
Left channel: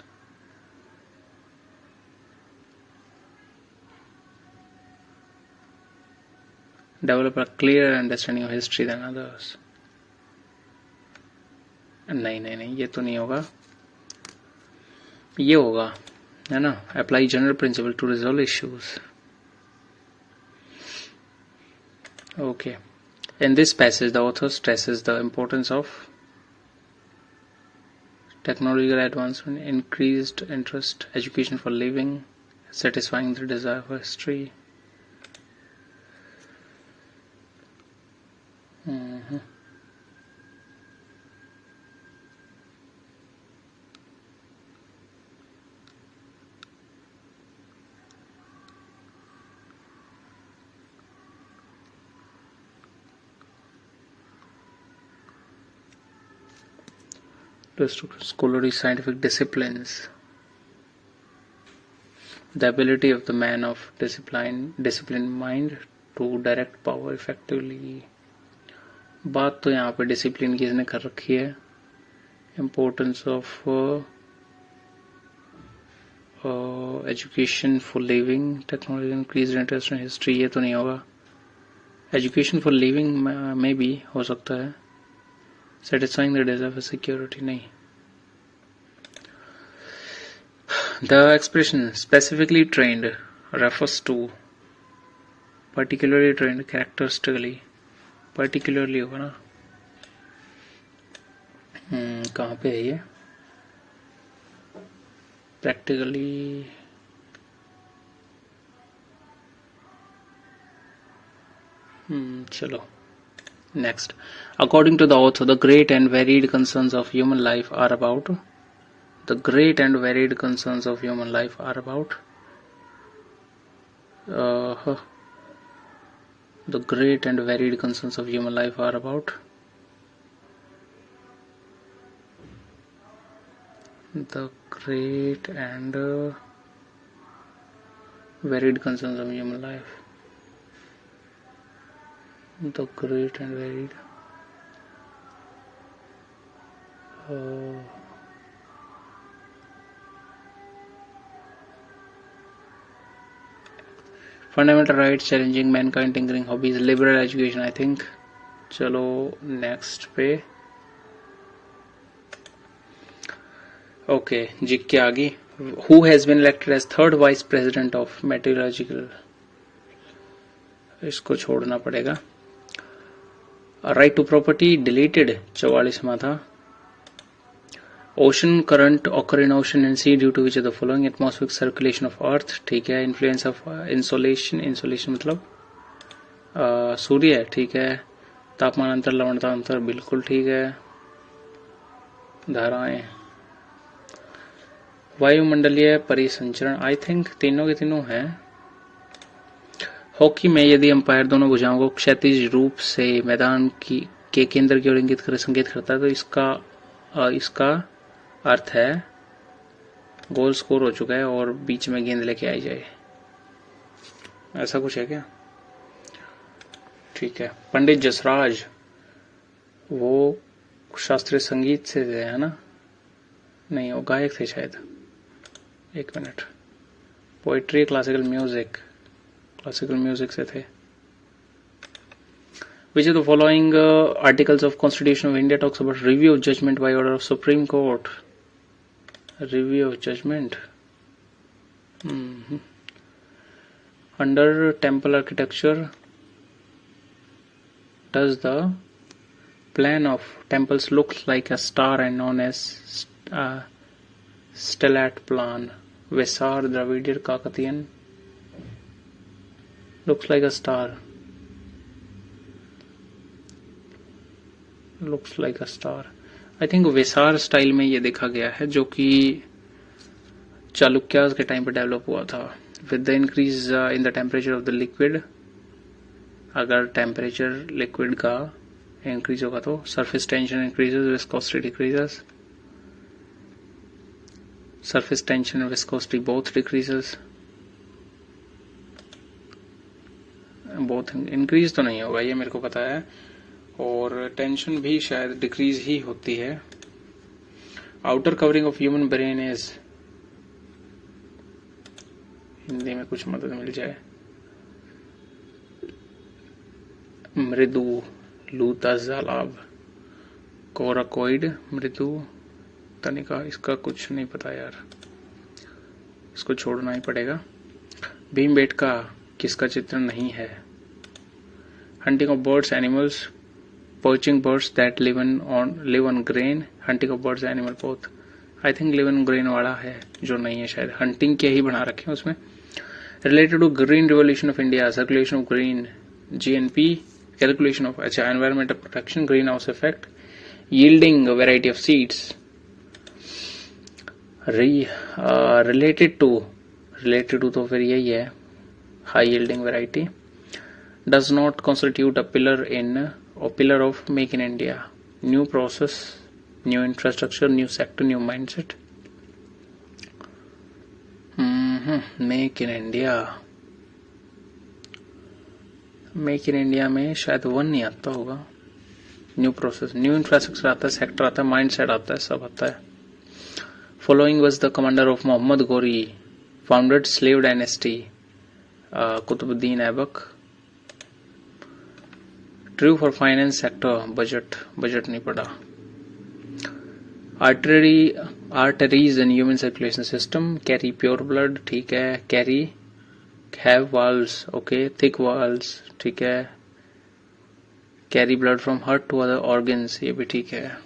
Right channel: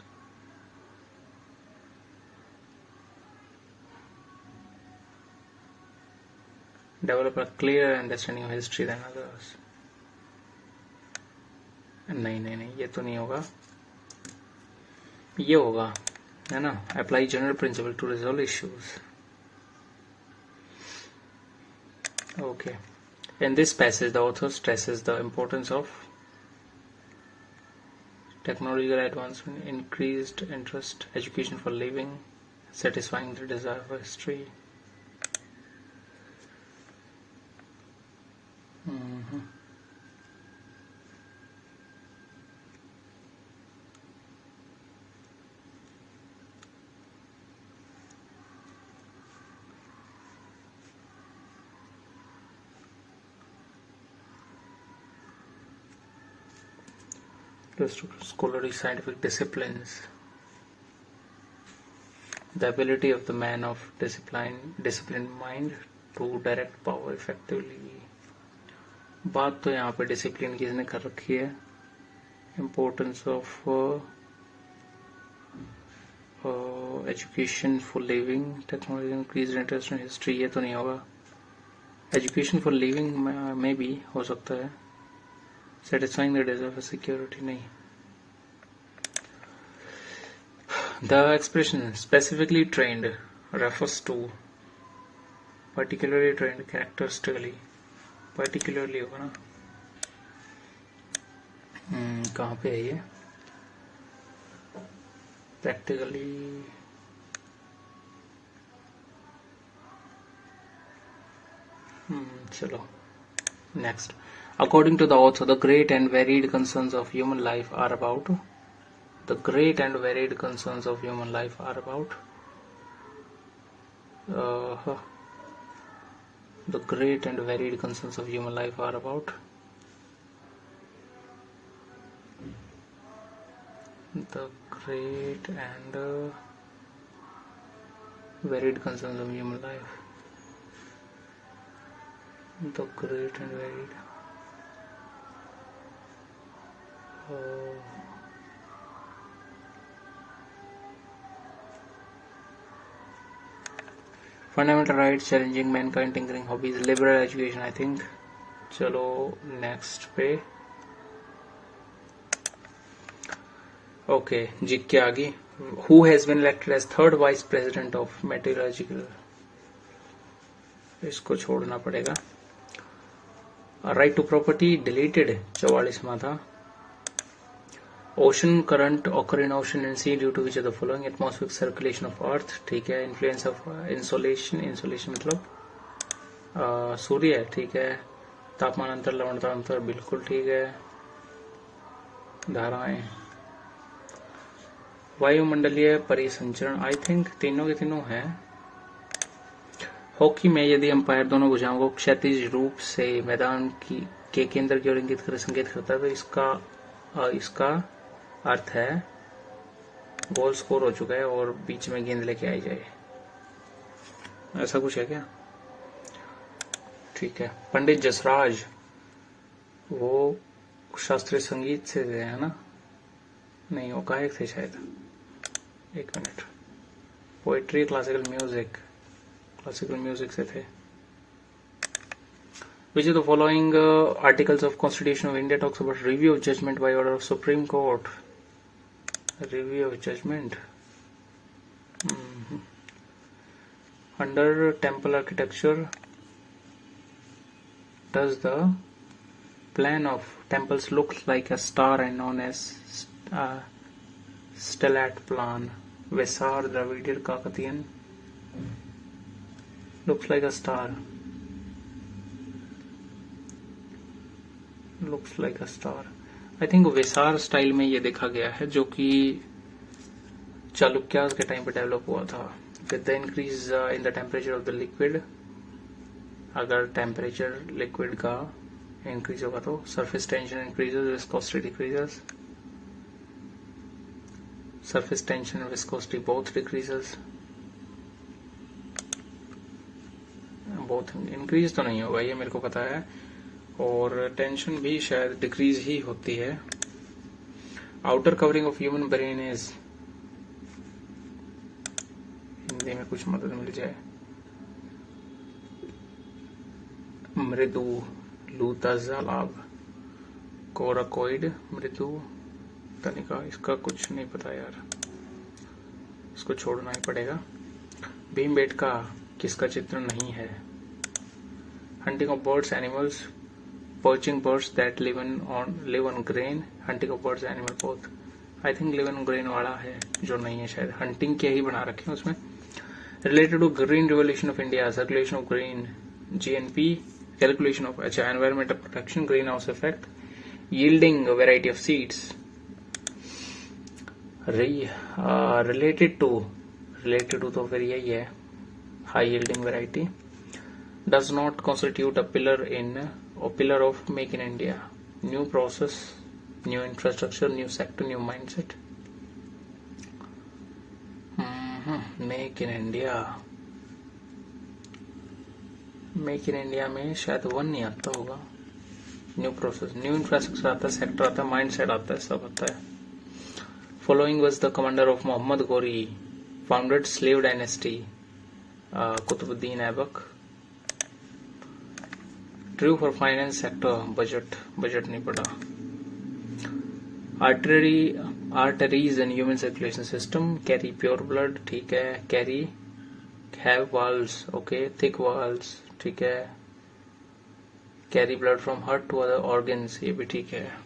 Develop a clear understanding of history than others. नहीं ये तो नहीं होगा, ये होगा, है ना? Apply general principle to resolve issues. Okay. In this passage, the author stresses the importance of technological advancement, increased interest, education for living, satisfying the desire for history. Scholarly scientific disciplines. The ability of the man of disciplined mind to direct power effectively. बात तो यहाँ पे discipline की इसने कर रखी है. Importance of education for living, technology, increased interest in history, ये तो नहीं होगा. Education for living में भी हो सकता है. Satisfying the desire for security नहीं. The expression specifically trained refers to particularly trained characteristically. Particularly होगा ना. कहाँ पे है ये? Practically चलो. Next, according to the author, the great and varied concerns of human life are about. The great and varied concerns of human life are about The great and varied concerns of human life are about the great and varied concerns of human life. The great and varied fundamental rights, challenging mankind, tinkering hobbies, liberal education, I think. चलो next पे okay जी के आगे who has been elected as third vice president of metrological, इसको छोड़ना पड़ेगा. Right to property deleted 44वां था. Ocean current occur in ocean and sea due to which of the following. Atmospheric circulation of earth, ठीक है. Influence of insolation, insolation मतलब सूर्य, ठीक है. तापमान अंतर, लवणता अंतर, बिल्कुल ठीक है. धाराएं, वायुमंडलीय परिसंचरण, आई थिंक तीनों के तीनों हैं. हॉकी में यदि अंपायर दोनों भुजाओं को क्षैतिज रूप से मैदान के केंद्र की ओर इंगित कर संकेत करता है तो इसका अर्थ है गोल स्कोर हो चुका है और बीच में गेंद लेके आई जाए, ऐसा कुछ है क्या? ठीक है. पंडित जसराज वो शास्त्रीय संगीत से थे, है ना? नहीं, वो गायक थे शायद. एक मिनट. पोइट्री, क्लासिकल म्यूजिक से थे. Which of the following articles of Constitution of India talks about review of judgment by order of Supreme Court? Review of judgment. Under temple architecture, does the plan of temples look like a star and known as stellate plan? Vesar, Dravidian, Kakatiyan. Looks like a star. Looks like a star. I think Vesara style में ये देखा गया है जो कि चालुक्यास के time पे develop हुआ था. With the increase in the temperature of the liquid, अगर टेम्परेचर लिक्विड का इंक्रीज होगा तो surface tension increases, viscosity decreases. Surface tension और viscosity both decreases. Both increase तो नहीं होगा, ये मेरे को पता है. और टेंशन भी शायद डिक्रीज ही होती है. Outer covering of human brain is, Hindi में कुछ मदद मिल जाए. मृदु, लूता, जालाब, कोराकोइड, मृदु, तनिका, इसका कुछ नहीं पता यार, इसको छोड़ना ही पड़ेगा. भीमबेटका किसका चित्र नहीं है? Hunting of birds, animals, poaching birds that live on grain, hunting of birds, animal both. I think live on grain वाला है जो नहीं है, शायद hunting के ही बना रखे हैं उसमें. Related to green revolution of India, circulation of green, GNP, calculation of environmental protection, greenhouse effect, yielding a variety of seeds. Related to तो फिर यही है, high yielding variety. Does not constitute a pillar of Make in India. New process, new infrastructure, new sector, new mindset. Make in India. Make in India में शायद one नहीं आता होगा. New process, new infrastructure आता है, sector आता है, mindset आता है, सब आता है. Following was the commander of Muhammad Ghori, founded slave dynasty. Qutbuddin Aibak. True for finance sector, budget नहीं पड़ा. Arteries in human circulation system carry pure blood, ठीक है. Carry, have valves, okay. Thick valves, ठीक है. Carry blood from heart to other organs, ये भी ठीक है.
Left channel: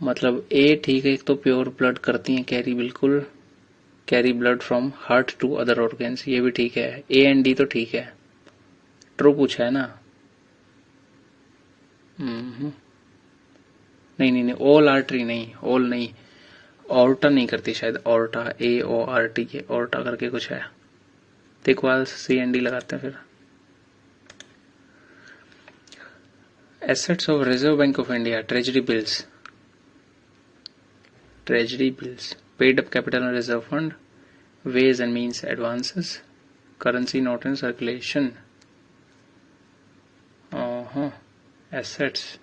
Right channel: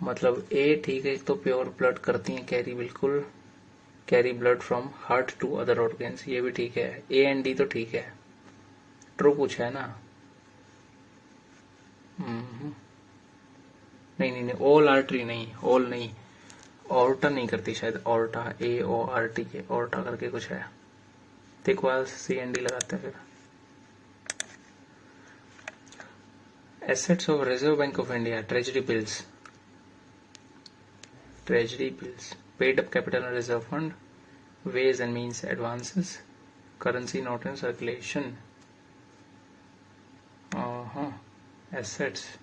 मतलब A ठीक है, एक तो प्योर ब्लड करती हैं कैरी, बिल्कुल. Carry blood from heart to other organs, ये भी ठीक है. A एंड D तो ठीक है. ट्रू पूछा है ना? नहीं, ऑल आर्टरी नहीं, ऑल नहीं, ऑर्टा नहीं करती शायद. ऑर्टा, AORT के ऑर्टा करके कुछ है. इक्वल्स CND लगाते हैं फिर। Assets of Reserve Bank of India, treasury bills, paid up capital and reserve fund, ways and means advances, currency note in circulation. Assets,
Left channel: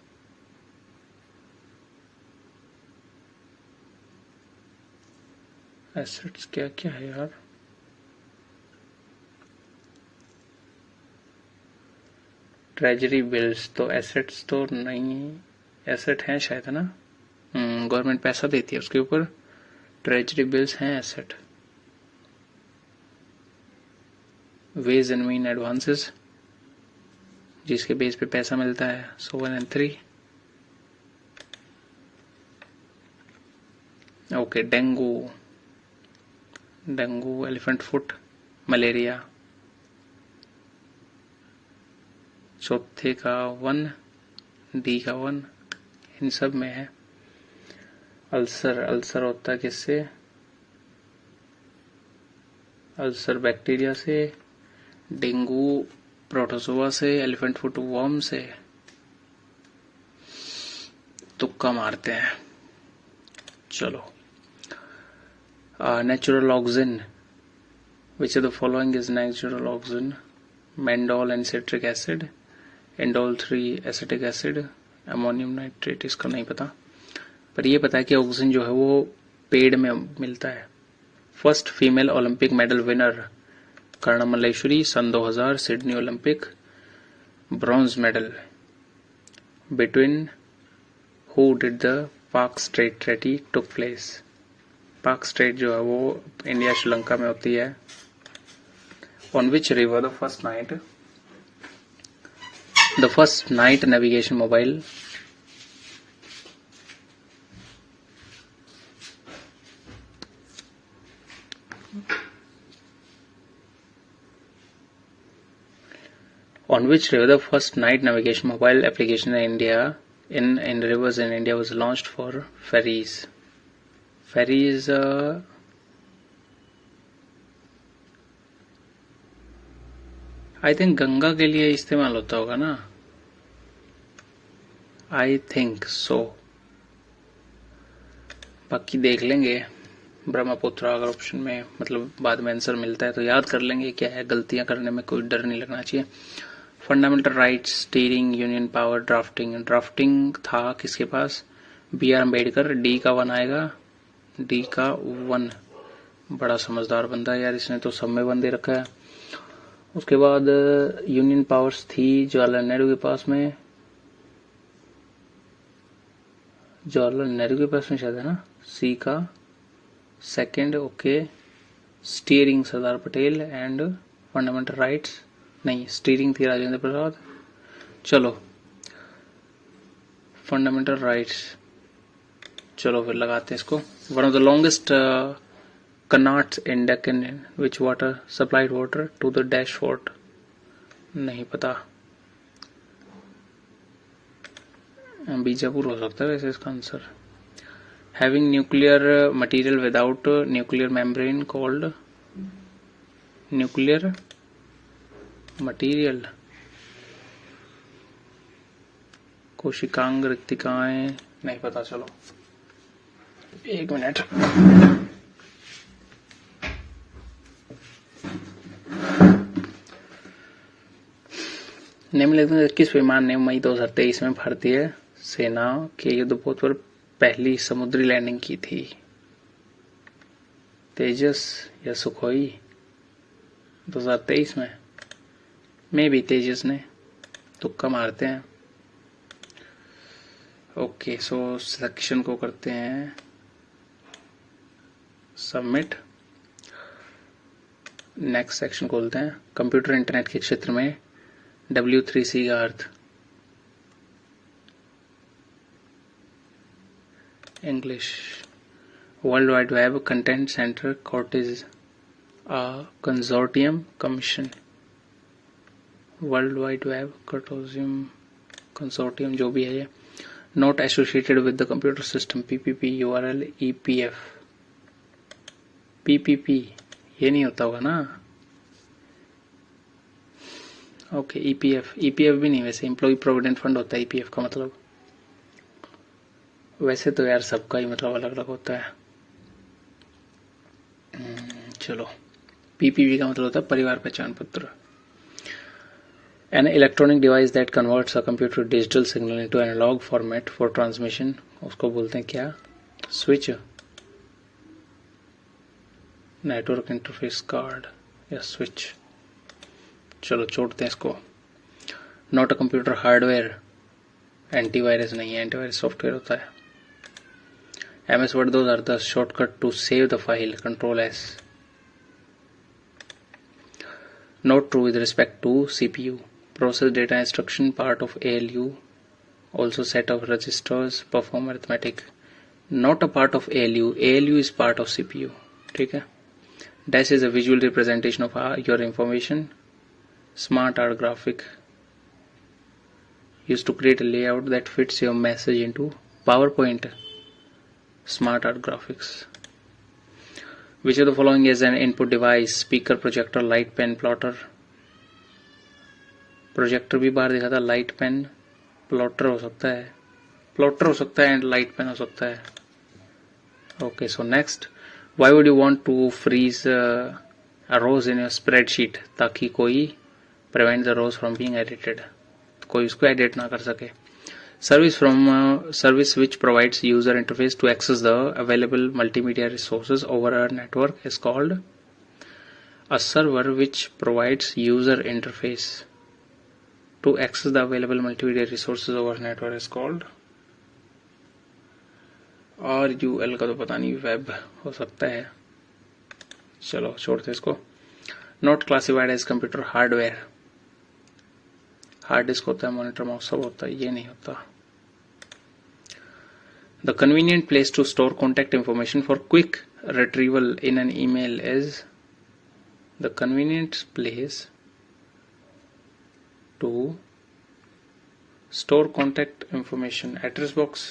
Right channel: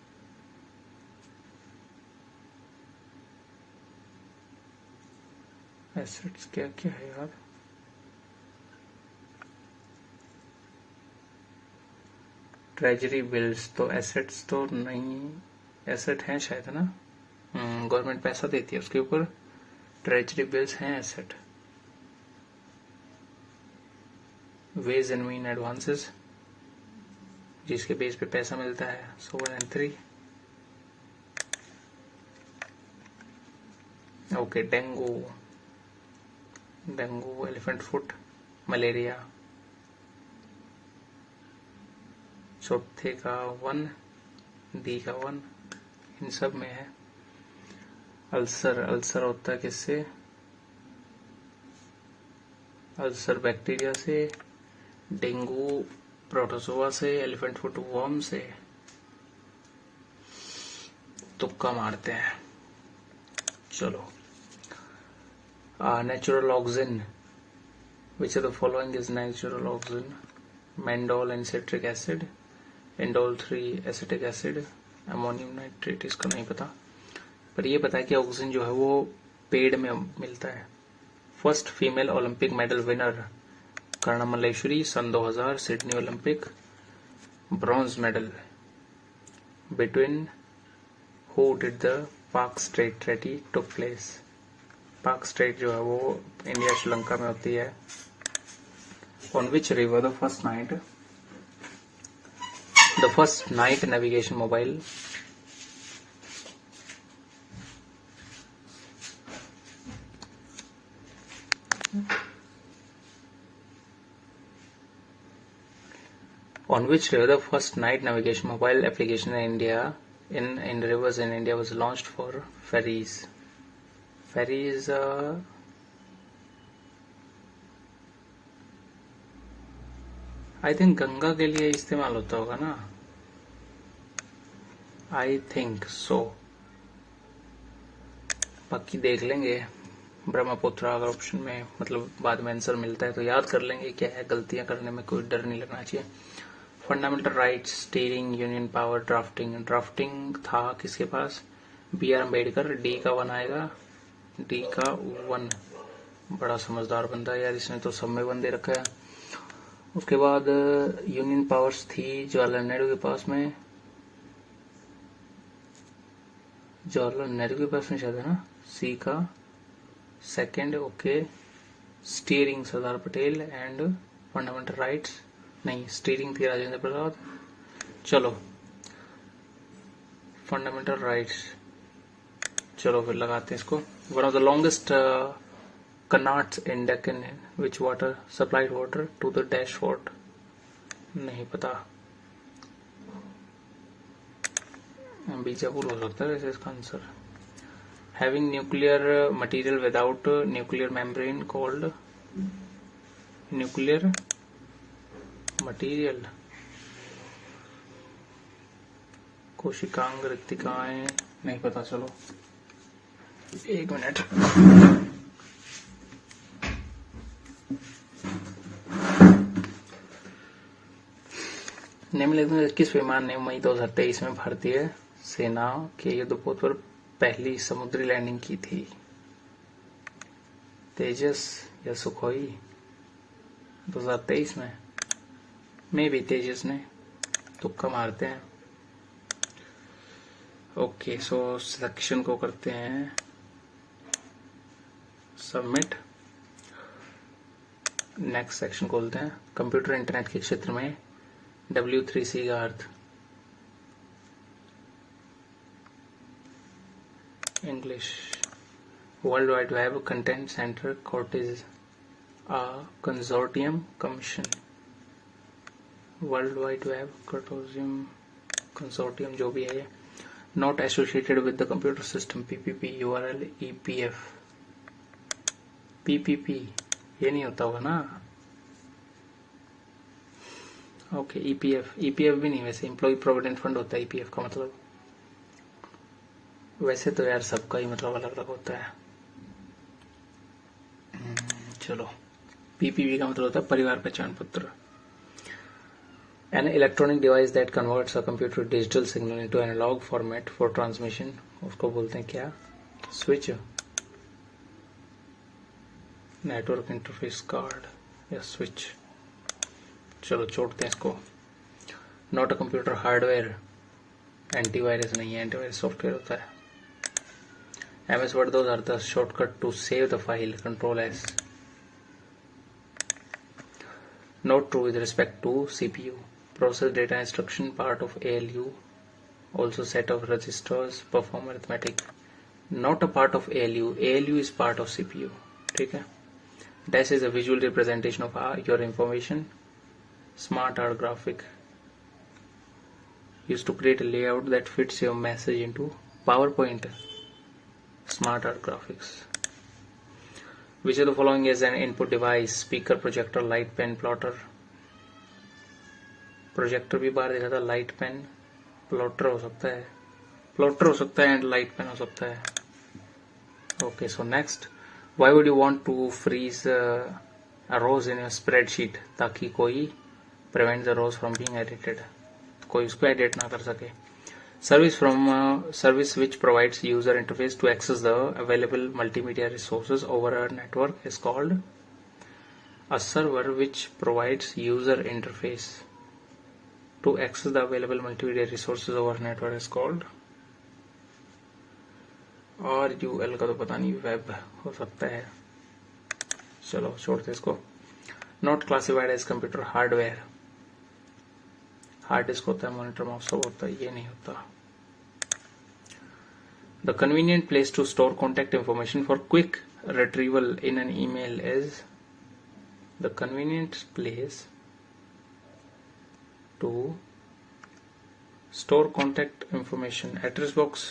assets क्या क्या है यार? ट्रेजरी बिल्स तो एसेट्स तो नहीं, एसेट हैं शायद, है ना? गवर्नमेंट पैसा देती है उसके ऊपर, ट्रेजरी बिल्स हैं asset. Ways and mean advances, जिसके बेस पे पैसा मिलता है। So 1 and 3। Okay, dengue, elephant foot, malaria. चौथे का 1, डी का 1, इन सब में है। अल्सर होता है किससे? अल्सर बैक्टीरिया से, डेंगू प्रोटोजोआ से, एलिफेंट फुट वर्म से। तुक्का मारते हैं, चलो। Natural oxygen, which of the following is natural oxygen? मेंडोल and citric acid, indole 3 acetic acid, ammonium nitrate. इसका नहीं पता, पर ये पता है कि ऑक्सीजन जो है वो पेड़ में मिलता है। First female Olympic medal winner Karnam Malleswari, सन 2000 Sydney Olympic, bronze medal. Between who did the Palk Strait treaty took place? Palk Strait जो है वो इंडिया श्रीलंका में होती है। On which river the first night navigation mobile on which river the first night navigation mobile application in India in rivers in India was launched for ferries? Ferries, I think Ganga के लिए इस्तेमाल होता होगा ना, I think so। बाकी देख लेंगे ब्रह्मपुत्र अगर ऑप्शन में, मतलब बाद में आंसर मिलता है तो याद कर लेंगे क्या है। गलतियां करने में कोई डर नहीं लगना चाहिए। Fundamental rights, steering, union power, drafting था किसके पास? BR अम्बेडकर। डी का 1 आएगा, डी का 1। बड़ा समझदार बंदा यार, इसने तो सब में 1 दे रखा है। उसके बाद यूनियन पावर्स थी जवाहरलाल नेहरू के पास में, शायद, है ना? सी का 2nd। Okay, steering Sardar Patel and fundamental rights नहीं, स्टीयरिंग थी राजेंद्र प्रसाद। चलो फंडामेंटल राइट्स, चलो फिर लगाते हैं इसको। One of the longest qanats in Deccan which water supplied water to the dash fort? नहीं पता, बीजापुर हो सकता है वैसे इसका answer. Having nuclear material without nuclear membrane called? Nuclear material, कोशिकांग, रिक्तिकाएं, नहीं पता। चलो 1 मिनट। निम्नलिखित किस विमान ने मई 2023 में भारतीय सेना के युद्धपोत पर पहली समुद्री लैंडिंग की थी? तेजस या सुखोई? 2023 में भी तेजस ने, तुक्का मारते हैं। ओके, सो सिलेक्शन को करते हैं सबमिट। नेक्स्ट सेक्शन खोलते हैं। कंप्यूटर इंटरनेट के क्षेत्र में W3C का अर्थ? English. World wide web content center cortege a consortium commission. World wide web consortium जो भी है ये। Not associated with the computer system, PPP, URL, EPF। PPP ये नहीं होता होगा ना? ओके, ईपीएफ भी नहीं, वैसे एम्प्लॉय प्रोविडेंट फंड होता है ईपीएफ का मतलब। वैसे तो यार सबका ही मतलब अलग अलग होता है। चलो, पीपीवी का मतलब होता है परिवार पहचान पत्र। An electronic device that converts a computer digital signal into analog format for transmission, उसको बोलते हैं क्या? स्विच, नेटवर्क इंटरफेस कार्ड या स्विच। चलो छोड़ते हैं इसको। Not a computer hardware, antivirus नहीं है, एंटीवायरस सॉफ्टवेयर होता है। MS Word, those are the shortcut to save the file, Control S. Not true with respect to CPU. Process data instruction, part of ALU, also set of registers, perform arithmetic. Not a part of ALU. ALU is part of CPU. ठीक है। Dash is a visual representation of your information. Smart art graphic, used to create a layout that fits your message into PowerPoint. Smart art graphics. Which of the following is an input device? Speaker, projector, light pen, plotter. Projector भी बाहर दिखा था, light pen, plotter हो सकता है, and light pen हो सकता है। Okay, so next, why would you want to freeze a rows in your spreadsheet? ताकि कोई prevent the rows from being edited, कोई उसको एडिट ना कर सके। Service which provides user interface to access the available multimedia resources over a network is called a server which provides user interface to access the available multimedia resources over network is called RUL का तो पता नहीं, web हो सकता है। चलो छोड़ते इसको। Not classified as computer hardware, hard disk होता है, मॉनिटर माउस सब होता है, ये नहीं होता। The convenient place to store contact information for quick retrieval in an email is, the convenient place to store contact information, address box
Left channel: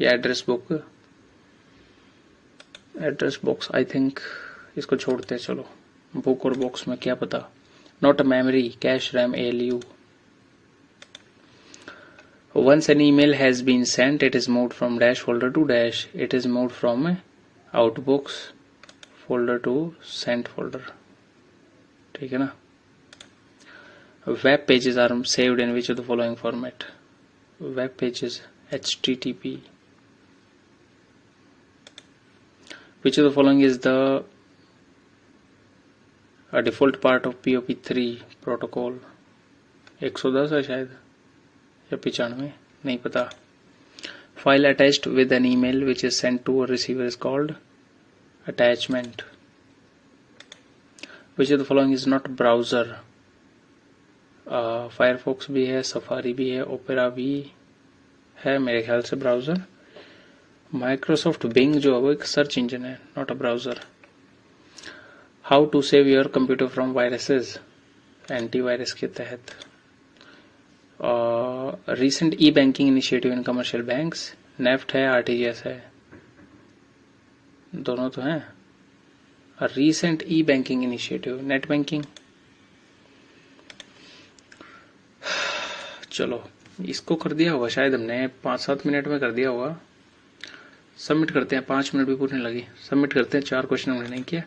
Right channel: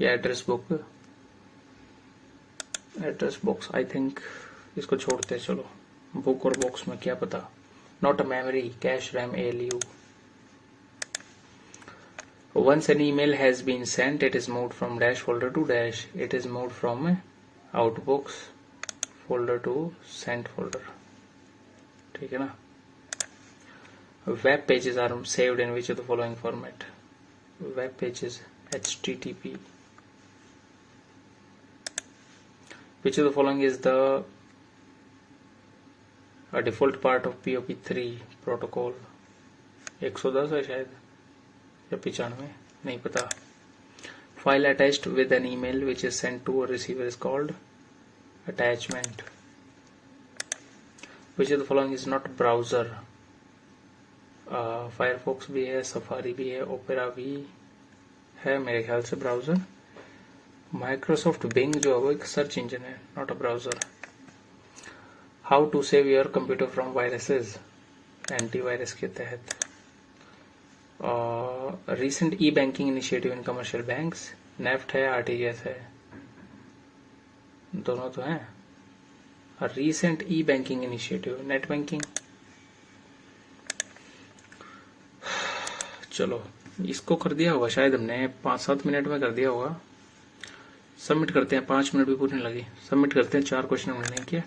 या address book, address box I think इसको छोड़ते हैं। चलो, बुक और बॉक्स में क्या पता। Not a memory, cash, RAM, ALU. Once an email has been sent, it is moved from dash folder to dash. It is moved from outbox folder to sent folder. ठीक है ना। Web pages are saved in which of the following format? Web pages, HTTP. Which of the following is the a default part of POP3 protocol? 110 है शायद, या 95, नहीं पता। File attached with an email which is sent to a receiver is called attachment. Which of the following is not browser? Firefox भी है, safari भी है, opera भी है मेरे ख्याल से ब्राउजर। माइक्रोसॉफ्ट बिंग जो है वो एक सर्च इंजन है, not a browser. How to save your computer from viruses, antivirus के तहत। Recent e banking initiative in commercial banks, NEFT है, आरटीजीएस है, दोनों तो हैं। Recent e banking initiative, net banking. चलो, इसको कर दिया होगा शायद हमने 5-7 मिनट में कर दिया होगा। सबमिट करते हैं, 5 मिनट भी पूरे नहीं लगे। सबमिट करते हैं, 4 क्वेश्चन हमने नहीं किया।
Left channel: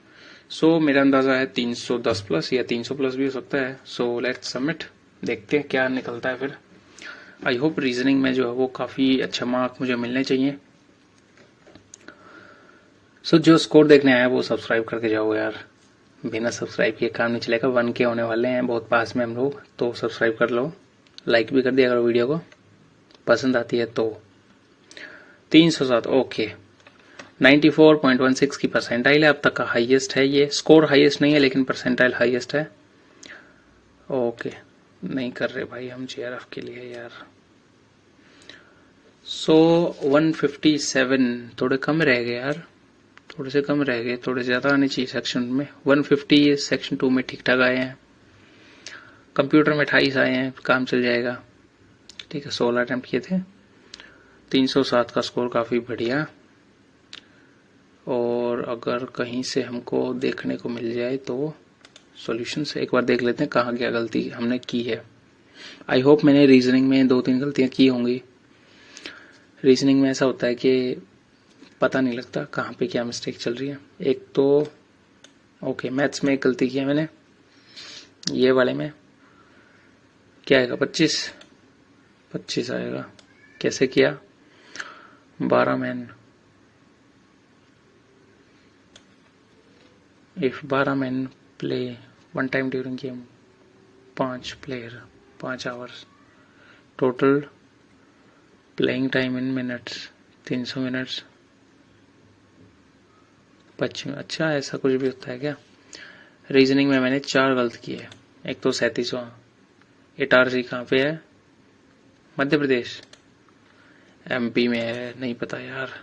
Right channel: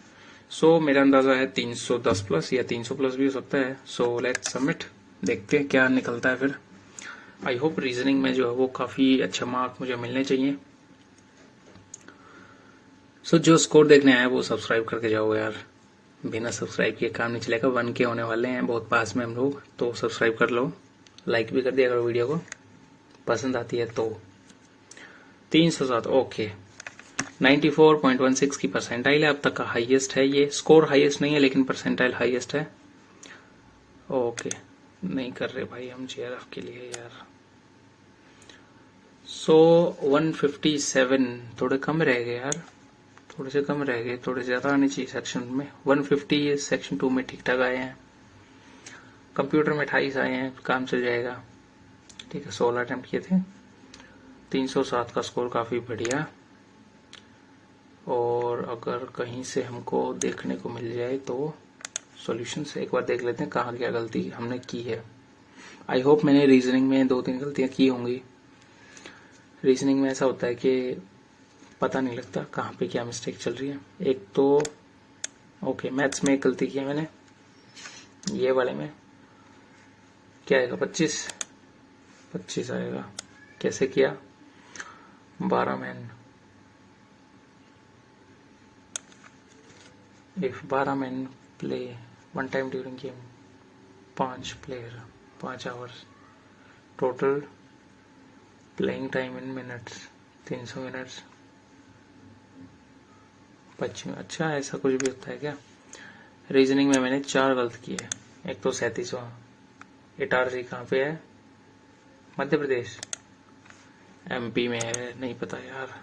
सो मेरा अंदाजा है 310 प्लस या 300 प्लस भी हो सकता है। सो लेट्स सबमिट, देखते हैं क्या निकलता है फिर। आई होप रीजनिंग में जो है वो काफी अच्छा मार्क मुझे मिलने चाहिए। सो जो स्कोर देखने आया वो सब्सक्राइब करके जाओ यार, बिना सब्सक्राइब किए काम नहीं चलेगा। 1K होने वाले हैं, बहुत पास में हम लोग, तो सब्सक्राइब कर लो, लाइक भी कर दिया करो वीडियो को, पसंद आती है तो। 307, ओके। 94.16 की परसेंटाइल है, अब तक का हाईएस्ट है ये। स्कोर हाईएस्ट नहीं है लेकिन परसेंटाइल हाईएस्ट है। ओके, नहीं कर रहे भाई हम JRF के लिए यार। सो 157 थोड़े कम रह गए यार, थोड़े से कम रह गए, थोड़े ज्यादा आने चाहिए सेक्शन में। 150 सेक्शन 2 में ठीक ठाक आए हैं। कंप्यूटर में 28 आए हैं, काम चल जाएगा। ठीक है, 16 अटेम्प्ट किए थे। 307 का स्कोर काफी बढ़िया। और अगर कहीं से हमको देखने को मिल जाए तो सॉल्यूशन से एक बार देख लेते हैं कहाँ क्या गलती हमने की है। आई होप मैंने रीजनिंग में 2-3 गलतियां की होंगी। रीजनिंग में ऐसा होता है कि पता नहीं लगता कहाँ पे क्या मिस्टेक चल रही है। एक तो ओके, मैथ्स में एक गलती की है मैंने, ये वाले में क्या आएगा 25 आएगा। कैसे किया? 12 man, if 12 man play one time during game, 5 player 5 hours, total playing time in minutes 300 minutes 25। अच्छा, ऐसा कुछ भी होता है क्या? रीजनिंग में मैंने 4 गलत किए। एक तो 37वां, इटारसी कहाँ पे है? मध्य प्रदेश, एमपी में है, नहीं पता यार।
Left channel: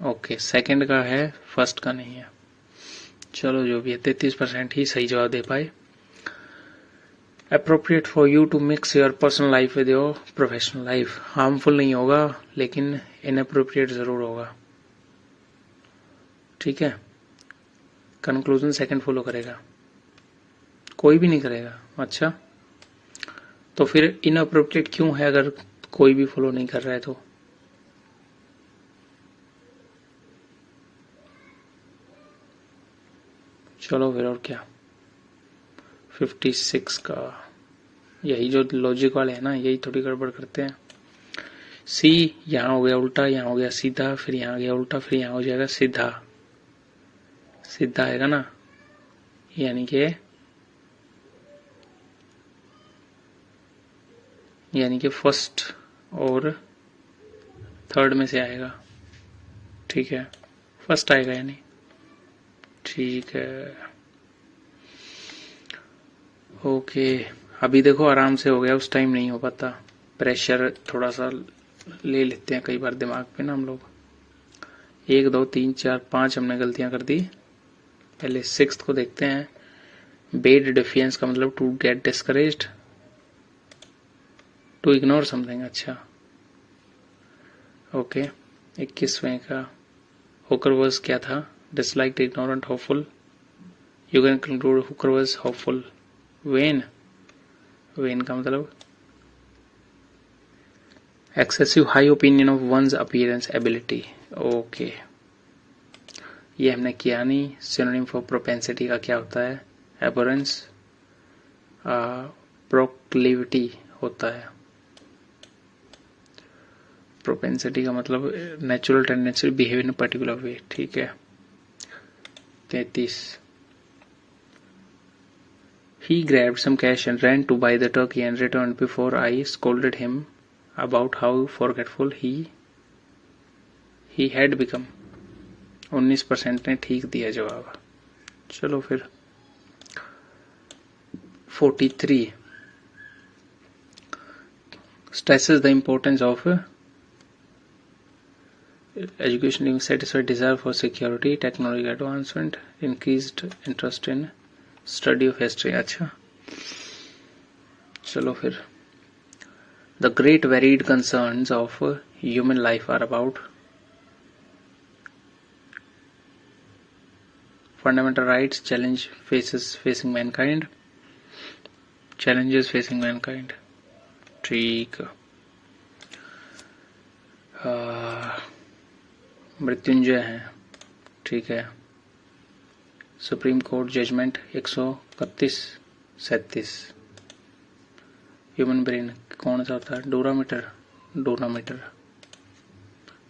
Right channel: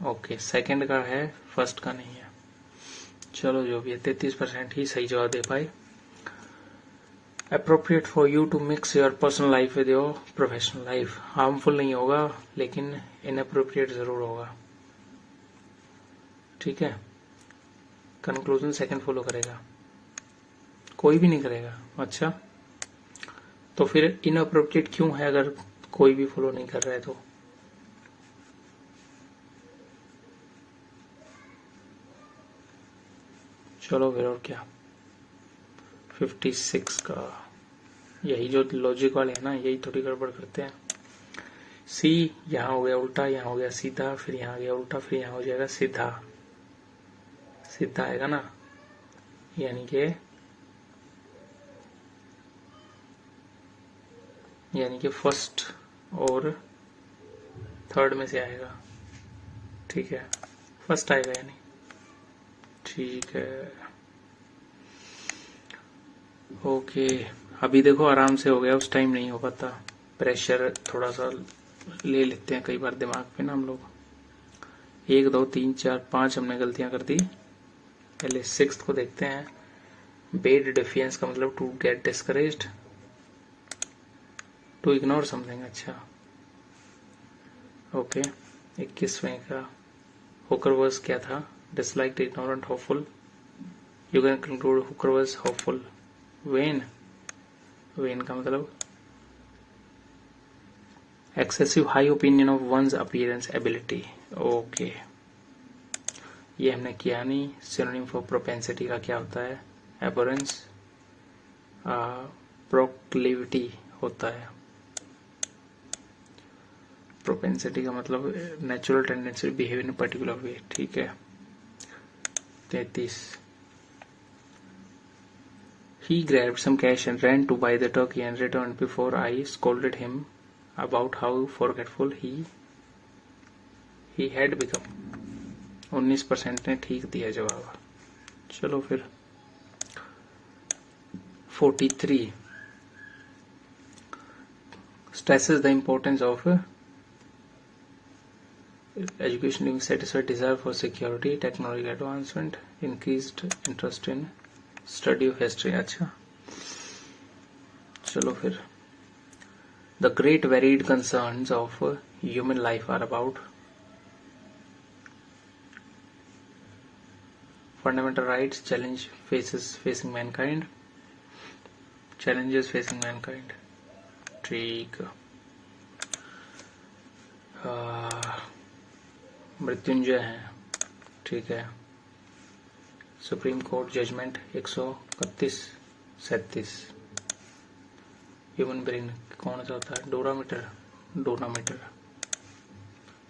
ओके, सेकंड का है, फर्स्ट का नहीं है। चलो जो भी है, 33% ही सही जवाब दे पाए। Appropriate for you to mix your personal life with your professional life. Harmful नहीं होगा लेकिन इनअप्रोप्रिएट जरूर होगा। ठीक है, कंक्लूजन सेकंड फॉलो करेगा, कोई भी नहीं करेगा। अच्छा, तो फिर इनअप्रोप्रिएट क्यों है अगर कोई भी फॉलो नहीं कर रहा है तो? चलो फिर, और क्या? 56 का, यही जो लॉजिक वाले हैं ना, यही थोड़ी गड़बड़ करते हैं। सी यहाँ हो गया उल्टा, यहाँ हो गया सीधा, फिर यहाँ आ गया उल्टा, फिर यहाँ हो जाएगा सीधा। सीधा आएगा ना, यानी कि फर्स्ट और थर्ड में से आएगा। ठीक है, फर्स्ट आएगा यानी। ठीक है, ओके। अभी देखो आराम से हो गया, उस टाइम नहीं हो पाता। प्रेशर थोड़ा सा ले लेते हैं कई बार दिमाग पे ना हम लोग। 1 2 3 4 5 हमने गलतियां कर दी। पहले 6th को देखते हैं। बेड डिफियंस का मतलब to get discouraged, to ignore something. अच्छा, ओके। 21वें का हुकर वर्स क्या था? Disliked, ignorant, hopeful. You can conclude hooker verse hopeful. Vain, vain का मतलब excessive high opinion of one's appearance ability. Okay, ये हमने किया नहीं। सिनोनिम फॉर प्रोपेंसिटी का क्या होता है? एबोरेंस, प्रोक्लिविटी होता है। प्रोपेंसिटी का मतलब natural tendency behave in particular way. ठीक है, 33। He grabbed some cash and ran to buy the turkey and returned before I scolded him about how forgetful he had become. 19% ने ठीक दिया जवाब। चलो फिर 43 stresses the importance of education in satisfied desire for security, technology advancement, increased interest in study of history। अच्छा, चलो फिर the great varied concerns of human life are about fundamental rights, facing mankind, challenges facing mankind। ठीक, मृत्युंजय है। ठीक है, supreme court judgment 131 37। Human brain कौन सा होता है? डोनामीटर।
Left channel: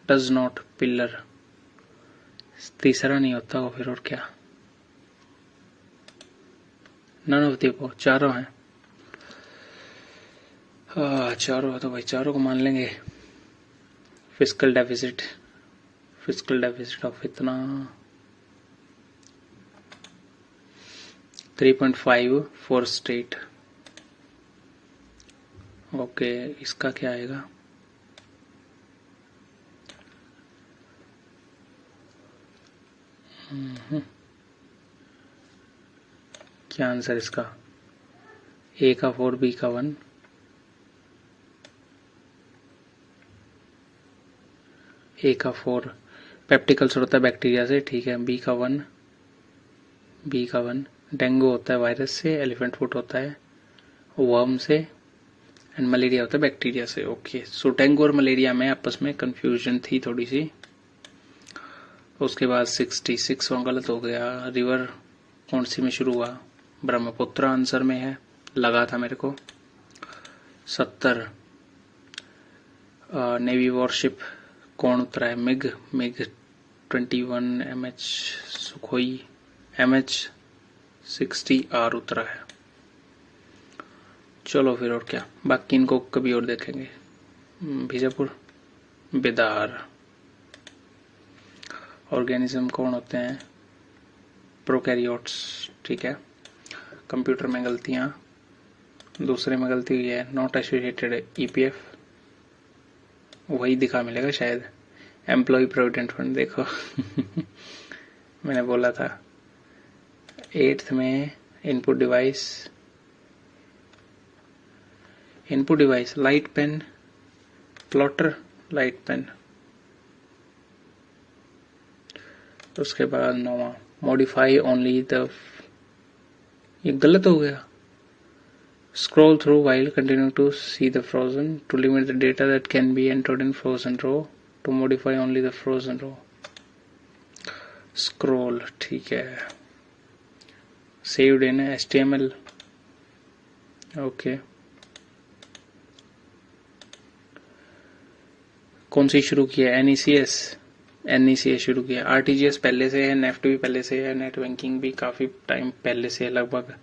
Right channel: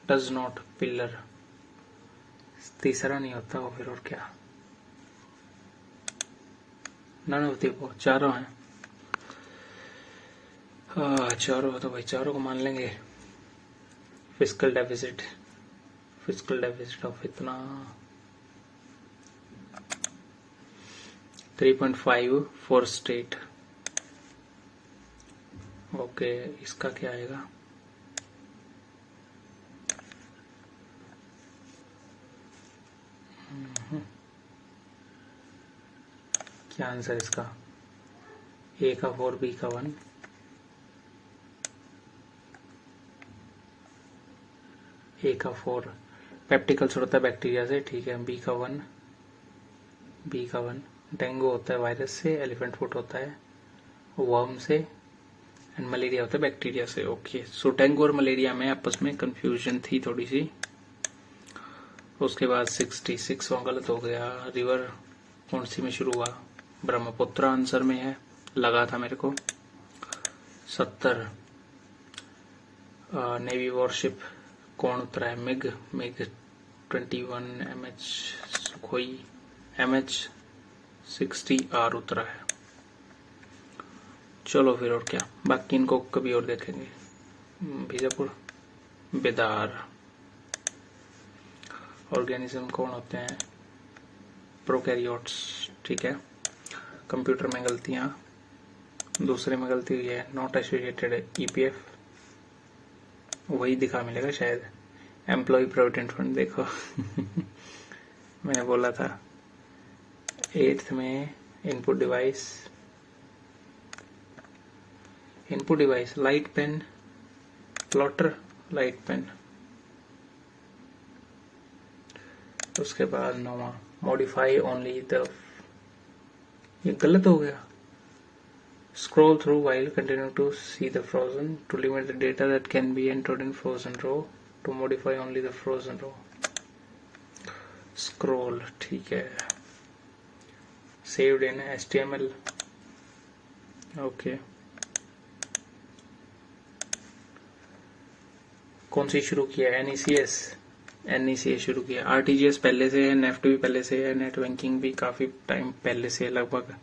Does not, pillar. तीसरा नहीं होता हो फिर, और क्या? नन ऑफ द चारों हैं। चारों है तो भाई चारों को मान लेंगे। फिजिकल डेफिसिट ऑफ इतना 3.5 फॉर स्टेट। ओके, इसका क्या आएगा? क्या आंसर इसका? ए का 4 बी का 1, ए का 4 पेप्टिक अल्सर होता है बैक्टीरिया से, ठीक है, बी का 1, बी का 1 डेंगू होता है वायरस से, एलिफेंट फुट होता है वर्म से, एंड मलेरिया होता है बैक्टीरिया से। ओके, सो डेंगू और मलेरिया में आपस में कंफ्यूजन थी थोड़ी सी। उसके बाद 66 गलत हो गया। रिवर कौन सी में शुरू हुआ? ब्रह्मपुत्र आंसर में है, लगा था मेरे को। 70 नेवी वॉरशिप कौन उतरा है? मिग 21 MH सुखोई MH-60R उतरा है। चलो फिर, और क्या, बाकी इनको कभी और देखेंगे। बीजापुर, बेदार। ऑर्गेनिज्म कौन होते हैं? प्रोकैरियोट्स, ठीक है। कंप्यूटर में गलतियां, दूसरे में गलती हुई है, नॉट एसोसिएटेड EPF वही दिखा मिलेगा शायद। एम्प्लॉय प्रोविडेंट फंड देखो मैंने बोला था। 8th में input device light pen, plotter, light pen. उसके बाद 9वां मॉडिफाई ओनली द, ये गलत हो गया। Scroll through while continuing to see the frozen to limit the data that can be entered in frozen row to modify only the frozen row. Scroll, ठीक है। Saved in HTML. Okay. कौन सी शुरू किया? NECS शुरू किया। RTGS पहले से है, नेफ्ट भी पहले से है, नेट बैंकिंग भी काफी टाइम पहले से, लगभग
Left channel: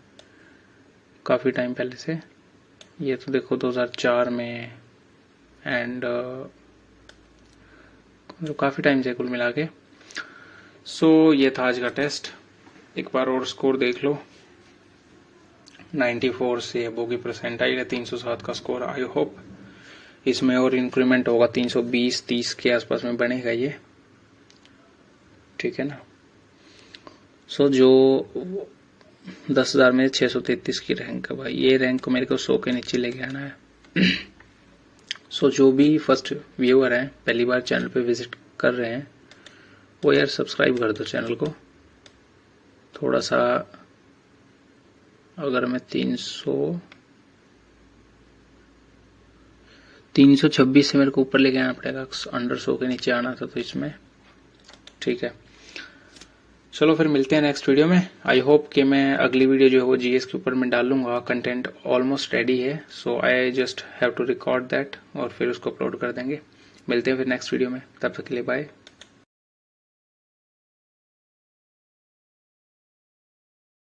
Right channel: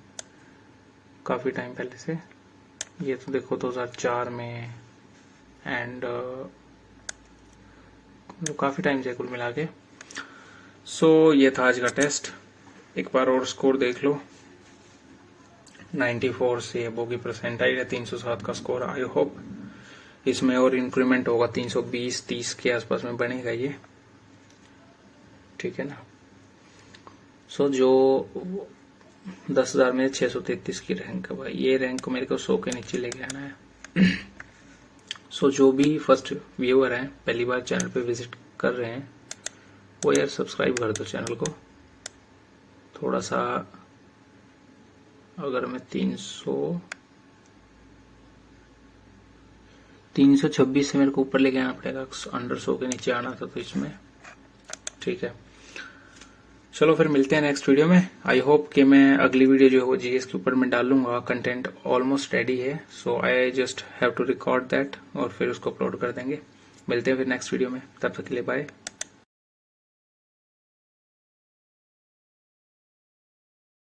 काफी टाइम पहले से। ये तो देखो 2004 में, एंड काफी टाइम से कुल मिला के। सो ये था आज का टेस्ट। एक बार और स्कोर देख लो। 94 से बोगी परसेंटाइल है, 307 का स्कोर। आई होप इसमें और इंक्रीमेंट होगा, 320-30 के आसपास में बनेगा ये, ठीक है ना। सो जो 10,000 में 633 की रैंक है भाई, ये रैंक को मेरे को 100 के नीचे लेके आना है। सो जो भी फर्स्ट व्यूअर हैं, पहली बार चैनल पे विजिट कर रहे हैं, वो यार सब्सक्राइब कर दो चैनल को। थोड़ा सा अगर मैं 326 से मेरे को ऊपर लेके आना पड़ेगा, अंडर 100 के नीचे आना था तो इसमें, ठीक है। चलो फिर मिलते हैं नेक्स्ट वीडियो में। आई होप कि मैं अगली वीडियो जो है वो जीएस के ऊपर मैं डालूंगा। कंटेंट ऑलमोस्ट रेडी है, so I just have to record that और फिर उसको अपलोड कर देंगे। मिलते हैं फिर नेक्स्ट वीडियो में, तब तक के लिए बाय।